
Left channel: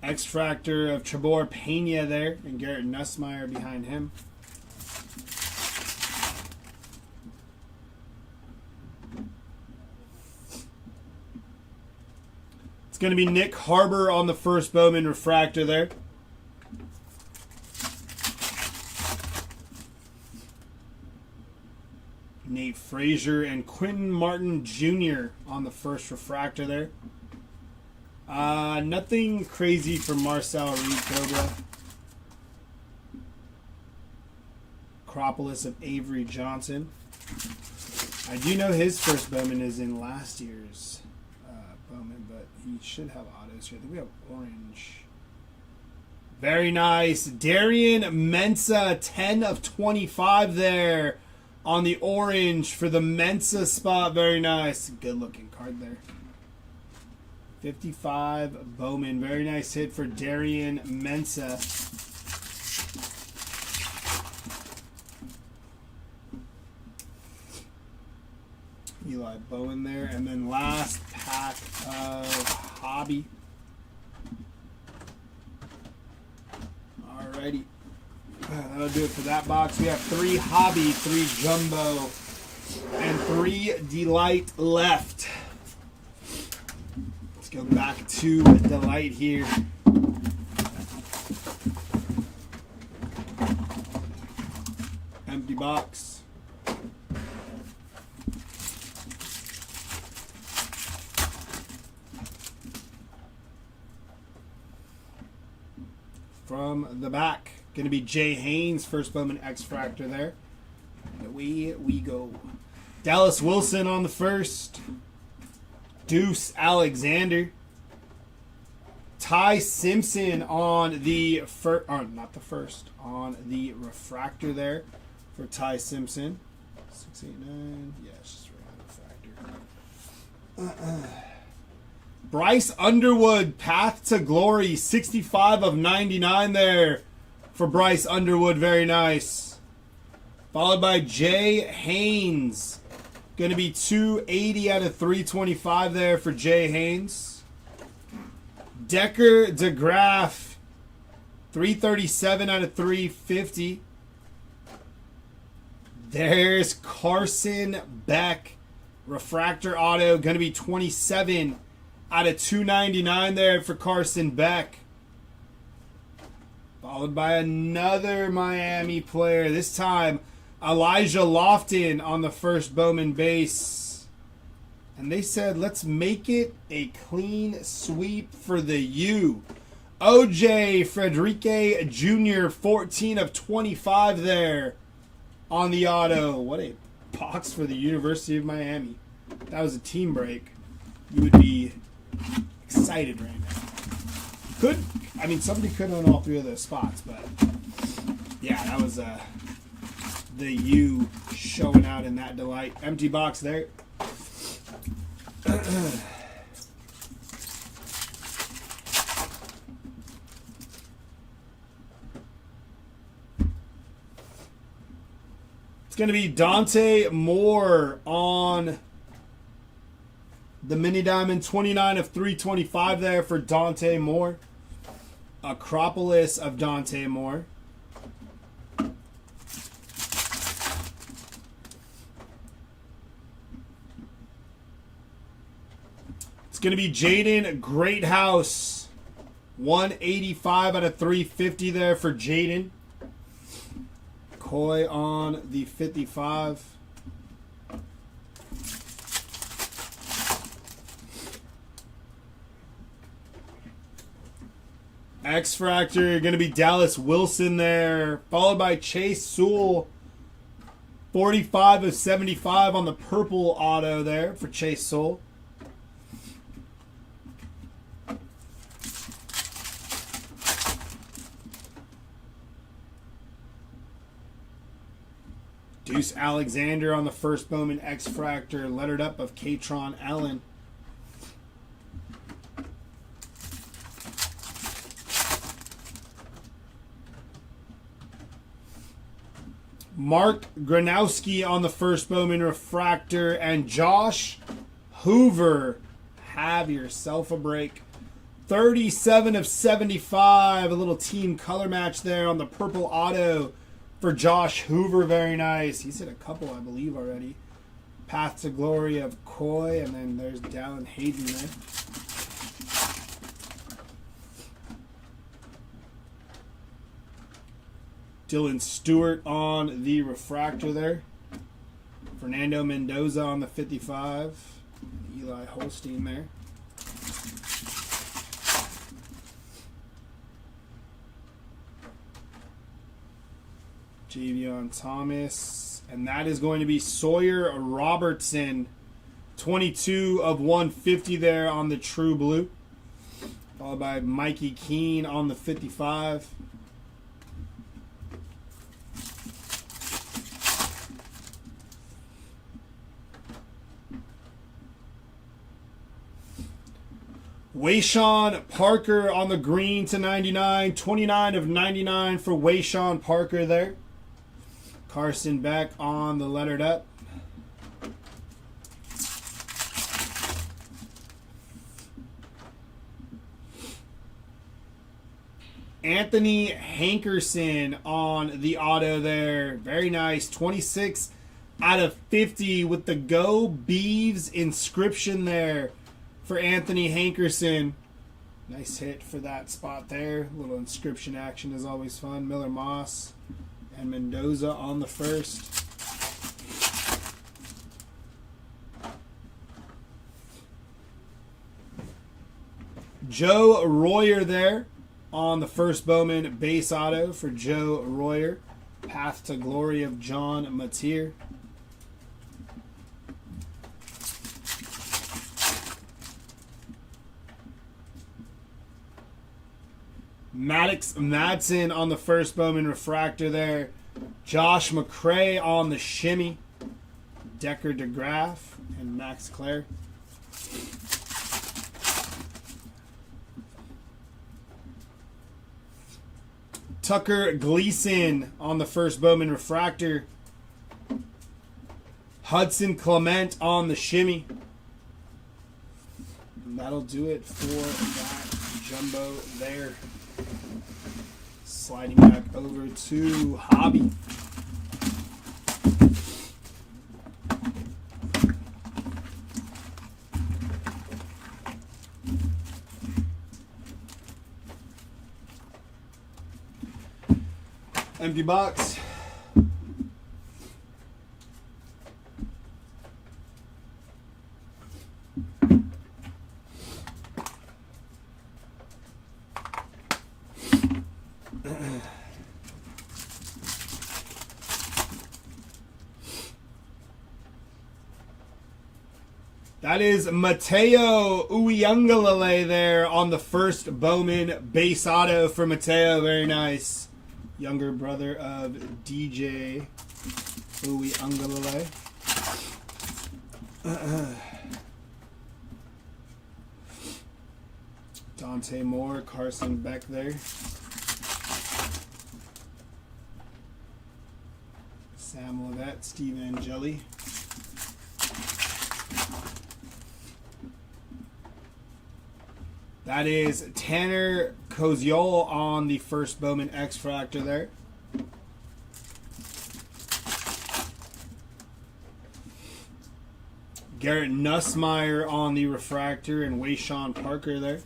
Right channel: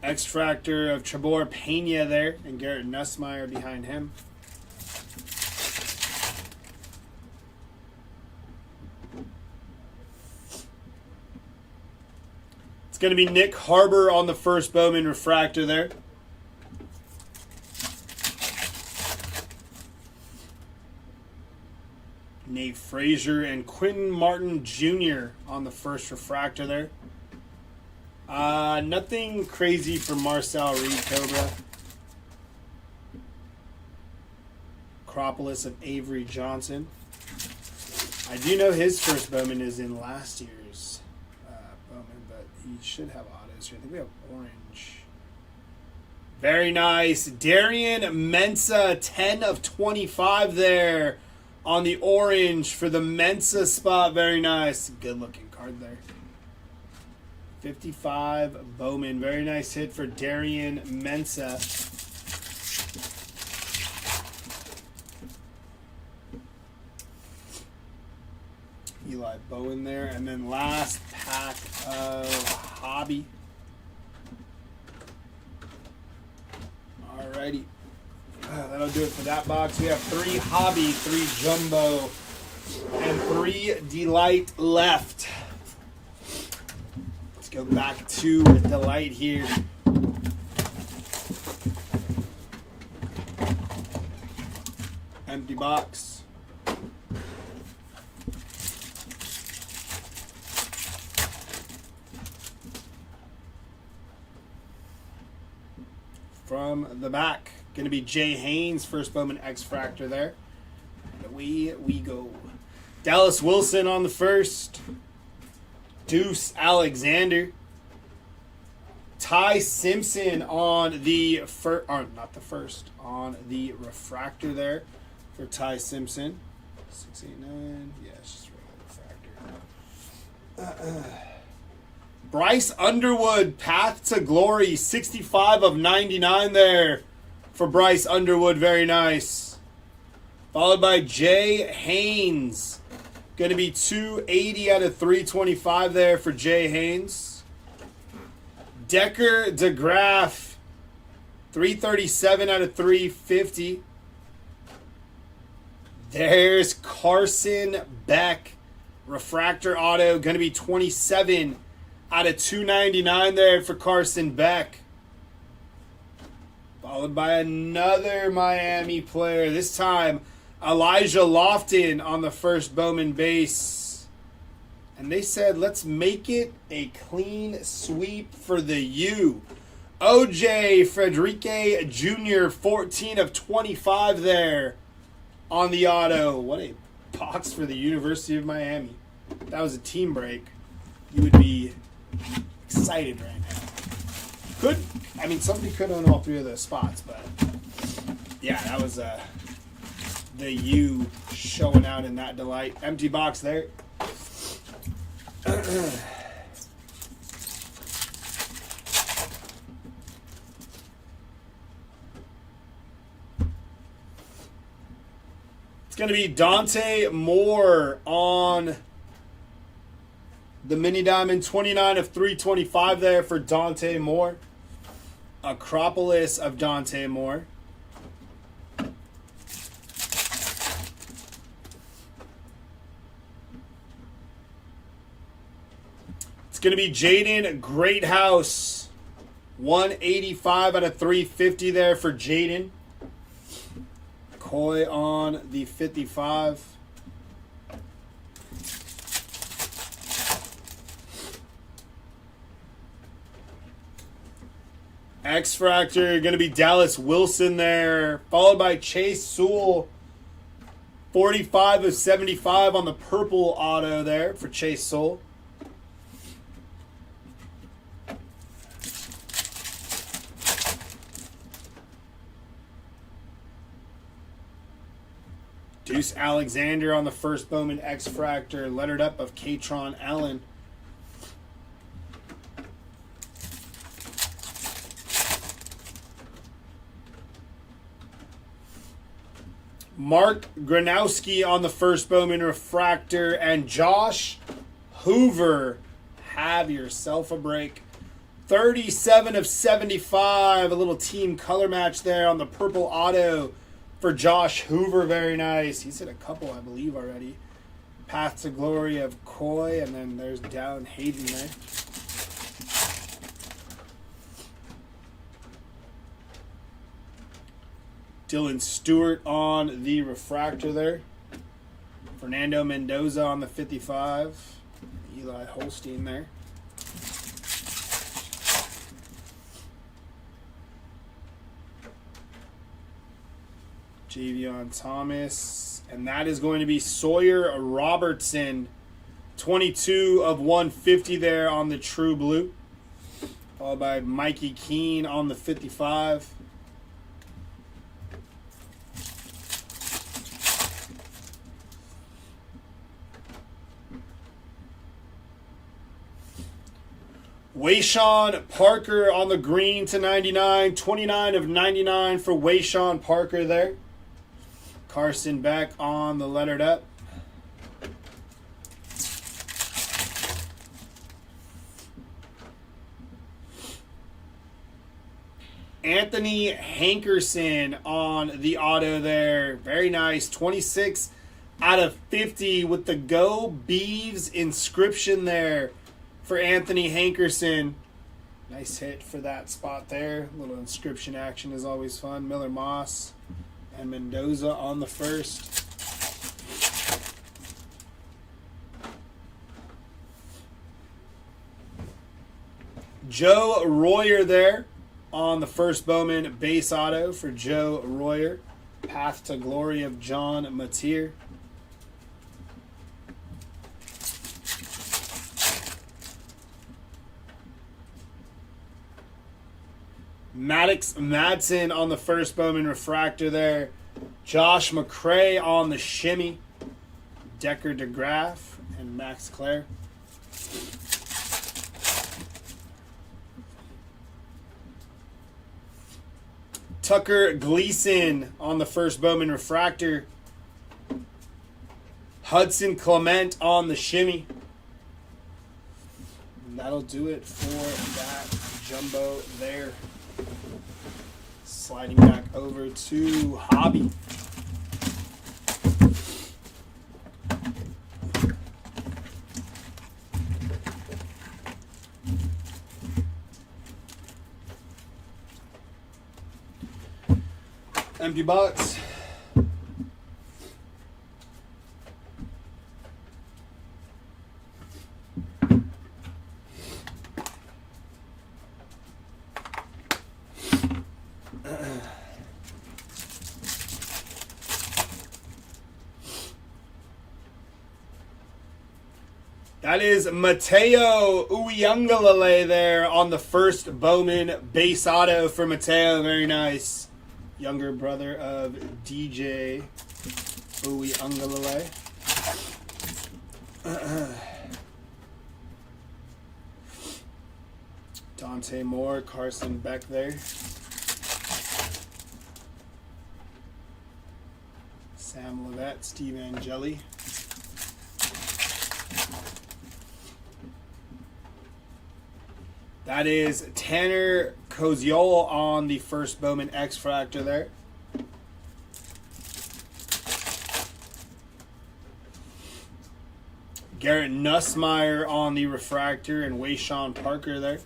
X-Fractor of Trebor Pena there, and Garrett Nussmeier behind him. It's going to be Nick Harbor on the first Bowman refractor there. Nate Frazier and Quentin Martin Jr. on the first refractor there. Nothing crazy for Marcel Reed Cobra. Acropolis of Avery Johnson. I do know his first Bowman is in last year's Bowman, but he should have autos here. I think we have orange. Very nice. Darian Mensa, 10 of 25 there on the orange for the Mensa spot. Very nice. Good looking card there. 55 Bowman. Very nice hit for Darian Mensa. Eli Bowen there. And then last pack of Hobby. Alrighty. That'll do it for that box. We have 3 Hobby, 3 Jumbo, and 3 Delight left. Let's go back to Delight here. Empty box. From the back, going to be Jay Haynes, first Bowman X-Fractor there. And away we go. Dallas Wilson on the first. Deuce Alexander. Ty Simpson on the first, or not the first, on the refractor there for Ty Simpson. 689, yeah, it's just a refractor. Bryce Underwood, Path to Glory, 65 of 99 there for Bryce Underwood. Very nice. Followed by Jay Haynes. Going to be 280 out of 325 there for Jay Haynes. Decker DeGraff, 337 out of 350. There's Carson Beck. Refractor auto. Going to be 27 out of 299 there for Carson Beck. Followed by another Miami player. This time, Elijah Lofton on the first Bowman base. And they said, let's make it a clean sweep for the U. OJ Frederique Jr., 14 of 25 there on the auto. What a box for the University of Miami. If that was a team break, you would be excited right now. Somebody could own all 3 of those spots, but yeah, that was the U showing out in that Delight. Empty box there. It's going to be Dante Moore on the Mini Diamond, 29 of 325 there for Dante Moore. Acropolis of Dante Moore. It's going to be Jaden Greathouse. 185 out of 350 there for Jaden. Coy on the 55. X-Fractor, going to be Dallas Wilson there, followed by Chase Sewell. 45 of 75 on the purple auto there for Chase Sewell. Deuce Alexander on the first Bowman X-Fractor, lettered up of Katron Allen. Mark Gronowski on the first Bowman Refractor, and Josh Hoover. Have yourself a break. 37 of 75. A little team color match there on the purple auto for Josh Hoover. Very nice. He's hit a couple, I believe, already. Path to Glory of Coy, and then there's Dallin Hayden there. Dylan Stewart on the refractor there. Fernando Mendoza on the 55. Eli Holstein there. Javion Thomas. And that is going to be Sawyer Robertson. 22 of 150 there on the True Blue. Followed by Mikey Keene on the 55. Wayshawn Parker on the green to 99. 29 of 99 for Wayshawn Parker there. Carson Beck on the lettered up. Anthony Hankerson on the auto there. Very nice. 26 out of 50 with the Go Beeves inscription there for Anthony Hankerson. Nice hit for that spot there. A little inscription action is always fun. Miller Moss and Mendoza on the first. Joe Royer there on the first Bowman base auto for Joe Royer. Path to Glory of John Mateer. Maddox Madsen on the first Bowman refractor there. Josh McCray on the shimmy. Decker DeGraff and Max Clare. Tucker Gleason on the first Bowman refractor. Hudson Clement on the shimmy. And that'll do it for that jumbo there. Sliding back over to Hobby. Empty box. That is Mateo Uiagalelei there on the first Bowman base auto for Mateo. Very nice. Younger brother of DJ Uiagalelei. Dante Moore, Carson Beck there. Sam Levette, Steve Angeli. That is Tanner Koziol on the first Bowman X-Fractor there. Garrett Nussmeier on the refractor and Wayshawn Parker there.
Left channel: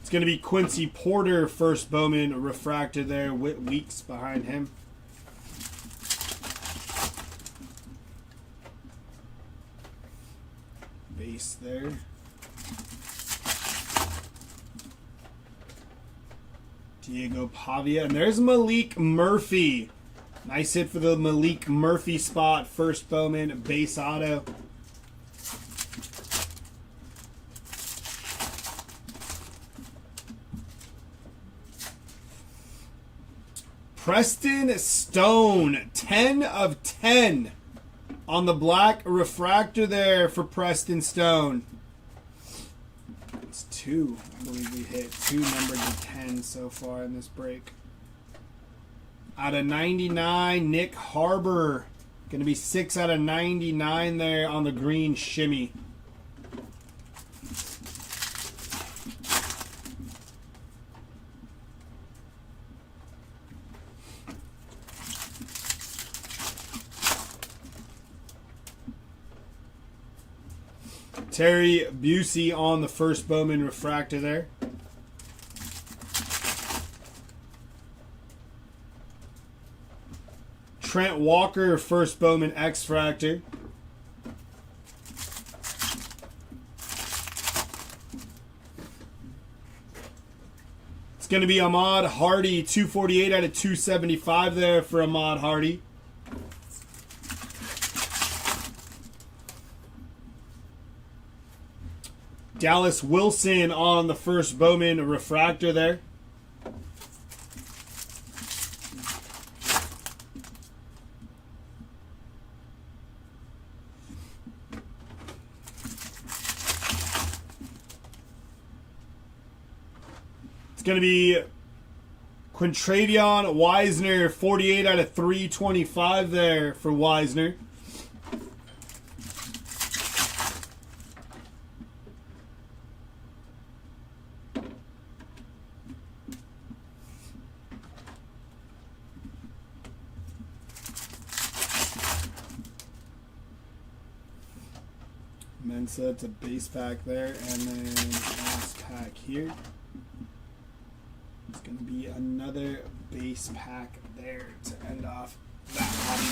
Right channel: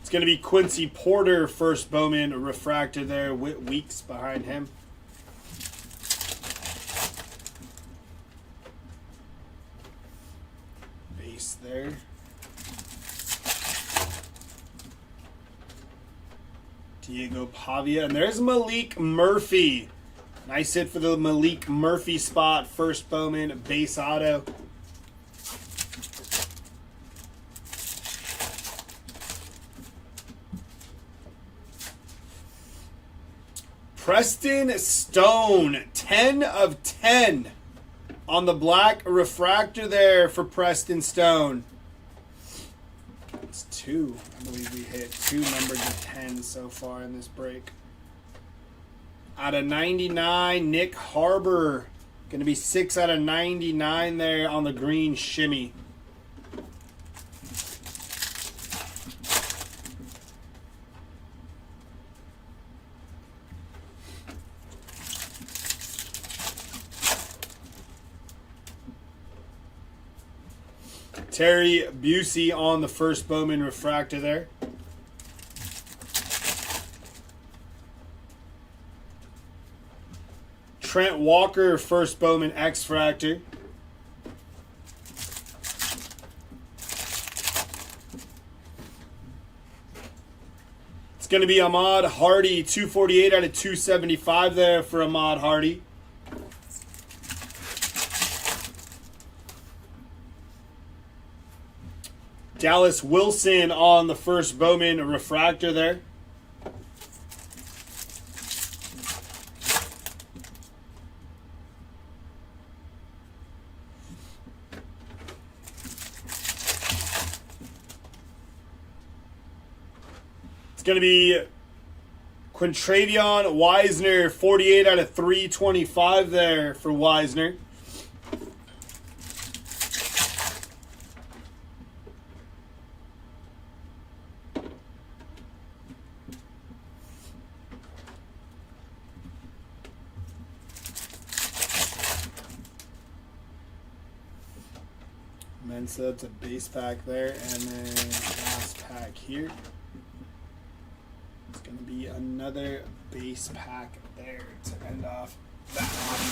It's going to be Quincy Porter, first Bowman refractor there. Whit Weeks behind him. base there. Diego Pavia. And there's Malik Murphy. Nice hit for the Malik Murphy spot. First Bowman base auto. Preston Stone, 10 of 10 on the black refractor there for Preston Stone. It's 2. I believe we hit 2 numbered to 10 so far in this break. Out of 99, Nick Harbor. Going to be 6 out of 99 there on the green shimmy. Terry Busey on the first Bowman refractor there. Trent Walker, first Bowman X-Fractor. It's going to be Ahmad Hardy, 248 out of 275 there for Ahmad Hardy. Dallas Wilson on the first Bowman refractor there. It's going to be Quintravion Wisner, 48 out of 325 there for Wisner. Mensa, it's a base pack there, and then last pack here. It's going to be another base pack there to end off that hobby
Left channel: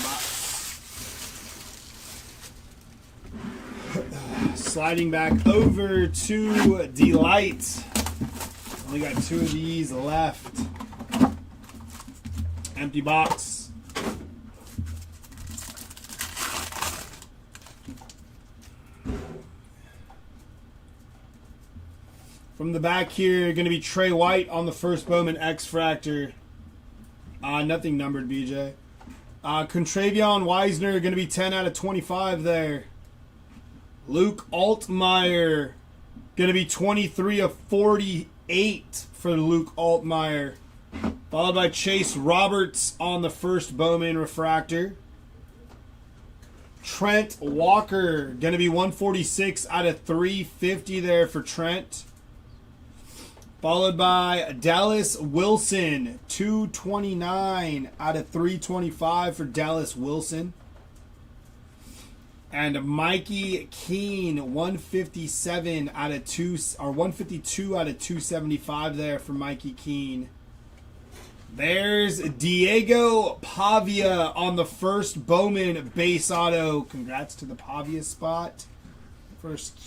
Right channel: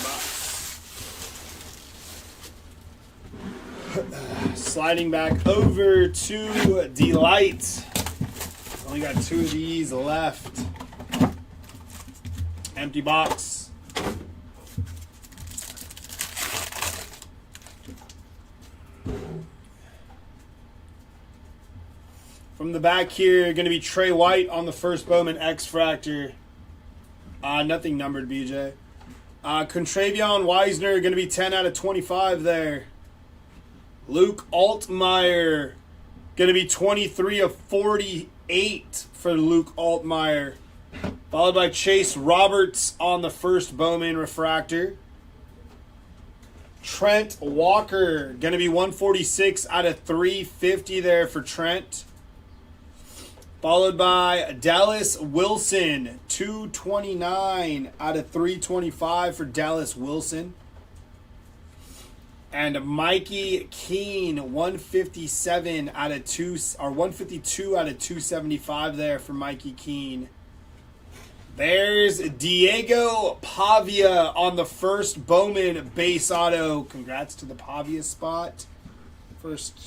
box. Sliding back over to Delight. Only got 2 of these left. Empty box. From the back here, going to be Trey White on the first Bowman X-Fractor. Nothing numbered, BJ. Quintravion Wisner, going to be 10 out of 25 there. Luke Altmaier, going to be 23 of 48 for Luke Altmaier. Followed by Chase Roberts on the first Bowman Refractor. Trent Walker, going to be 146 out of 350 there for Trent. Followed by Dallas Wilson, 229 out of 325 for Dallas Wilson. And Mikey Keene, 157 out of 152 out of 275 there for Mikey Keene. There's Diego Pavia on the first Bowman base auto. Congrats to the Pavia spot. First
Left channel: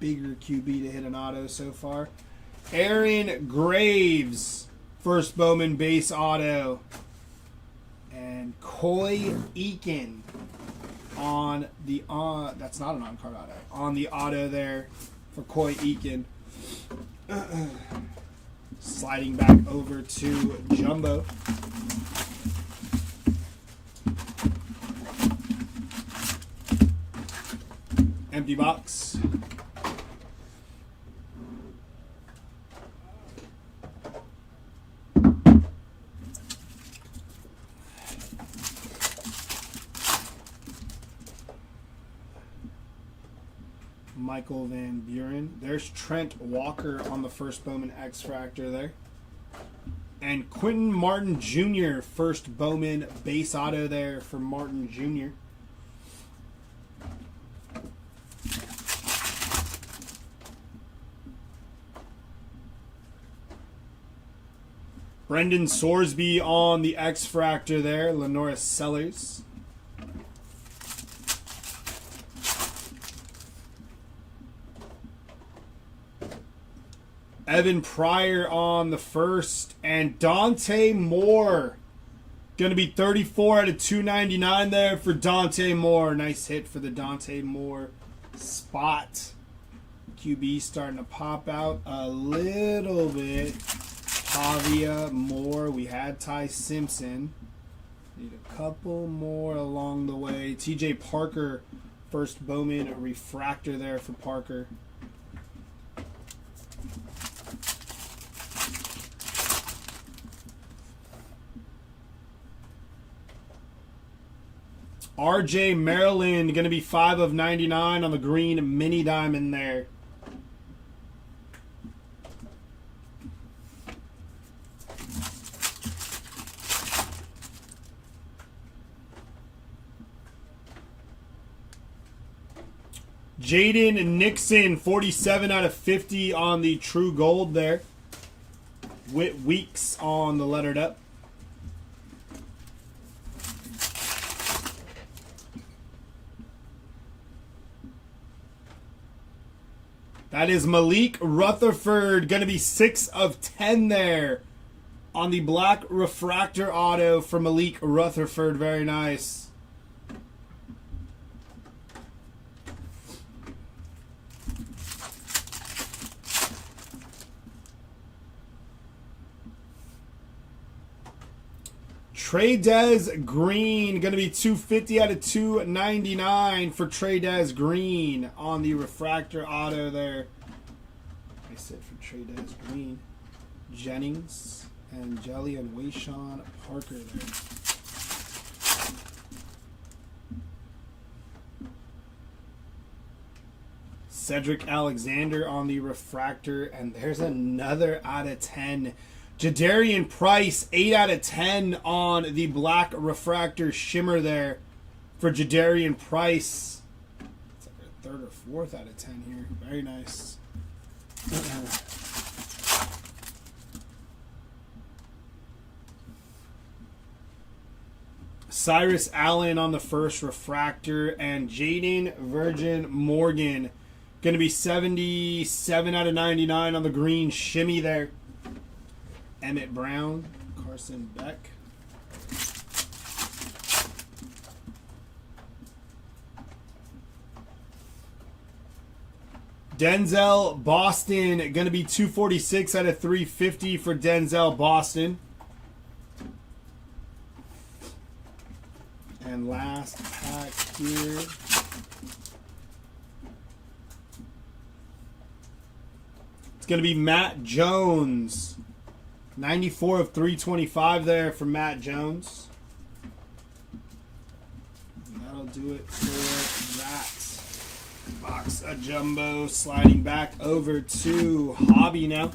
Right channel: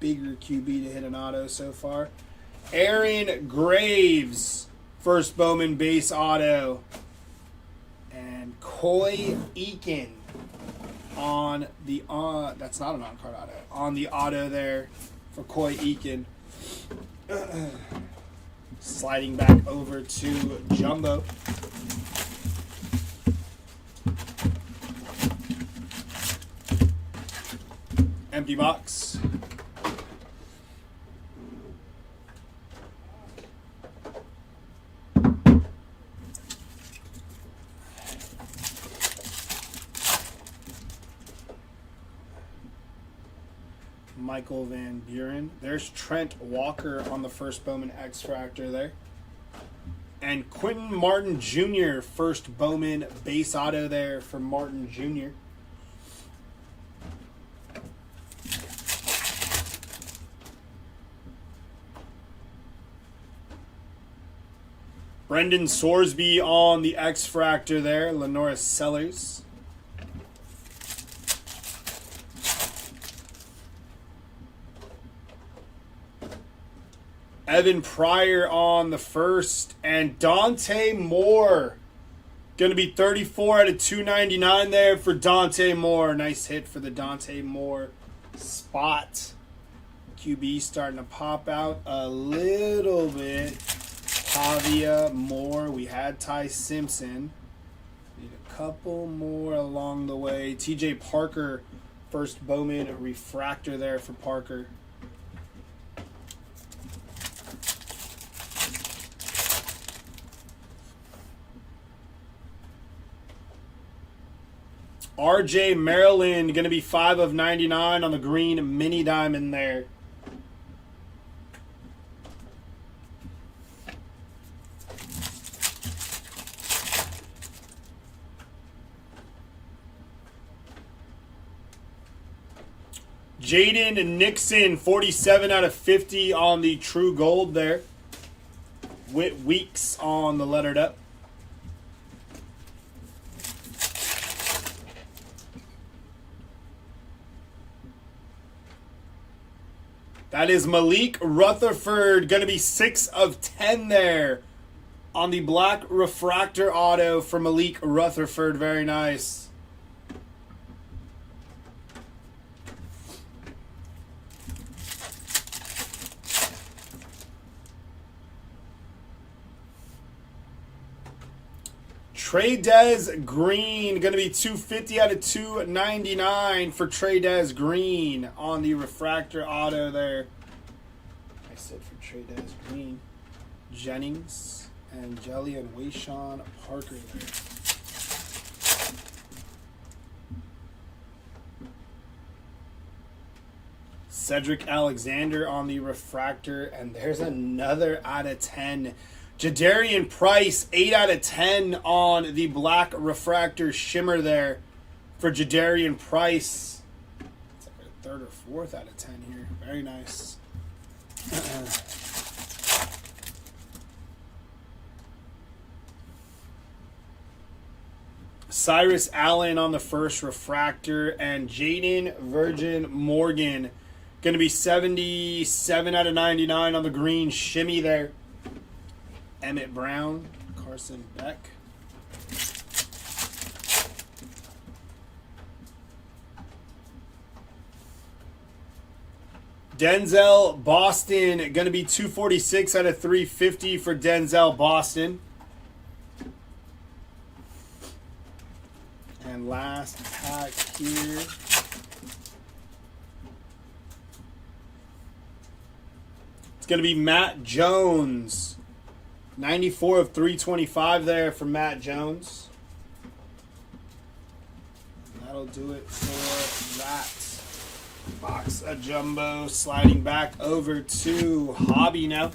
bigger QB to hit an auto so far. Aaron Graves, first Bowman base auto. And Coy Eakin on the that's not an on-card auto. On the auto there for Coy Eakin. Sliding back over to Jumbo. Empty box. Michael Van Buren. There's Trent Walker on the first Bowman X-Fractor there. And Quentin Martin Jr., first Bowman base auto there for Martin Jr. Brendan Sorsby on the X-Fractor there. Lenora Sellers. Evan Pryor on the first. And Dante Moore. Going to be 34 out of 299 there for Dante Moore. Nice hit for the Dante Moore spot. QB starting to pop out a little bit. Pavia Moore. We had Ty Simpson. Need a couple more along the way. TJ Parker, first Bowman refractor there for Parker. RJ Maryland, going to be 5 of 99 on the green mini diamond there. Jaden Nixon, 47 out of 50 on the true gold there. Whit Weeks on the lettered up. That is Malik Rutherford. Going to be 6 of 10 there on the black refractor auto for Malik Rutherford. Very nice. Trey-Dez Green, going to be 250 out of 299 for Trey-Dez Green on the refractor auto there. I said for Trey-Dez Green. Jennings and Jelly and Wayshawn Parker there. Cedric Alexander on the refractor, and there's another out of 10. Jadarian Price, 8 out of 10 on the black refractor shimmer there for Jadarian Price. It's like a third or fourth out of 10 here. Very nice. Cyrus Allen on the first refractor, and Jaden Virgin Morgan. Going to be 77 out of 99 on the green shimmy there. Emmett Brown, Carson Beck. Denzel Boston, going to be 246 out of 350 for Denzel Boston. And last pack here. It's going to be Matt Jones. 94 of 325 there for Matt Jones. And that'll do it for that box of jumbo. Sliding back over to Hobby now.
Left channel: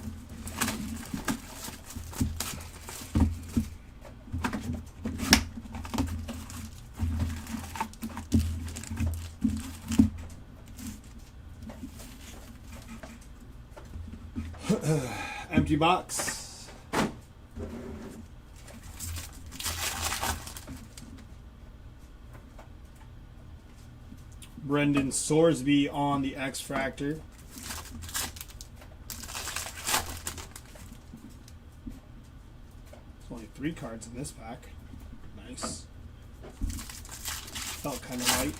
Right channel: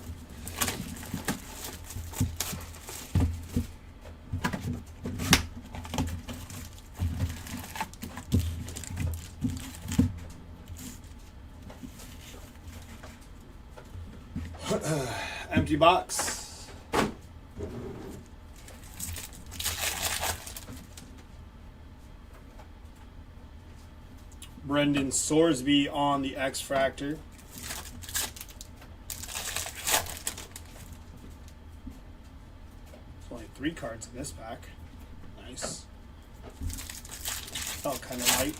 Empty box. Brendan Sorsby on the X-Fractor. There's only 3 cards in this pack. Nice. Felt kind of light.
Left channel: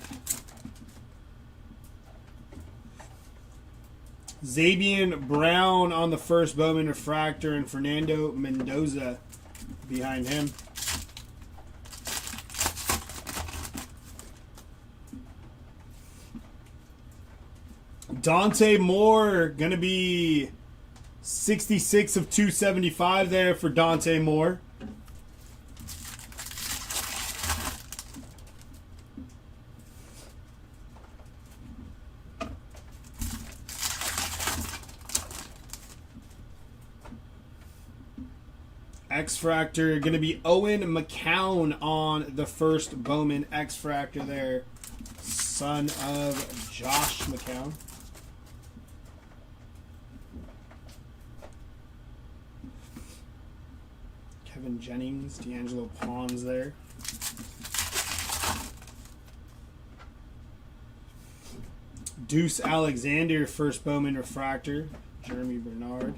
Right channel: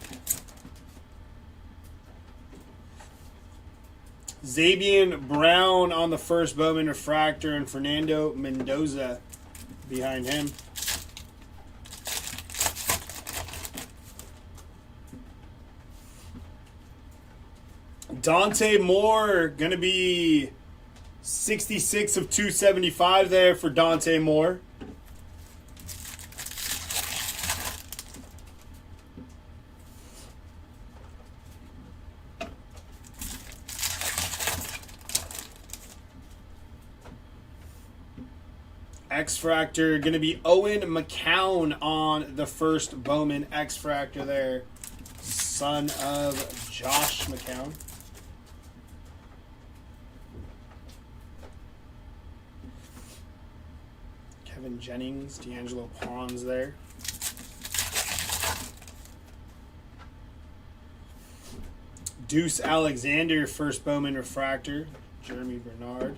Zabian Brown on the first Bowman refractor, and Fernando Mendoza behind him. Dante Moore, going to be 66 of 275 there for Dante Moore. X-Fractor, going to be Owen McCown on the first Bowman X-Fractor there. Son of Josh McCown. Kevin Jennings, D'Angelo Pons there. Deuce Alexander, first Bowman refractor. Jeremy Bernard.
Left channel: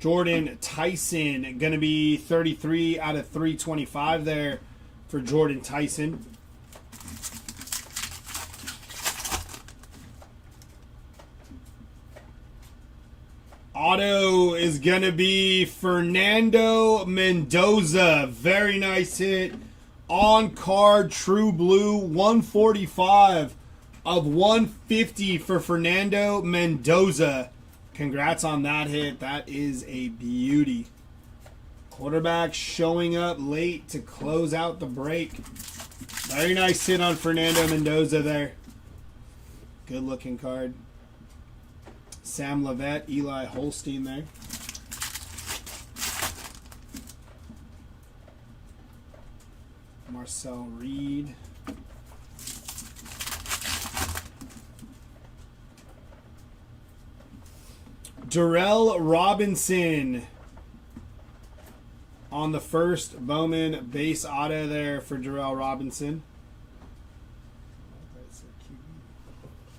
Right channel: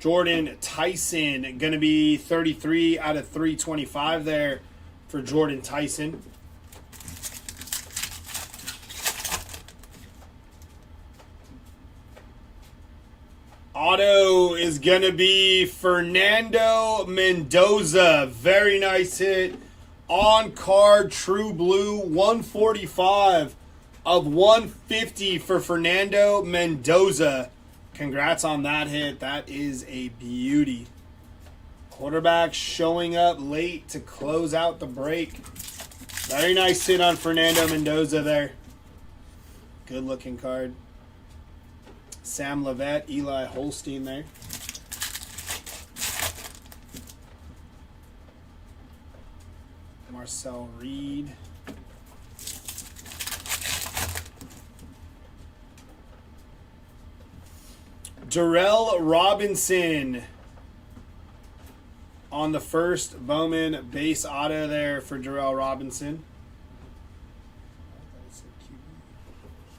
Jordan Tyson, going to be 33 out of 325 there for Jordan Tyson. Auto is going to be Fernando Mendoza. Very nice hit. On card, true blue, 145 of 150 for Fernando Mendoza. Congrats on that hit. That is a beauty. Quarterback showing up late to close out the break. Very nice hit on Fernando Mendoza there. Good looking card. Sam Levitt, Eli Holstein there. Marcel Reed. Darrell Robinson on the first Bowman base auto there for Darrell Robinson.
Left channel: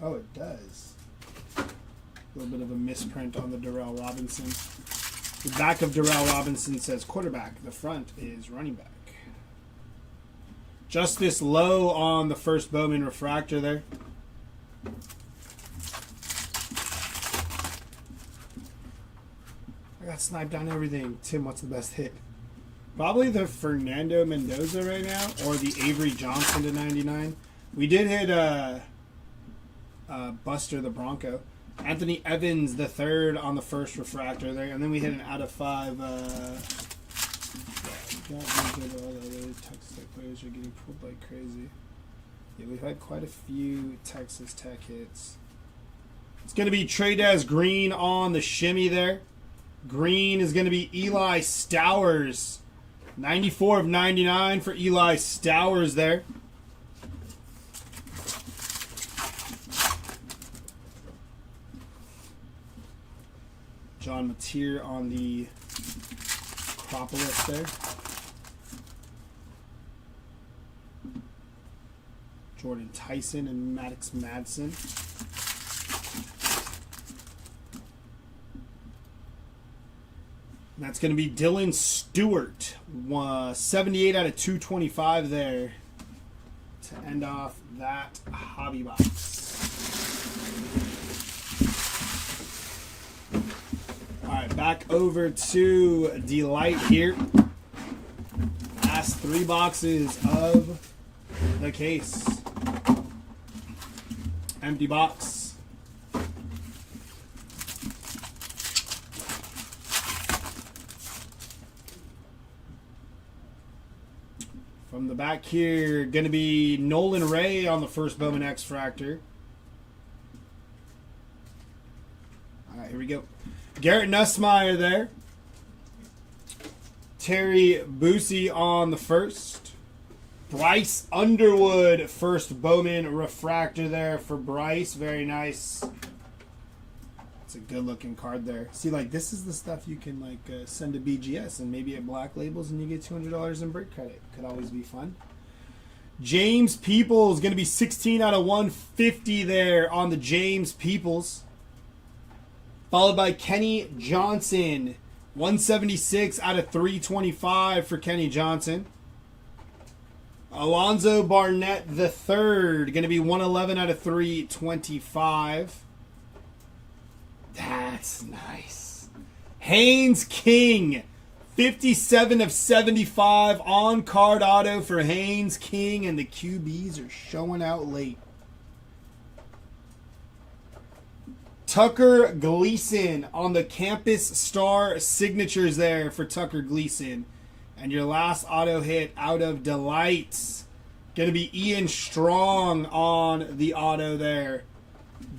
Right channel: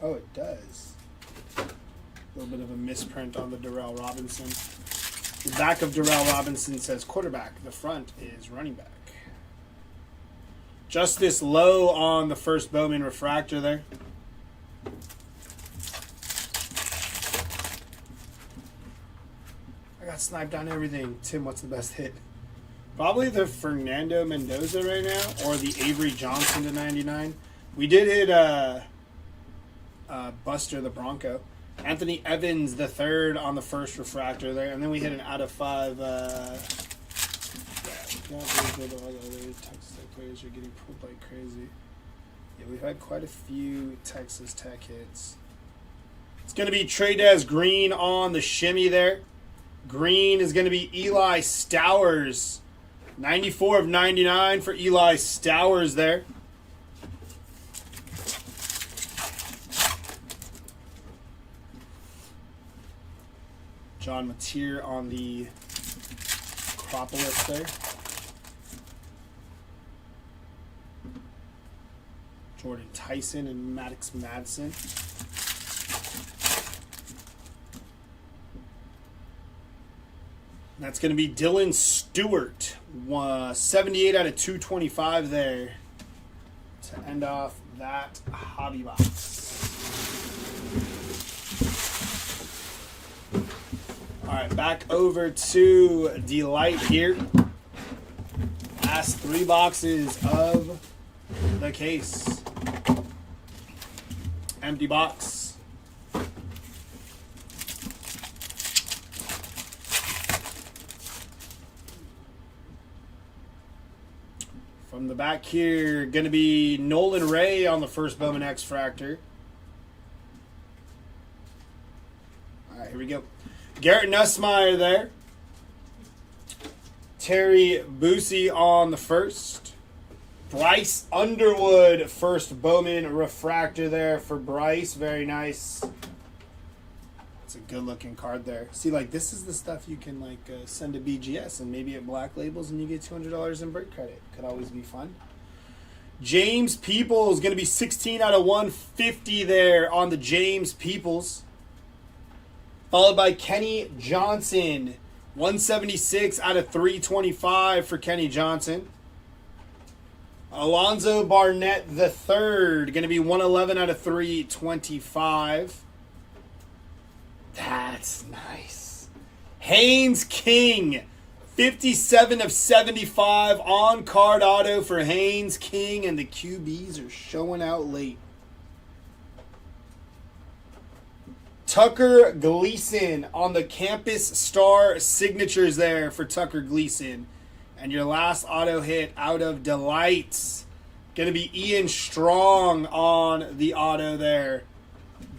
Oh, it does. A little bit of a misprint on the Darrell Robinson. The back of Darrell Robinson says quarterback. The front is running back. Justice Lowe on the first Bowman refractor there. I got sniped on everything. Tim, what's the best hit? Probably the Fernando Mendoza right now, or the Avery Johnson to 99. We did hit Buster the Bronco. Anthony Evans the third on the first refractor there, and then we hit an out of 5. All the other Texas Tech players are getting pulled like crazy. Yeah, we've had quite a few Texas Tech hits. It's going to be Trey'Dez Green on the shimmy there. Green is going to be Eli Stowers. 94 of 99 for Eli Stowers there. John Mateer on the Acropolis there. Jordan Tyson and Maddox Madsen. That's going to be Dylan Stewart. 78 out of 225 there to end off that hobby box. All right, back over to Delight here. Last 3 boxes of the case. Empty box. From the back here, going to be Nolan Ray on the first Bowman X-Fractor. All right, here we go. Garrett Nussmeier there. Terry Busey on the first. Bryce Underwood, first Bowman refractor there for Bryce. Very nice. It's a good looking card there. See, like, this is the stuff you can, like, send to BGS and maybe at Black Labels and you get $200 in break credit. Could always be fun. James Peoples, going to be 16 out of 150 there on the James Peoples. Followed by Kenny Johnson, 176 out of 325 for Kenny Johnson. Alonzo Barnett the third, going to be 111 out of 325. That's nice. Haynes King, 57 of 75 on card auto for Haynes King, and the QBs are showing out late. Tucker Gleason on the Campus Star signatures there for Tucker Gleason. And your last auto hit out of Delights, going to be Ian Strong on the auto there.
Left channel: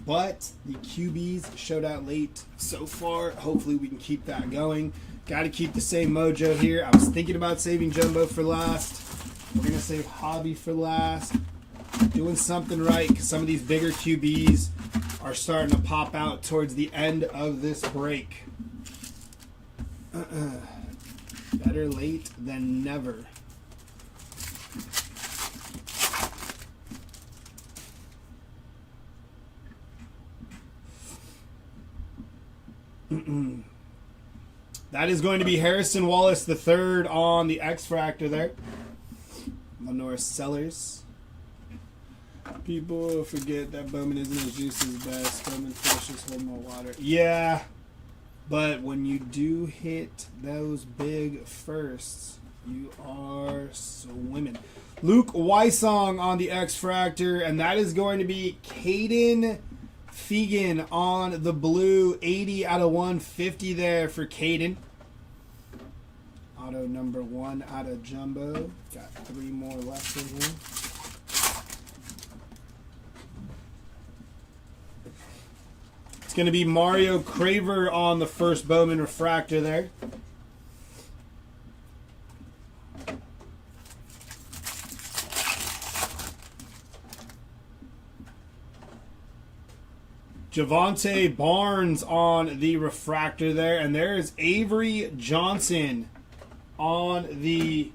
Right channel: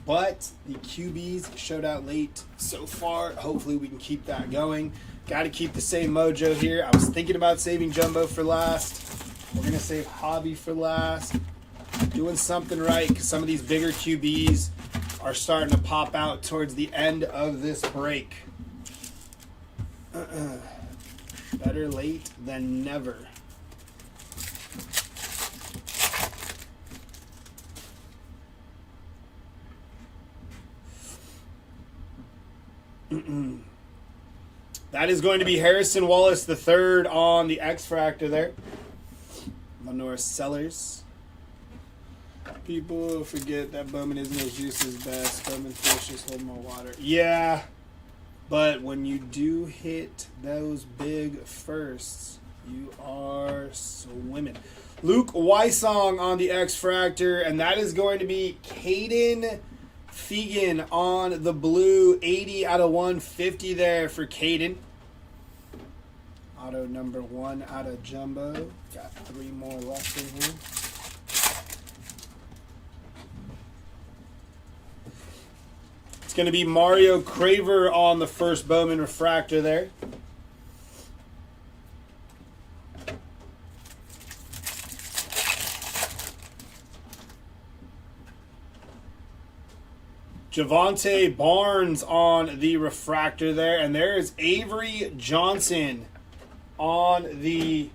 But the QBs showed out late so far. Hopefully we can keep that going. Got to keep the same mojo here. I was thinking about saving Jumbo for last. We're going to save Hobby for last. Doing something right because some of these bigger QBs are starting to pop out towards the end of this break. Better late than never. That is going to be Harrison Wallace the third on the X-Fractor there. Lenore Sellers. People forget that Bowman isn't as juicy as best. Bowman's fish just hold more water. Yeah, but when you do hit those big firsts, you are swimming. Luke Wysong on the X-Fractor, and that is going to be Caden Fegan on the blue. 80 out of 150 there for Caden. Auto number 1 out of Jumbo. Got 3 more left in here. It's going to be Mario Craver on the first Bowman Refractor there. Javonte Barnes on the Refractor there. And there is Avery Johnson on the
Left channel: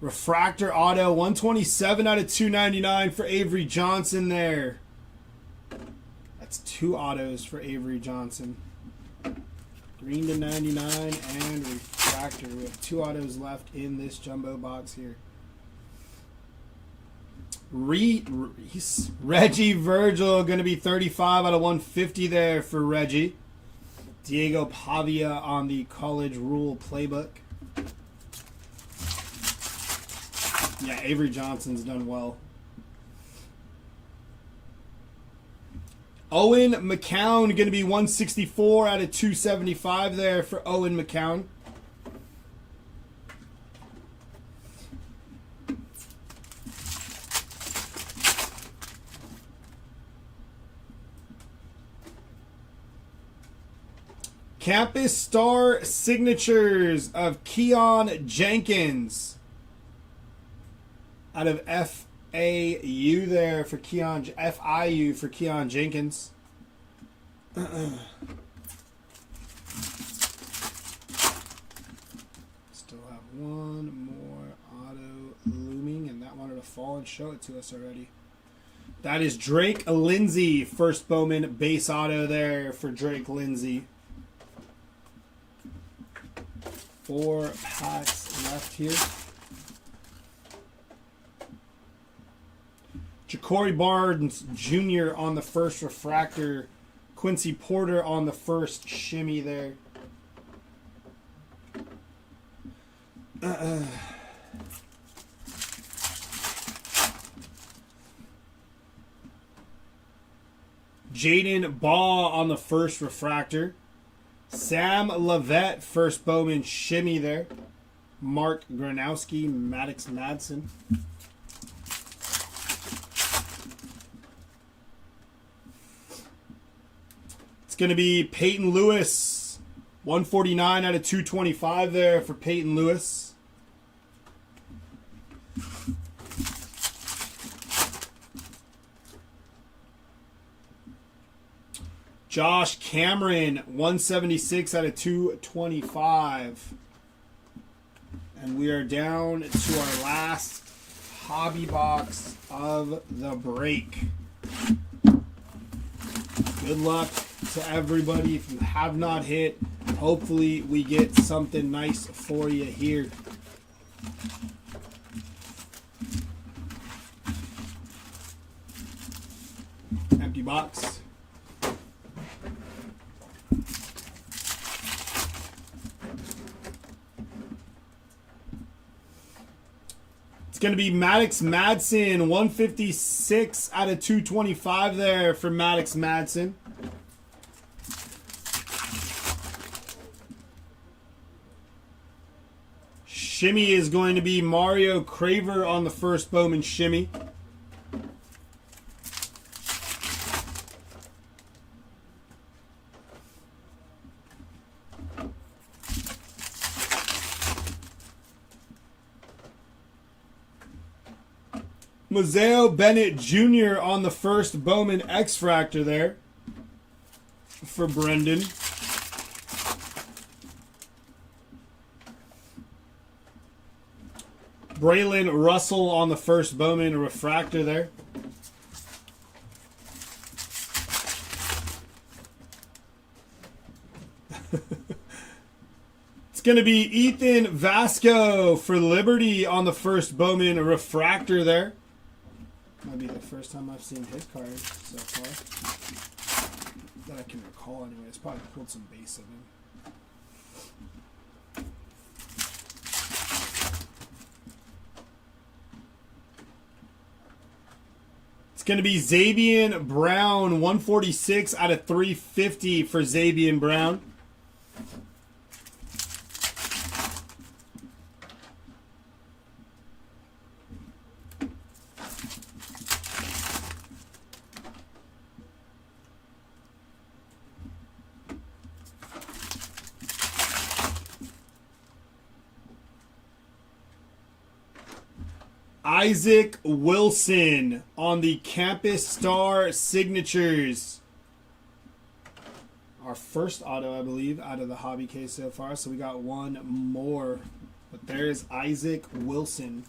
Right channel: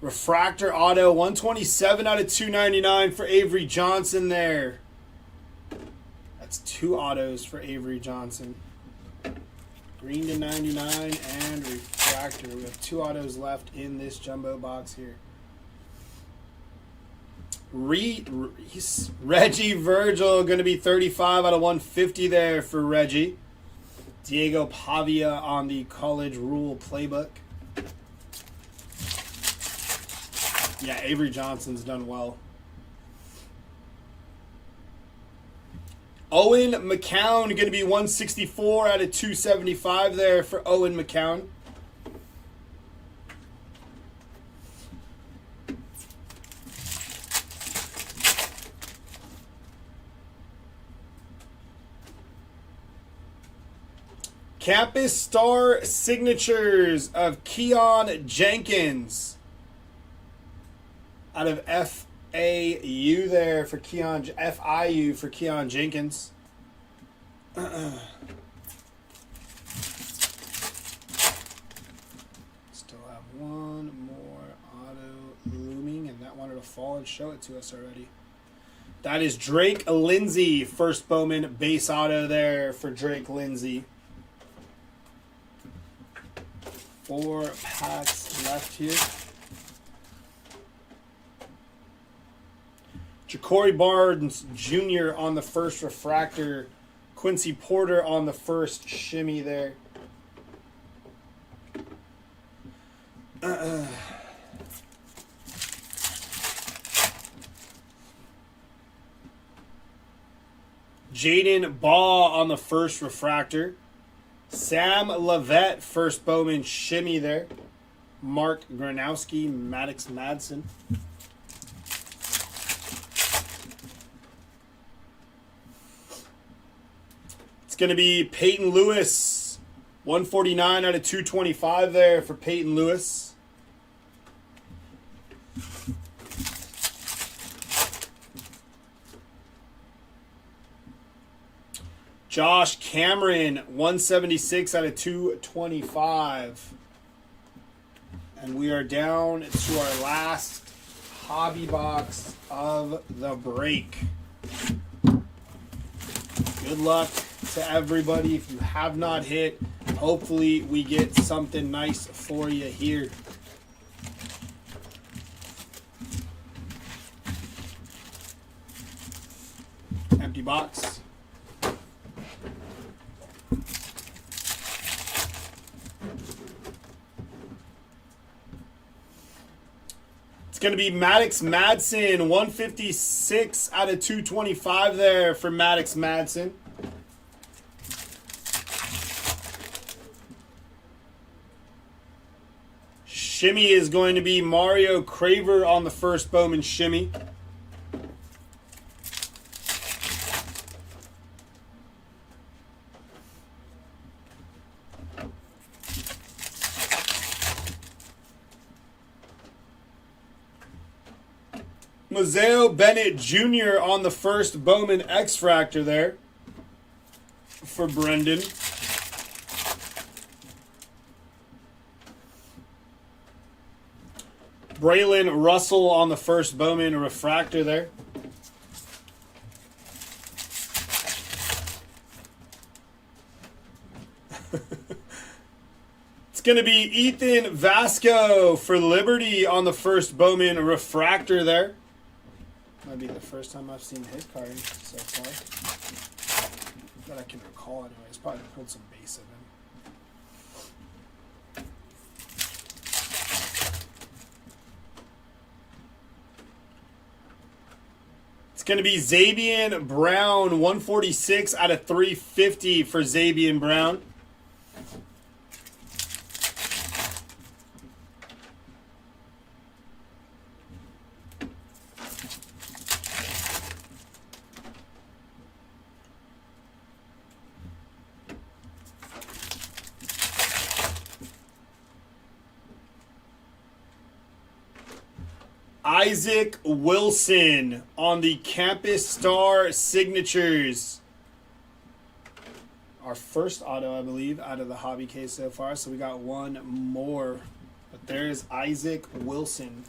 Refractor Auto. 127 out of 299 for Avery Johnson there. That's 2 autos for Avery Johnson. Green to 99 and Refractor. We have 2 autos left in this jumbo box here. Reggie Virgil going to be 35 out of 150 there for Reggie. Diego Pavia on the College Rule Playbook. Yeah, Avery Johnson's done well. Owen McCown going to be 164 out of 275 there for Owen McCown. Campus Star Signatures of Keon Jenkins out of FAU there for Keon, FIU for Keon Jenkins. Still have 1 more auto looming, and that wanted to fall and show it to us already. That is Drake Lindsay, first Bowman base auto there for Drake Lindsay. 4 packs left here. Ja'Cory Barnes Jr. on the first Refractor. Quincy Porter on the first shimmy there. Jaden Baugh on the first Refractor. Sam Levette, first Bowman shimmy there. Mark Granowski, Maddox Madsen. It's going to be Peyton Lewis, 149 out of 225 there for Peyton Lewis. Josh Cameron, 176 out of 225. And we are down to our last hobby box of the break. Good luck to everybody. If you have not hit, hopefully we get something nice for you here. Empty box. Going to be Maddox Madsen, 156 out of 225 there for Maddox Madsen. Shimmy is going to be Mario Craver on the first Bowman shimmy. Mazeo Bennett Jr. on the first Bowman X-Fractor there for Brendan. Braylon Russell on the first Bowman Refractor there. going to be Ethan Vasco for Liberty on the first Bowman refractor there. Might be the first time I've seen his card so far. That I can recall anyways. Probably pulled some base of him. It's going to be Zabian Brown, 146 out of 350 for Zabian Brown. Isaac Wilson on the Campus Star Signatures. Our first auto, I believe, out of the hobby case so far. So we got one more. But there's Isaac Wilson.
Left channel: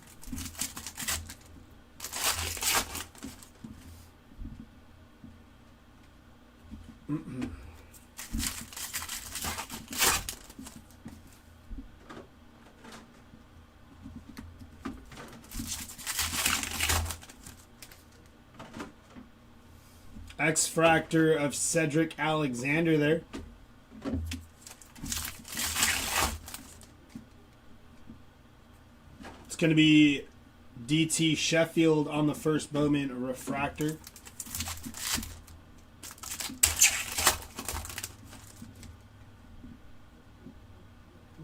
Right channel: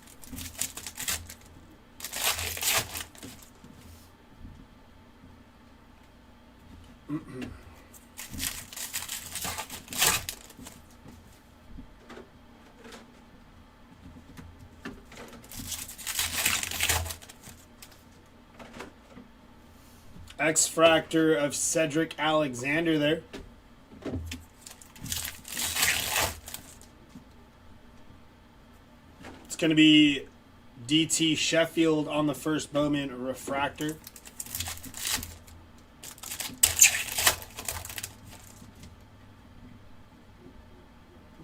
X-Fractor of Cedric Alexander there. It's going to be DT Sheffield on the first Bowman refractor.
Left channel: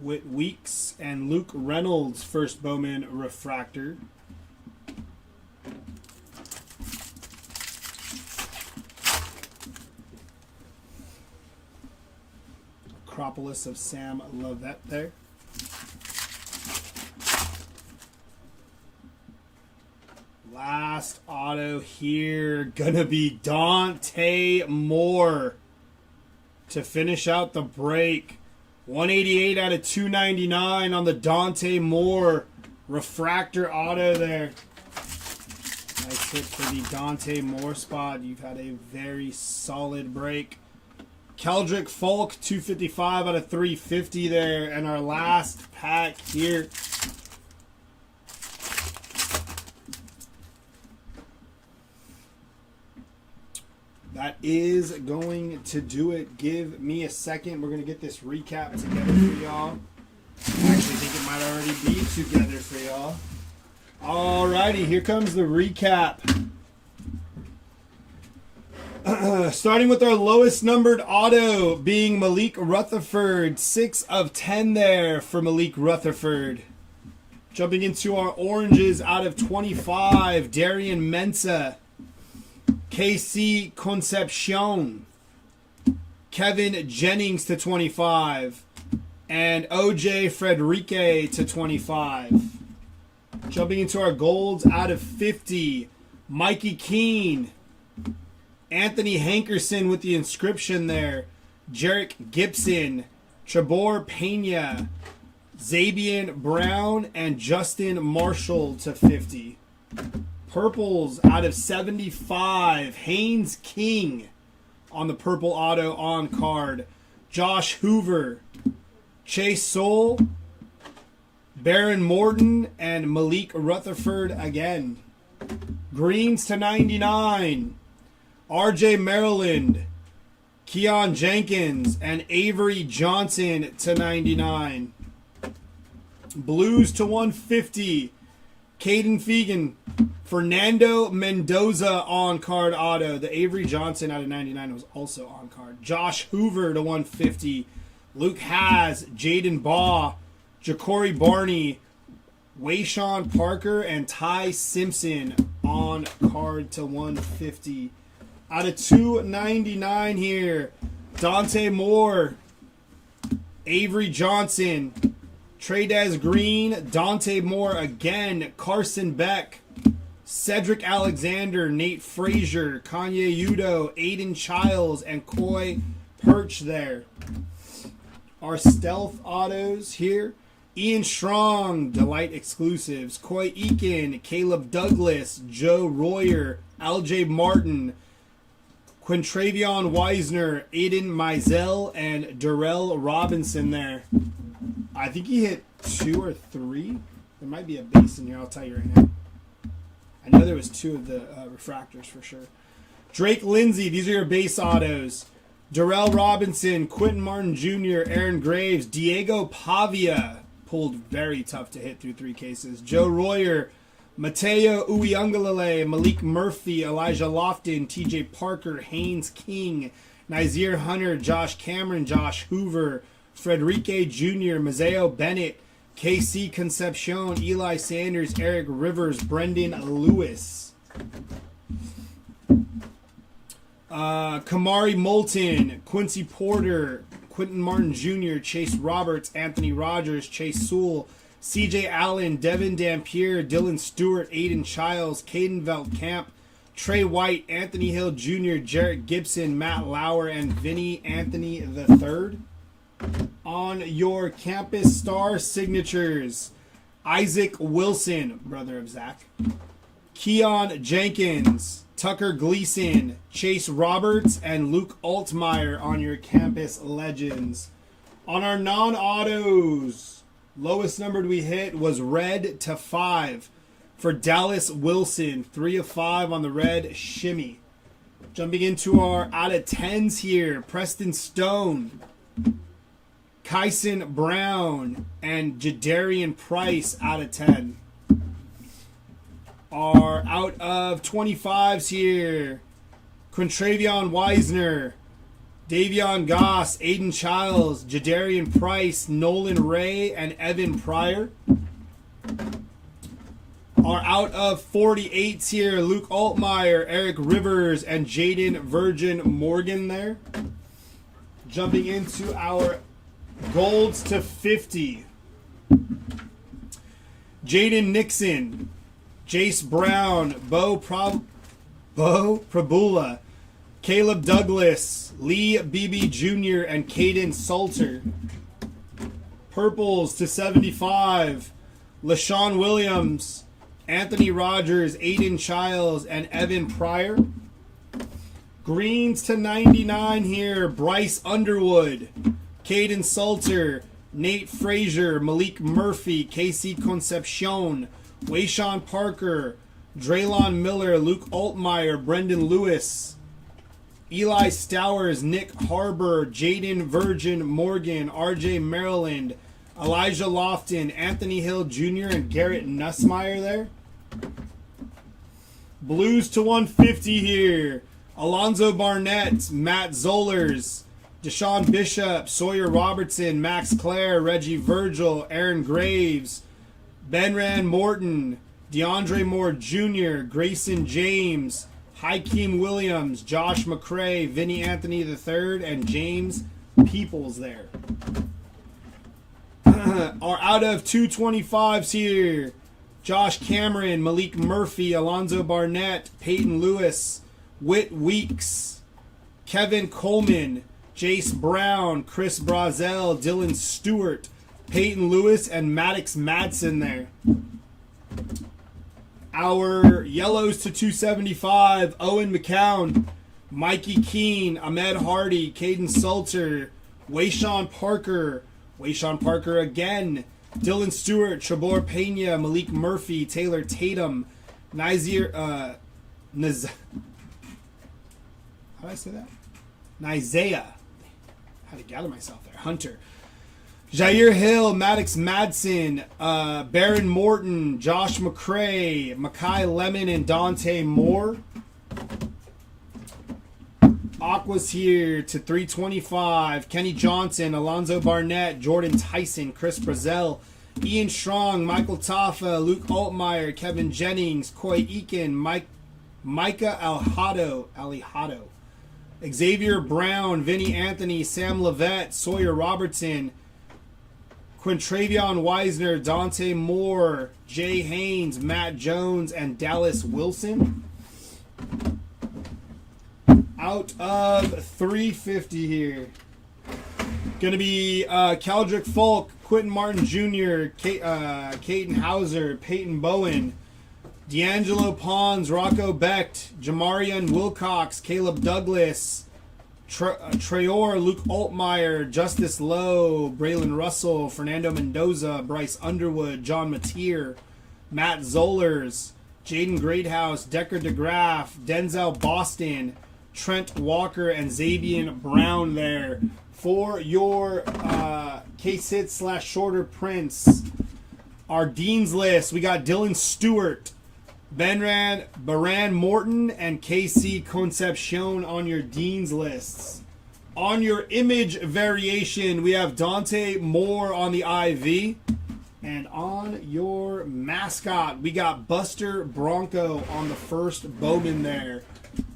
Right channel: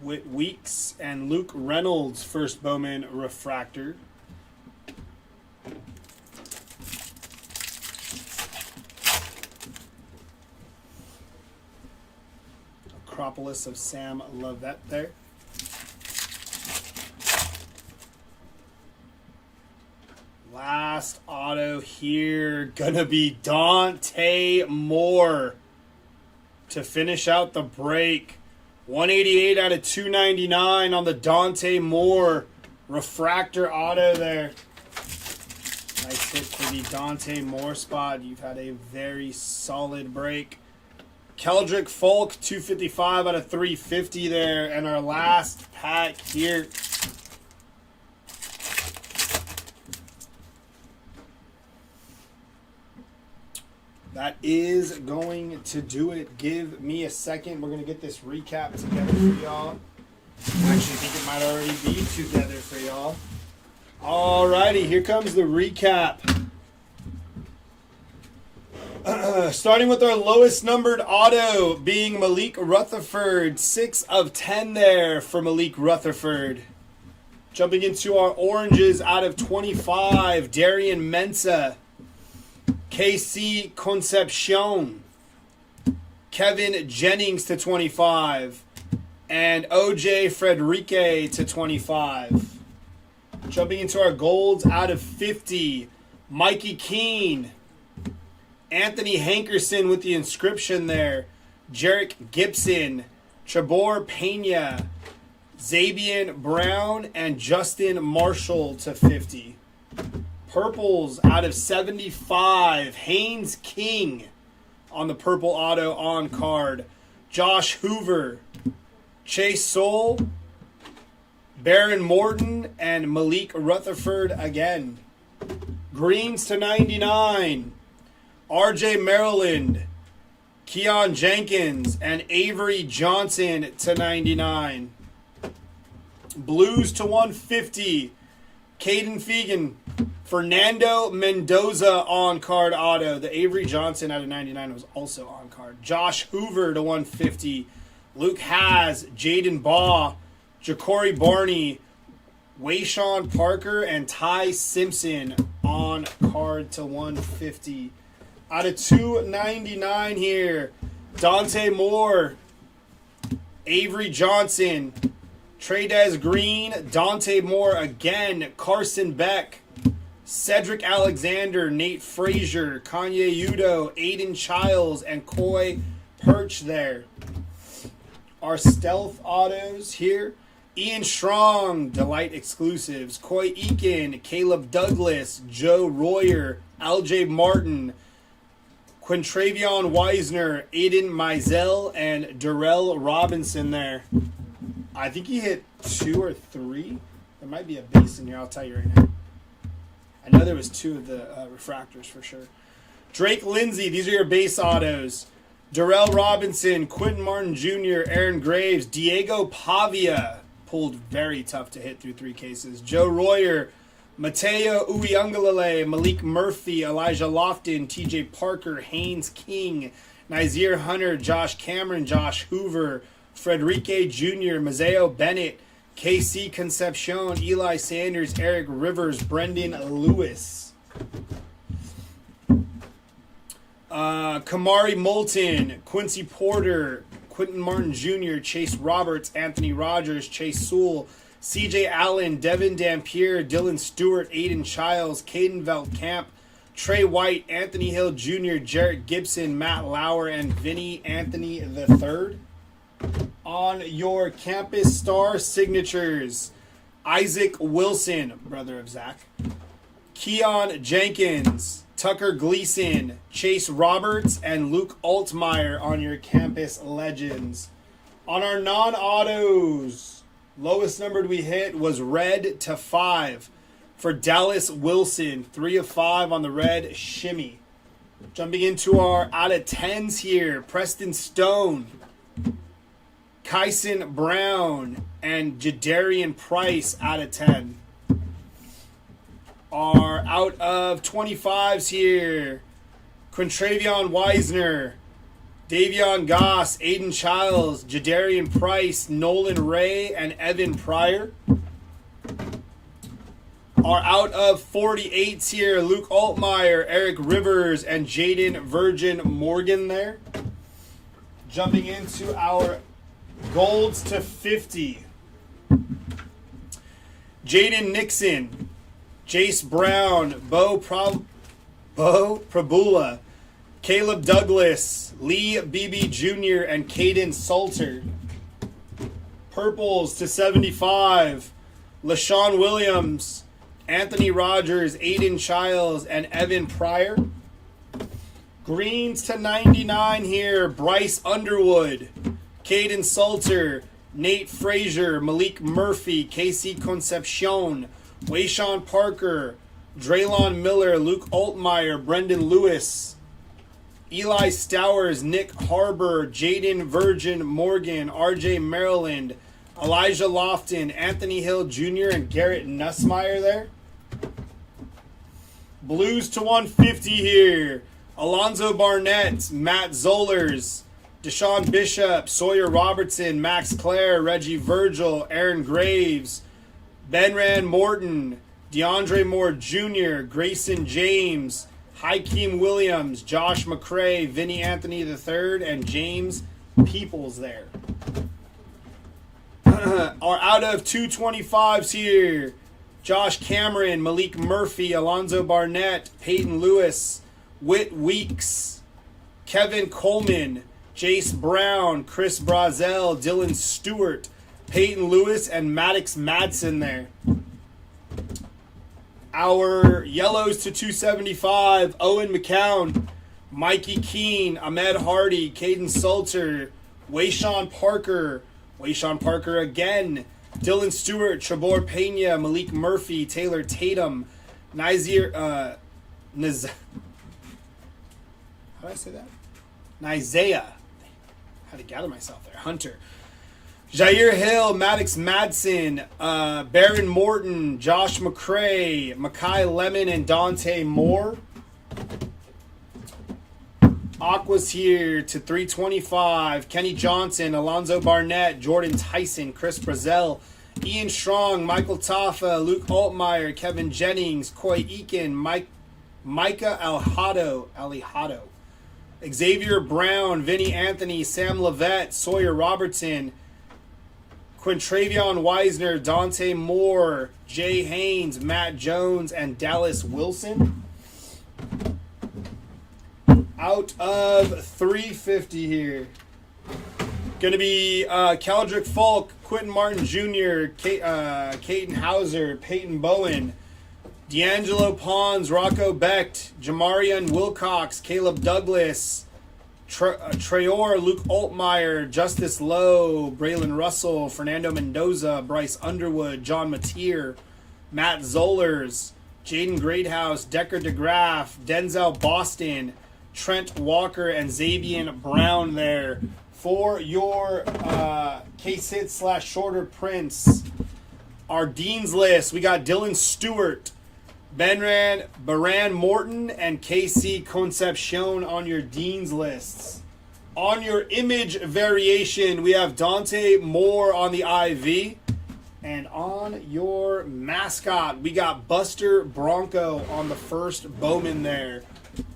Whit Weeks and Luke Reynolds first Bowman refractor. Acropolis of Sam Lovett there. Last auto here, gonna be Dante Moore to finish out the break. 188 out of 299 on the Dante Moore refractor auto there. Nice hit for the Dante Moore spot. You've had a very solid break. Keldrick Folk, 255 out of 350 there. And our last pack here. That is going to do it. Give me a second. We're going to get this recap together for y'all. I actually think it might already be together for y'all. Alrighty, here comes the recap. Starting with our lowest numbered auto being Malik Rutherford. 6 of 10 there for Malik Rutherford. Jumping into our oranges out of 25. Darian Mensah. KC Concepcion. Kevin Jennings to 25. And OJ Frederique to 25. Jumping into our golds out of 50. Mikey Keene. Anthony Hankerson with the inscription there. Jarek Gibson. Chabor Pena. Zabian Brown. And Justin Marshall to 50. Purples out of 75. Haynes King on the purple auto on card. Josh Hoover. Chase Soule. Baron Morton. And Malik Rutherford again. Greens to 99. RJ Maryland, Keon Jenkins, and Avery Johnson to 99. Blues to 150. Caden Fegan. Fernando Mendoza on card auto. The Avery Johnson out of 99 was also on card. Josh Hoover to 150. Luke Haas, Jaden Baugh, Ja'Cory Barney, Wayshawn Parker, and Ty Simpson on card to 150. Out of 299 here, Dante Moore, Avery Johnson, Trey'Dez Green, Dante Moore again, Carson Beck, Cedric Alexander, Nate Frazier, Kanye Udo, Aiden Childs, and Coy Perch there. Our stealth autos here, Ian Strong, Delight Exclusives, Coy Eakin, Caleb Douglas, Joe Royer, LJ Martin, Quintravion Wiesner, Aiden Mizell, and Darrell Robinson there. I think he hit 2 or 3. There might be a base in here. I'll tell you right now. I know there was 2 of the refractors for sure. Drake Lindsay. These are your base autos. Darrell Robinson, Quentin Martin Jr., Aaron Graves, Diego Pavia. Pulled very tough to hit through 3 cases. Joe Royer, Mateo Uyunglele, Malik Murphy, Elijah Lofton, TJ Parker, Haynes King, Nazir Hunter, Josh Cameron, Josh Hoover, Frederique Jr., Mazeo Bennett, KC Concepcion, Eli Sanders, Eric Rivers, Brendan Lewis. Kamari Moulton, Quincy Porter, Quentin Martin Jr., Chase Roberts, Anthony Rogers, Chase Sewell, CJ Allen, Devin Dampier, Dylan Stewart, Aiden Childs, Caden Veltkamp, Trey White, Anthony Hill Jr., Jarrett Gibson, Matt Lauer, and Vinny Anthony III. On your campus star signatures, Isaac Wilson, brother of Zach, Keon Jenkins, Tucker Gleason, Chase Roberts, and Luke Altmaier on your campus legends. On our non-autos, lowest numbered we hit was red to 5 for Dallas Wilson. 3 of 5 on the red shimmy. Jumping into our out of 10s here, Preston Stone, Kyson Brown, and Jadarian Price out of 10. Our out of 25s here, Quintravion Wiesner, Davion Goss, Aiden Childs, Jadarian Price, Nolan Ray, and Evan Pryor. Our out of 48s here, Luke Altmaier, Eric Rivers, and Jaden Virgin Morgan there. Jumping into our golds to 50. Jaden Nixon, Jace Brown, Bo Prabula, Caleb Douglas, Lee Beebe Jr., and Caden Salter. Purples to 75, LaShawn Williams, Anthony Rogers, Aiden Childs, and Evan Pryor. Greens to 99 here, Bryce Underwood, Caden Salter, Nate Frazier, Malik Murphy, Casey Concepcion, Wayshawn Parker, Draylon Miller, Luke Altmaier, Brendan Lewis, Eli Stowers, Nick Harbor, Jaden Virgin Morgan, RJ Maryland, Elijah Lofton, Anthony Hill Jr., and Garrett Nussmeier there. Blues to 150 here, Alonzo Barnett, Matt Zollers, Deshaun Bishop, Sawyer Robertson, Max Clare, Reggie Virgil, Aaron Graves, Benran Morton, DeAndre Moore Jr., Grayson James, Hakeem Williams, Josh McCray, Vinny Anthony III, and James Peoples there. Our out of 225s here, Josh Cameron, Malik Murphy, Alonzo Barnett, Peyton Lewis, Whit Weeks, Kevin Coleman, Jace Brown, Chris Brazel, Dylan Stewart, Peyton Lewis, and Maddox Madsen there. Our yellows to 275, Owen McCown, Mikey Keene, Ahmed Hardy, Caden Salter, Wayshawn Parker again, Dylan Stewart, Trebor Pena, Malik Murphy, Taylor Tatum, Nazir, how do I say that? Nizea. How to gather myself there. Hunter. Jair Hill, Maddox Madsen, Baron Morton, Josh McCray, Makai Lemon, and Dante Moore. Aquas here to 325. Kenny Johnson, Alonzo Barnett, Jordan Tyson, Chris Brazel, Ian Strong, Michael Taffa, Luke Altmaier, Kevin Jennings, Coy Eakin, Micah Alihado, Xavier Brown, Vinny Anthony, Sam Levette, Sawyer Robertson, Quintravion Wiesner, Dante Moore, Jay Haynes, Matt Jones, and Dallas Wilson. Out of 350 here. Going to be Keldrick Folk, Quentin Martin Jr., Caden Hauser, Peyton Bowen, D'Angelo Pons, Rocco Becht, Jamarian Wilcox, Caleb Douglas, Traore, Luke Altmaier, Justice Lowe, Braylon Russell, Fernando Mendoza, Bryce Underwood, John Mateer, Matt Zollers, Jaden Greathouse, Decker DeGraff, Denzel Boston, Trent Walker, and Xavier Brown there for your case hit / shorter prints. Our Dean's list, we got Dylan Stewart, Baran Morton, and KC Concepcion on your Dean's lists. On your image variation, we have Dante Moore on the IV. And on your mascot, we got Buster Bronco on the first Bowman there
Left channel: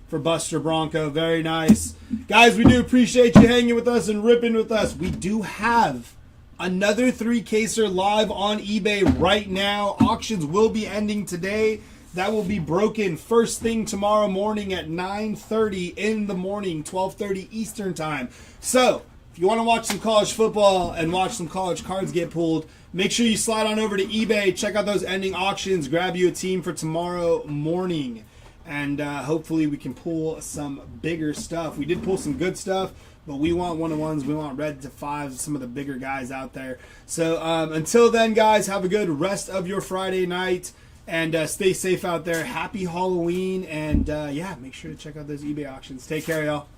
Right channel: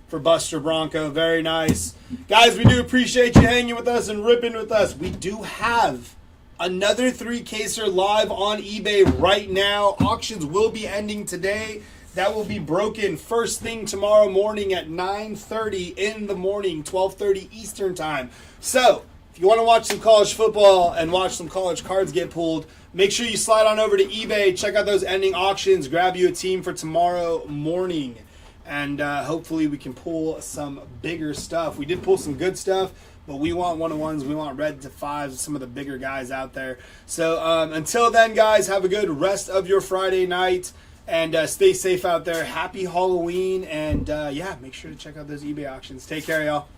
for Buster Bronco. Very nice. Guys, we do appreciate you hanging with us and ripping with us. We do have another 3-caser live on eBay right now. Auctions will be ending today. That will be broken first thing tomorrow morning at 9:30 in the morning, 12:30 Eastern time. So, if you want to watch some college football and watch some college cards get pulled, make sure you slide on over to eBay, check out those ending auctions, grab you a team for tomorrow morning. And hopefully we can pull some bigger stuff. We did pull some good stuff, but we want 1-on-1s. We want red to 5s, some of the bigger guys out there. So until then, guys, have a good rest of your Friday night. And stay safe out there. Happy Halloween. And, yeah, make sure to check out those eBay auctions. Take care, y'all.